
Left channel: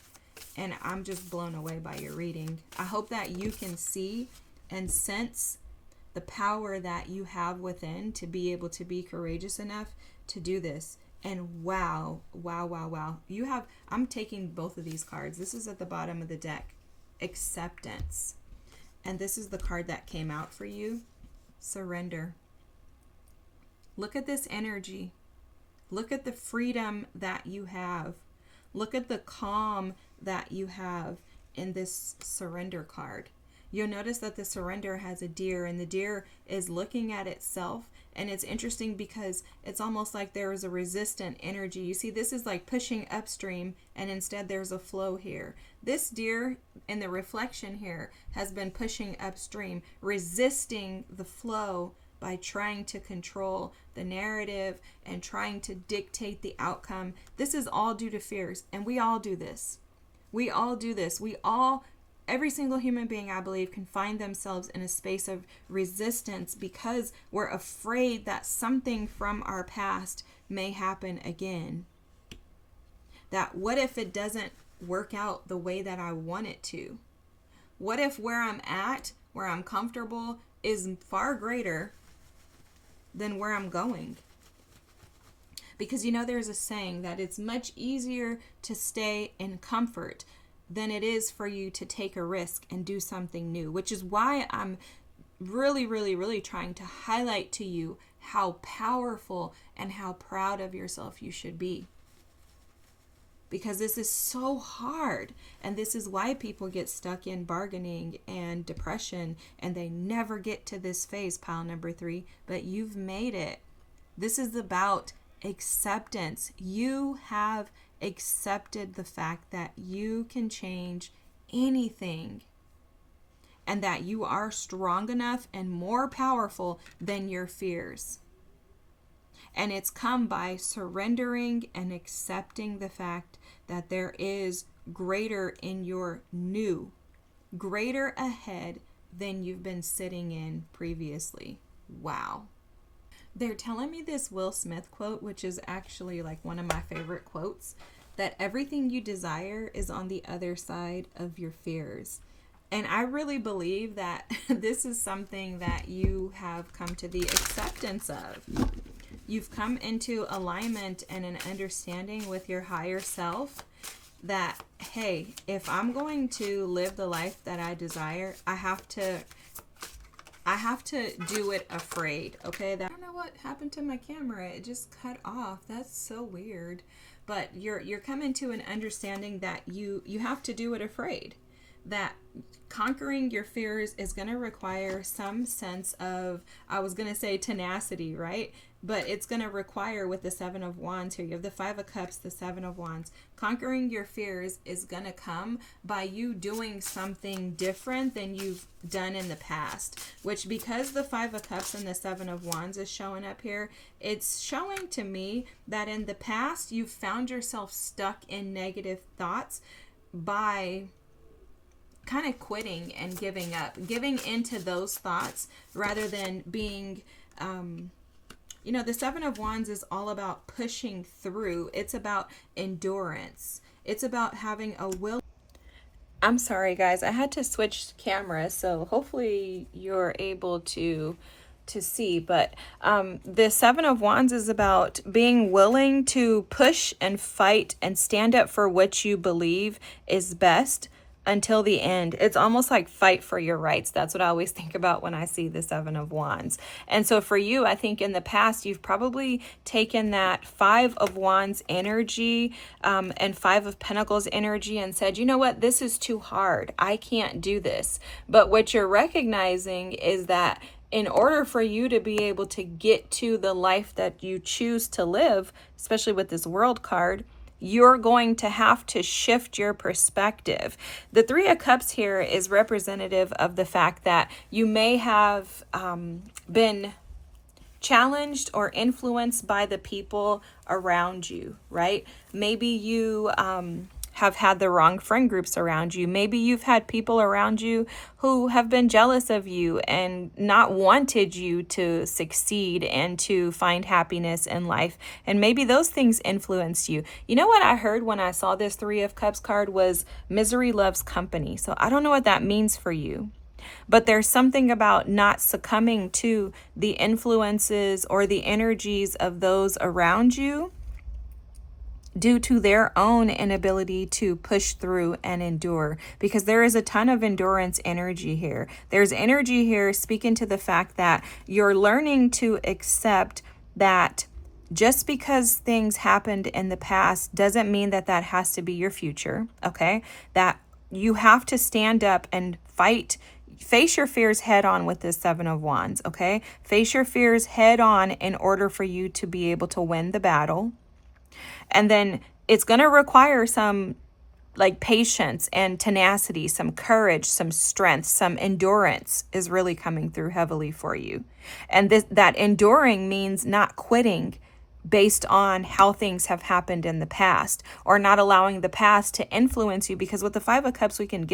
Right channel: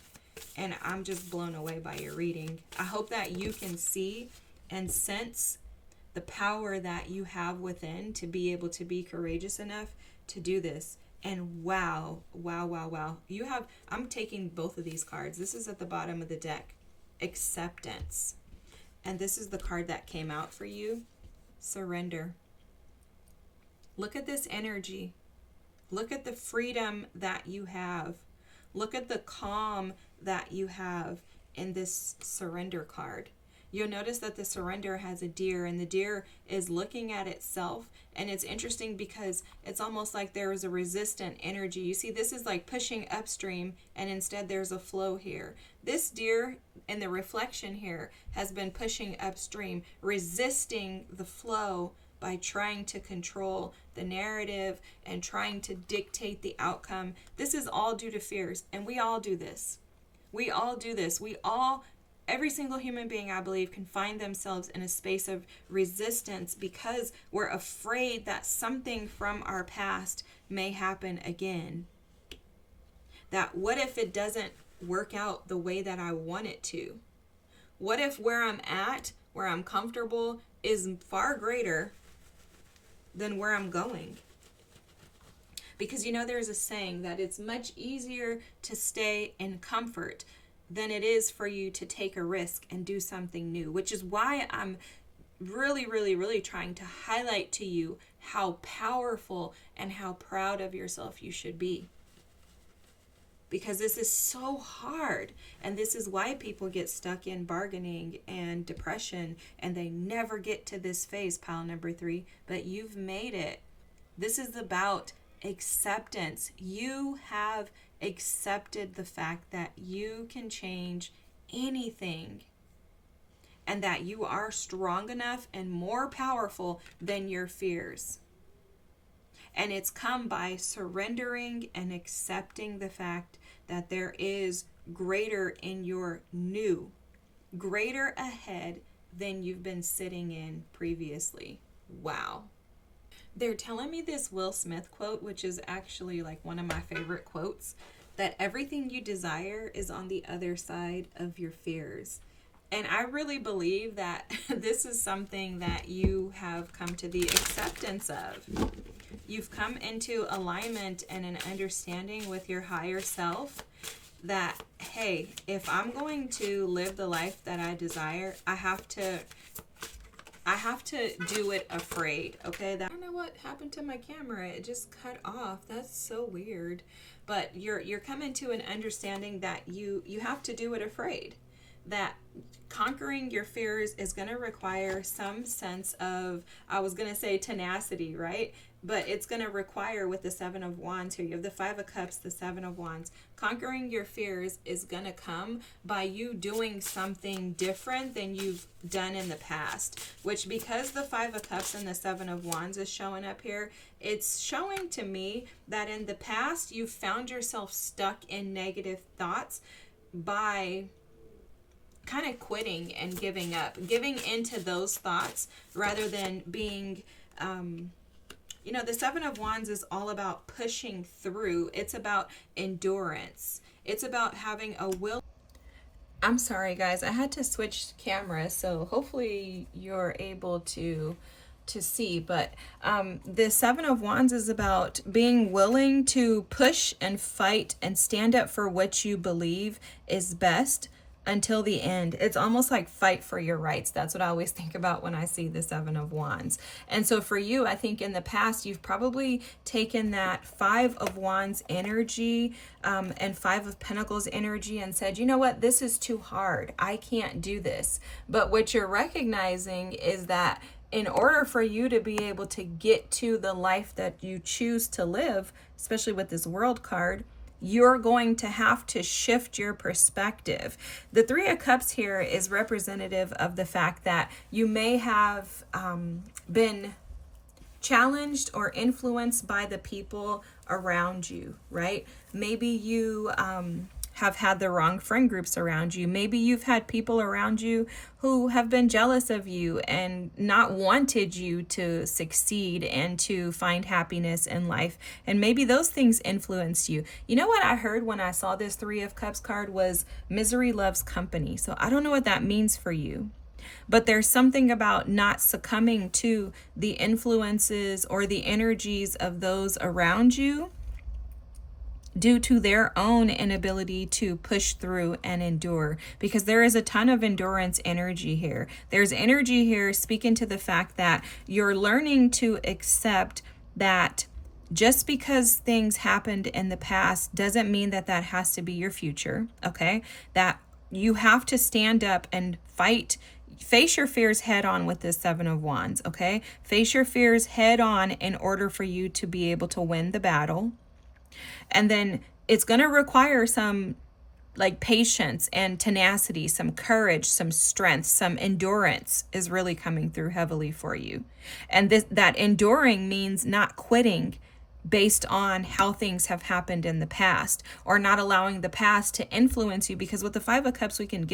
and I'm just blown away by your reading. I hope that you can see and sense the power that you have within to be able to be courageous enough to do this. And wow. You have, I'm taking both of these cards. This is at the bottom of the deck. Acceptance. And this is the card that came out for you. Surrender. Look at this energy. Look at the freedom that you have. Look at the calm that you have in this surrender card. you'll notice that the surrender has a deer, and the deer is looking at itself. And it's interesting because it's almost like there is a resistant energy. You see, this is like pushing upstream, and instead there's a flow here. This deer in the reflection here has been pushing upstream, resisting the flow by trying to control the narrative and trying to dictate the outcome. This is all due to fears, and we all do this. We all do this. Every single human being, I believe, can find themselves in a space of resistance because we're afraid that something from our past may happen again. That what if it doesn't work out the way that I want it to? What if where I'm at, where I'm comfortable, is far greater than where I'm going? Because there's a saying that it's much easier to stay in comfort than it is for you to take a risk and do something new, which is why I'm really, really, really trying to highlight to you how powerful and how proud of yourself you should be. Because this is so hard, and this is why people get stuck in bargaining and depression, and they never get to this phase, pile number 3, but you've made it. This is about acceptance. You have accepted the fact that you can change anything, and that you are strong enough and more powerful than your fears. And it's come by surrendering and accepting the fact that there is greater in your new, greater ahead than you've been sitting in previously. Wow. They're telling me this Will Smith quote, which is actually like one of my favorite quotes, that everything you desire is on the other side of your fears. And I really believe that this is something that you have come to the acceptance of. You've come into alignment and an understanding with your higher self that, hey, if I'm going to live the life that I desire, I have to do it afraid, okay? I don't know what happened to my camera. It just cut off. That's so weird. But you're coming to an understanding that you have to do it afraid. That conquering your fears is going to require some sense of, I was going to say tenacity, right? But it's going to require, with the 7 of Wands here, you have the 5 of Cups, the 7 of Wands. Conquering your fears is going to come by you doing something different than you've done in the past. Which, because the 5 of Cups and the 7 of Wands is showing up here, it's showing to me that in the past you've found yourself stuck in negative thoughts by kind of quitting and giving up, giving into those thoughts rather than being... the 7 of Wands is all about pushing through. It's about endurance. It's about having a will. I'm sorry, guys. I had to switch cameras, so hopefully you're able to see. But the 7 of Wands is about being willing to push and fight and stand up for what you believe is best until the end. It's almost like fight for your rights. That's what I always think about when I see the 7 of Wands. And so for you, I think in the past, you've probably taken that 5 of Wands energy and 5 of Pentacles energy and said, you know what, this is too hard. I can't do this. But what you're recognizing is that in order for you to be able to get to the life that you choose to live, especially with this World card, you're going to have to shift your perspective. The 3 of Cups here is representative of the fact that you may have been challenged or influenced by the people around you, right? Maybe you have had the wrong friend groups around you. Maybe you've had people around you who have been jealous of you and not wanted you to succeed and to find happiness in life. And maybe those things influenced you. You know what I heard when I saw this 3 of Cups card was misery loves company. So I don't know what that means for you. But there's something about not succumbing to the influences or the energies of those around you due to their own inability to push through and endure, because there is a ton of endurance energy here. There's energy here speaking to the fact that you're learning to accept that just because things happened in the past doesn't mean that that has to be your future, okay? That you have to stand up and fight face your fears head on with this Seven of Wands, okay? Face your fears head on in order for you to be able to win the battle. And then it's going to require some like patience and tenacity, some courage, some strength, some endurance is really coming through heavily for you. And that enduring means not quitting based on how things have happened in the past, or not allowing the past to influence you, because with the Five of Cups we can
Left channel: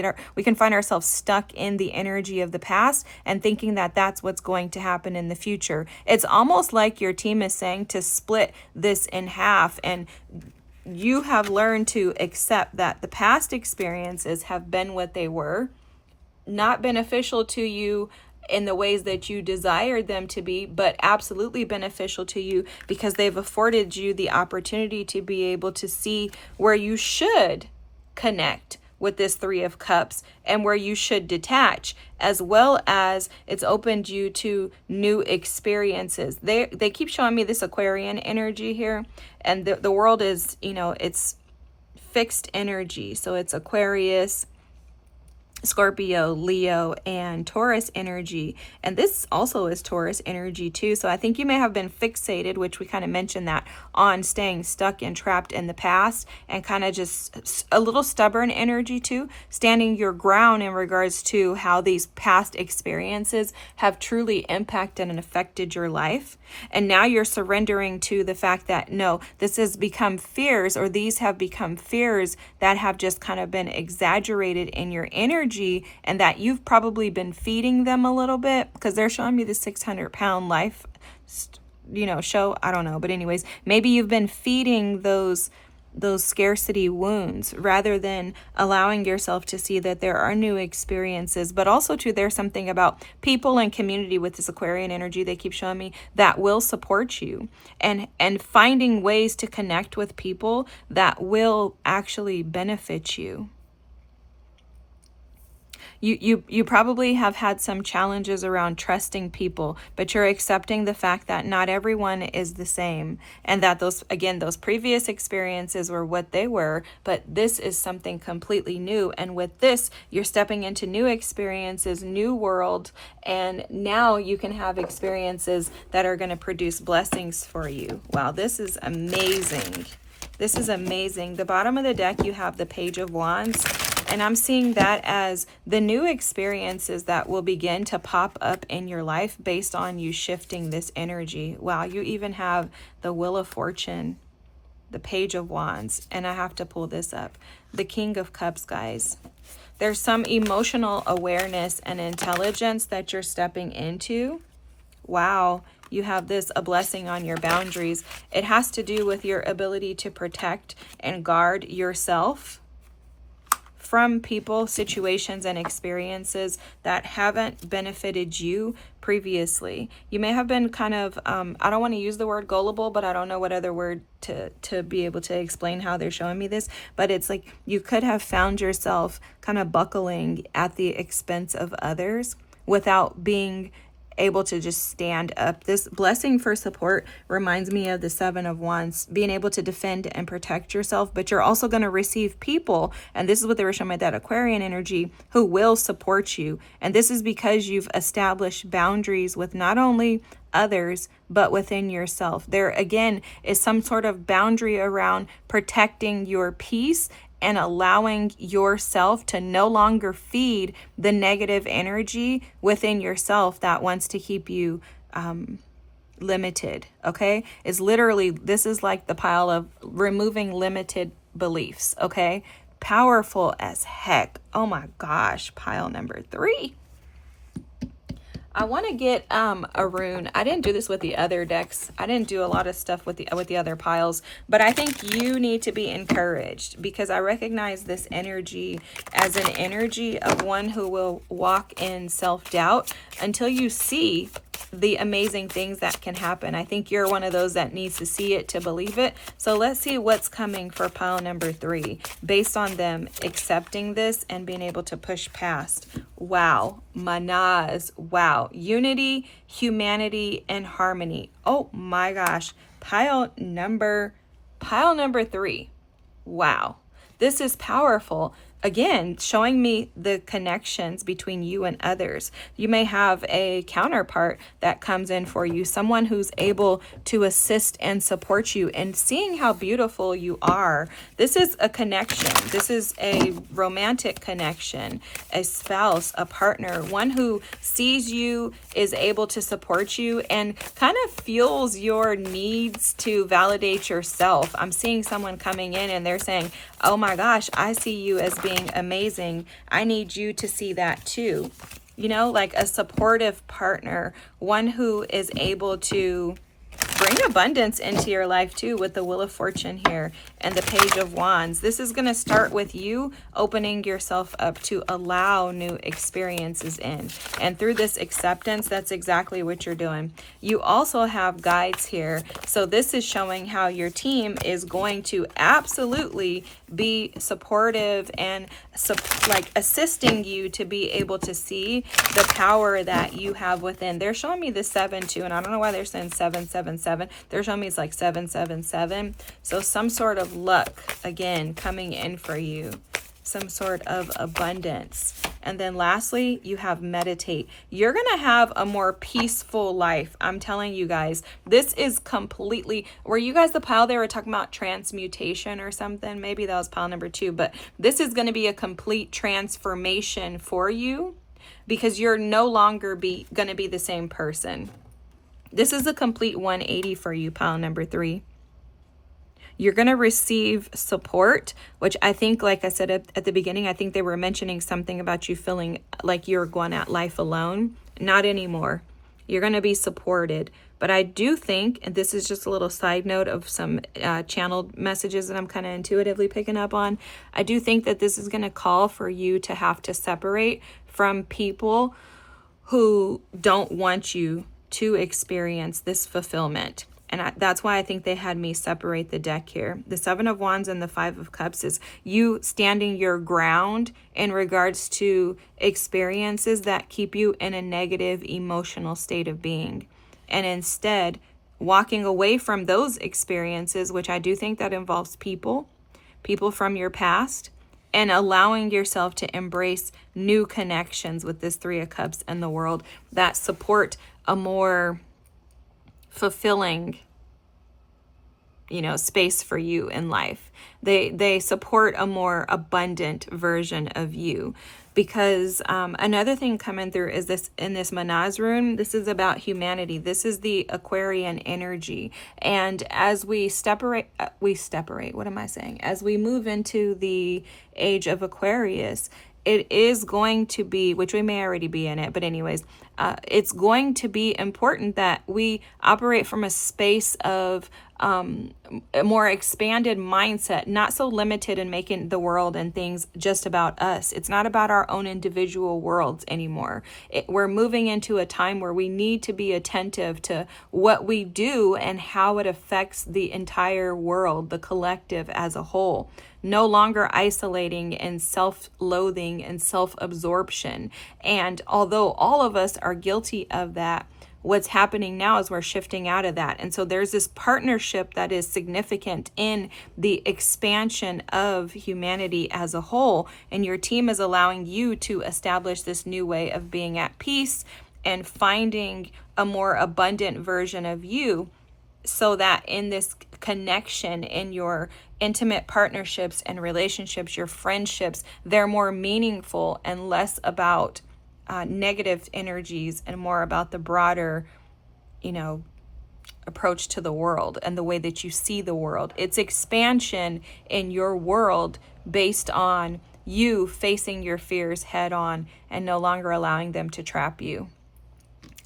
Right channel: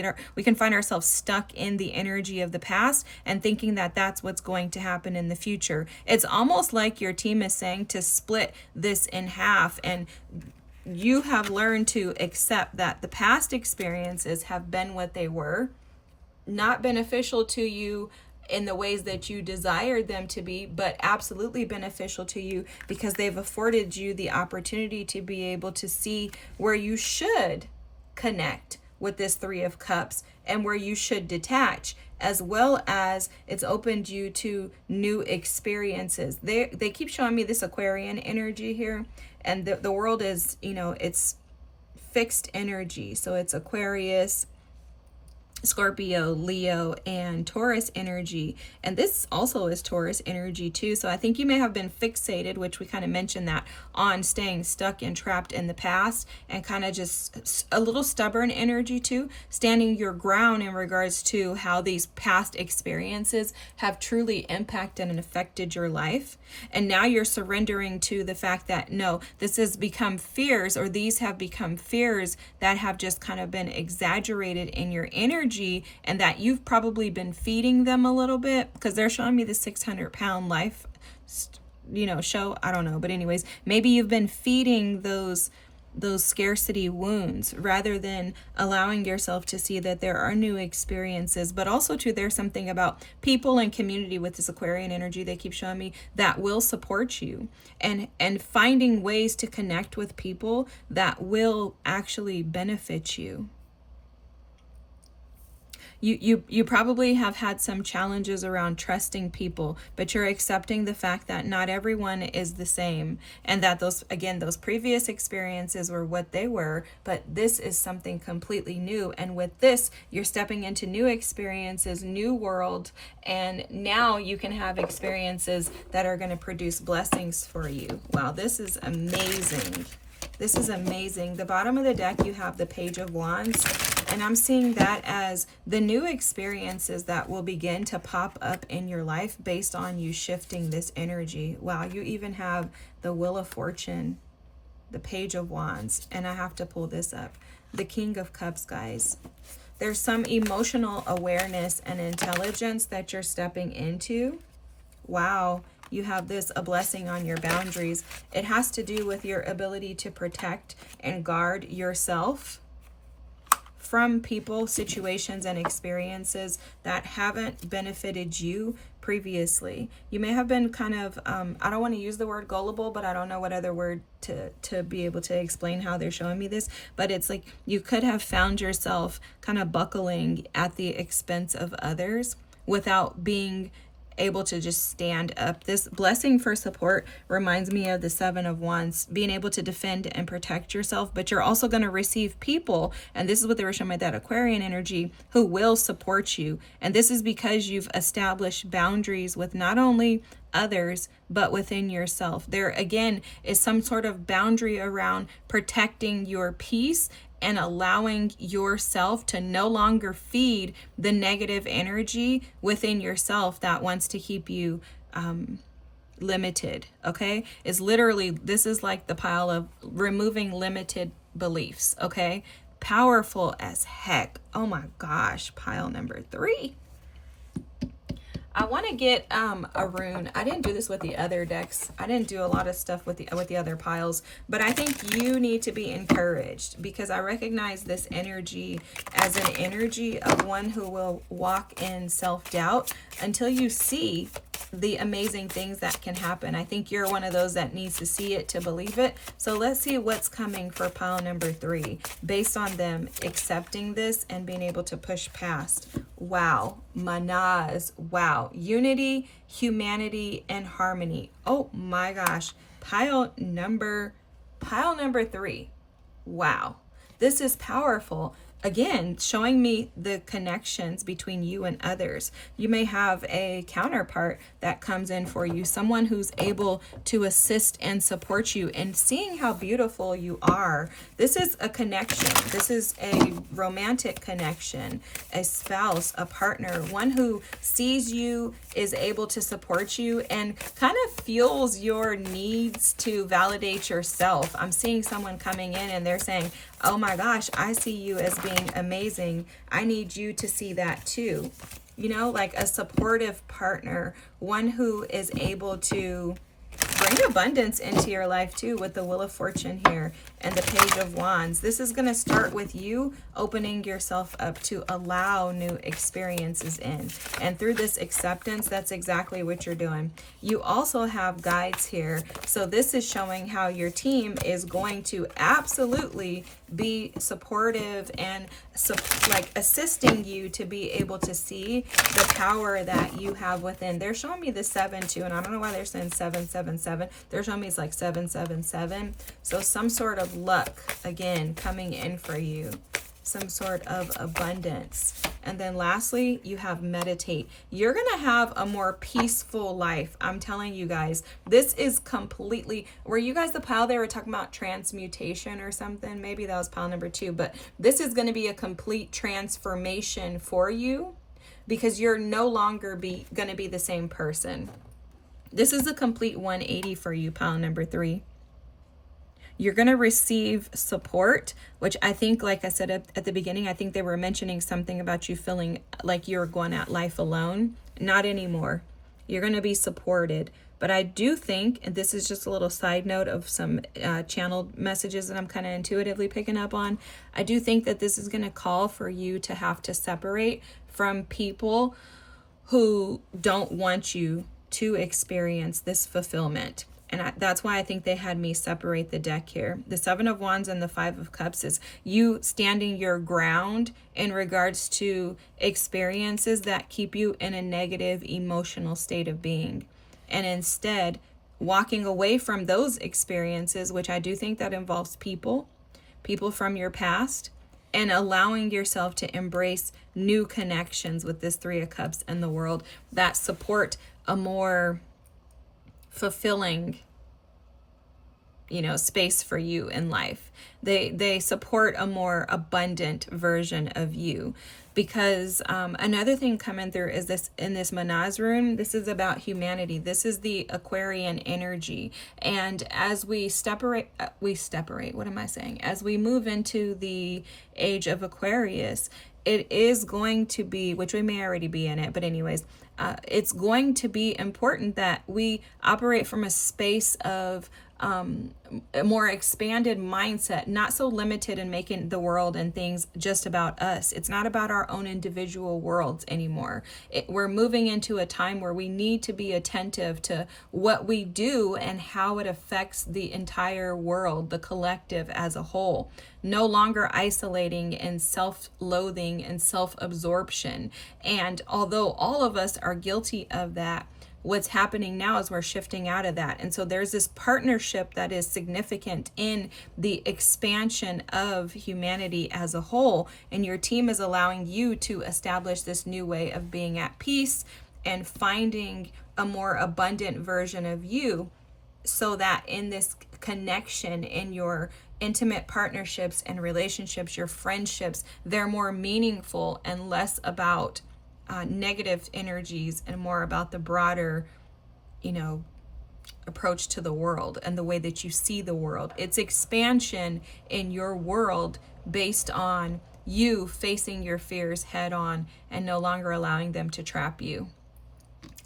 find ourselves stuck in the energy of the past and thinking that that's what's going to happen in the future. It's almost like your team is saying to split this in half, and you have learned to accept that the past experiences have been what they were, not beneficial to you in the ways that you desired them to be, but absolutely beneficial to you because they've afforded you the opportunity to be able to see where you should connect with this Three of Cups and where you should detach, as well as it's opened you to new experiences. They keep showing me this Aquarian energy here, and the world is, it's fixed energy. So it's Aquarius, Scorpio, Leo, and Taurus energy. And this also is Taurus energy too. So I think you may have been fixated, which we kind of mentioned that, on staying stuck and trapped in the past, and kind of just a little stubborn energy too, standing your ground in regards to how these past experiences have truly impacted and affected your life. And now you're surrendering to the fact that no, this has become fears, or these have become fears that have just kind of been exaggerated in your energy, and that you've probably been feeding them a little bit, because they're showing me the 600-pound life show. I don't know, but anyways, maybe you've been feeding those scarcity wounds rather than allowing yourself to see that there are new experiences, but also too, there's something about people and community with this Aquarian energy they keep showing me that will support you, and finding ways to connect with people that will actually benefit you. You probably have had some challenges around trusting people, but you're accepting the fact that not everyone is the same, and that those previous experiences were what they were, but this is something completely new. And with this, you're stepping into new experiences, new world, and now you can have experiences that are going to produce blessings for you. Wow, this is amazing. This is amazing. The bottom of the deck, you have the Page of Wands. And I'm seeing that as the new experiences that will begin to pop up in your life based on you shifting this energy. Wow, you even have the Wheel of Fortune, the Page of Wands, and I have to pull this up. The King of Cups, guys. There's some emotional awareness and intelligence that you're stepping into. Wow, you have this, a blessing on your boundaries. It has to do with your ability to protect and guard yourself from people, situations, and experiences that haven't benefited you previously. You may have been kind of, I don't want to use the word gullible, but I don't know what other word to be able to explain how they're showing me this. But it's like you could have found yourself kind of buckling at the expense of others without being able to just stand up. This blessing for support reminds me of the Seven of Wands, being able to defend and protect yourself, but you're also going to receive people, and this is what they were showing me, that Aquarian energy, who will support you. And this is because you've established boundaries with not only others, but within yourself. There again is some sort of boundary around protecting your peace and allowing yourself to no longer feed the negative energy within yourself that wants to keep you limited, okay? It's literally, this is like the pile of removing limited beliefs, okay? Powerful as heck. Oh my gosh, pile number 3. I want to get a rune. I didn't do this with the other decks. I didn't do a lot of stuff with the other piles, but I think you need to be encouraged, because I recognize this energy as an energy of one who will walk in self-doubt until you see the amazing things that can happen. I think you're one of those that needs to see it to believe it. So let's see what's coming for pile number 3 based on them accepting this and being able to push past. Wow, manaz. Wow, unity, humanity, and harmony. Oh my gosh, pile number 3. Wow, this is powerful. again, showing me the connections between you and others. You may have a counterpart that comes in for you, someone who's able to assist and support you, and seeing how beautiful you are. This is a connection. This is a romantic connection, a spouse, a partner, one who sees you, is able to support you, and kind of fuels your needs to validate yourself. I'm seeing someone coming in and they're saying, oh my gosh, I see you as being amazing. I need you to see that too. You know, like a supportive partner, one who is able to bring abundance into your life too, with the Wheel of Fortune here and the Page of Wands. This is going to start with you opening yourself up to allow new experiences in. And through this acceptance, that's exactly what you're doing. You also have guides here. So this is showing how your team is going to absolutely be supportive and like assisting you to be able to see the power that you have within. They're showing me the 7 too, and I don't know why they're saying 777. They're showing me it's like 777. So some sort of luck again coming in for you, some sort of abundance. And then lastly, you have meditate. You're going to have a more peaceful life. I'm telling you guys, this is completely, were you guys the pile they were talking about transmutation or something? Maybe that was pile number 2, but this is going to be a complete transformation for you because you're no longer going to be the same person. This is a complete 180 for you, pile number 3. You're going to receive support, which I think, like I said at the beginning, I think they were mentioning something about you feeling like you're going at life alone. Not anymore. You're going to be supported. But I do think, and this is just a little side note of some channeled messages that I'm kind of intuitively picking up on, I do think that this is going to call for you to have to separate from people who don't want you to experience this fulfillment. And that's why I think they had me separate the deck here. The 7 of Wands and the 5 of Cups is you standing your ground in regards to experiences that keep you in a negative emotional state of being. And instead, walking away from those experiences, which I do think that involves people from your past, and allowing yourself to embrace new connections with this 3 of Cups and the world that support a more fulfilling, space for you in life. They support a more abundant version of you. Because another thing coming through is this, in this Manaz rune, this is about humanity. This is the Aquarian energy. And as we separate, what am I saying? As we move into the age of Aquarius, it is going to be, which we may already be in it, but anyways, it's going to be important that we operate from a space of a more expanded mindset, not so limited in making the world and things just about us. It's not about our own individual worlds anymore. We're moving into a time where we need to be attentive to what we do and how it affects the entire world, the collective as a whole. No longer isolating and self-loathing and self-absorption. And although all of us are guilty of that, what's happening now is we're shifting out of that. And so there's this partnership that is significant in the expansion of humanity as a whole. And your team is allowing you to establish this new way of being at peace and finding a more abundant version of you, so that in this connection, in your intimate partnerships and relationships, your friendships, they're more meaningful and less about negative energies and more about the broader, approach to the world and the way that you see the world. It's expansion in your world based on you facing your fears head on and no longer allowing them to trap you.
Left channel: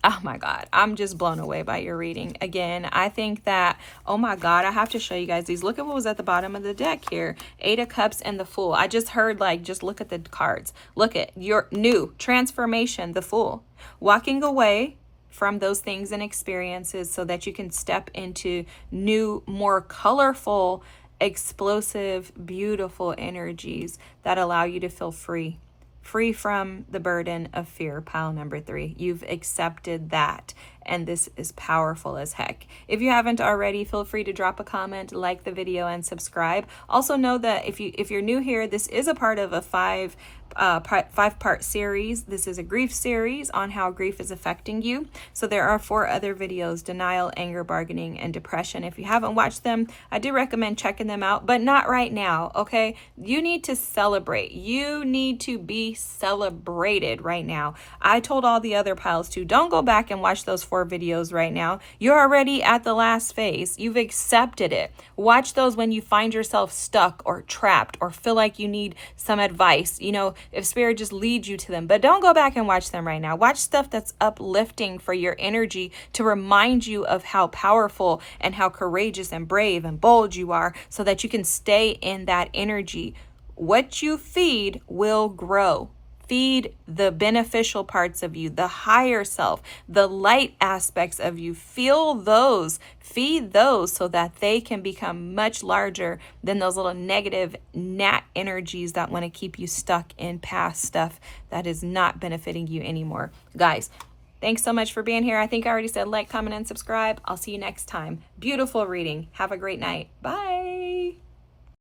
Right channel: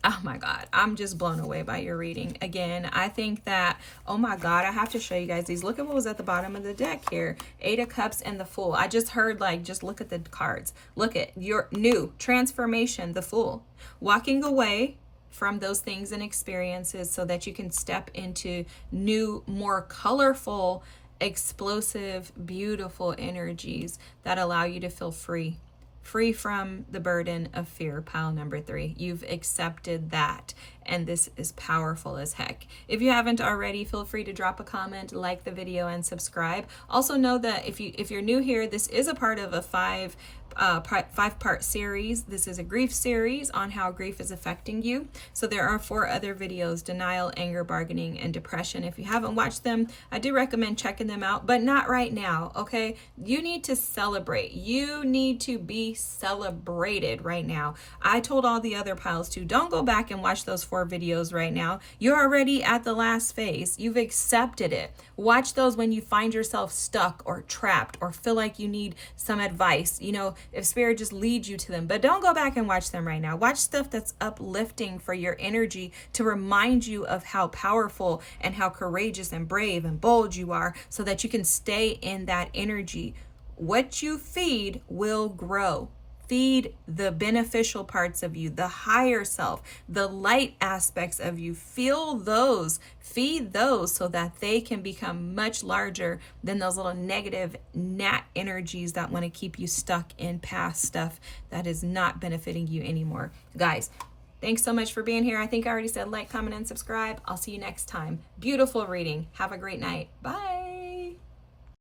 Oh my God, I'm just blown away by your reading. Again, I think that, oh my God, I have to show you guys these. Look at what was at the bottom of the deck here. 8 of Cups and the Fool. I just heard, just look at the cards. Look at your new transformation, the Fool. Walking away from those things and experiences so that you can step into new, more colorful, explosive, beautiful energies that allow you to feel free. free from the burden of fear, pile number 3. You've accepted that, and this is powerful as heck. If you haven't already, feel free to drop a comment, like the video, and subscribe. Also know that if you're new here, this is a part of a five-part series. This is a grief series on how grief is affecting you. So there are 4 other videos: denial, anger, bargaining, and depression. If you haven't watched them, I do recommend checking them out, but not right now, okay? You need to celebrate. You need to be celebrated right now. I told all the other piles to don't go back and watch those 4 videos right now. You're already at the last phase. You've accepted it. Watch those when you find yourself stuck or trapped or feel like you need some advice. You know, if spirit just leads you to them. But don't go back and watch them right now. Watch stuff that's uplifting for your energy, to remind you of how powerful and how courageous and brave and bold you are, so that you can stay in that energy. What you feed will grow. Feed the beneficial parts of you, the higher self, the light aspects of you. Feel those, feed those, so that they can become much larger than those little negative gnat energies that want to keep you stuck in past stuff that is not benefiting you anymore. Guys, thanks so much for being here. I think I already said like, comment, and subscribe. I'll see you next time. Beautiful reading. Have a great night. Bye.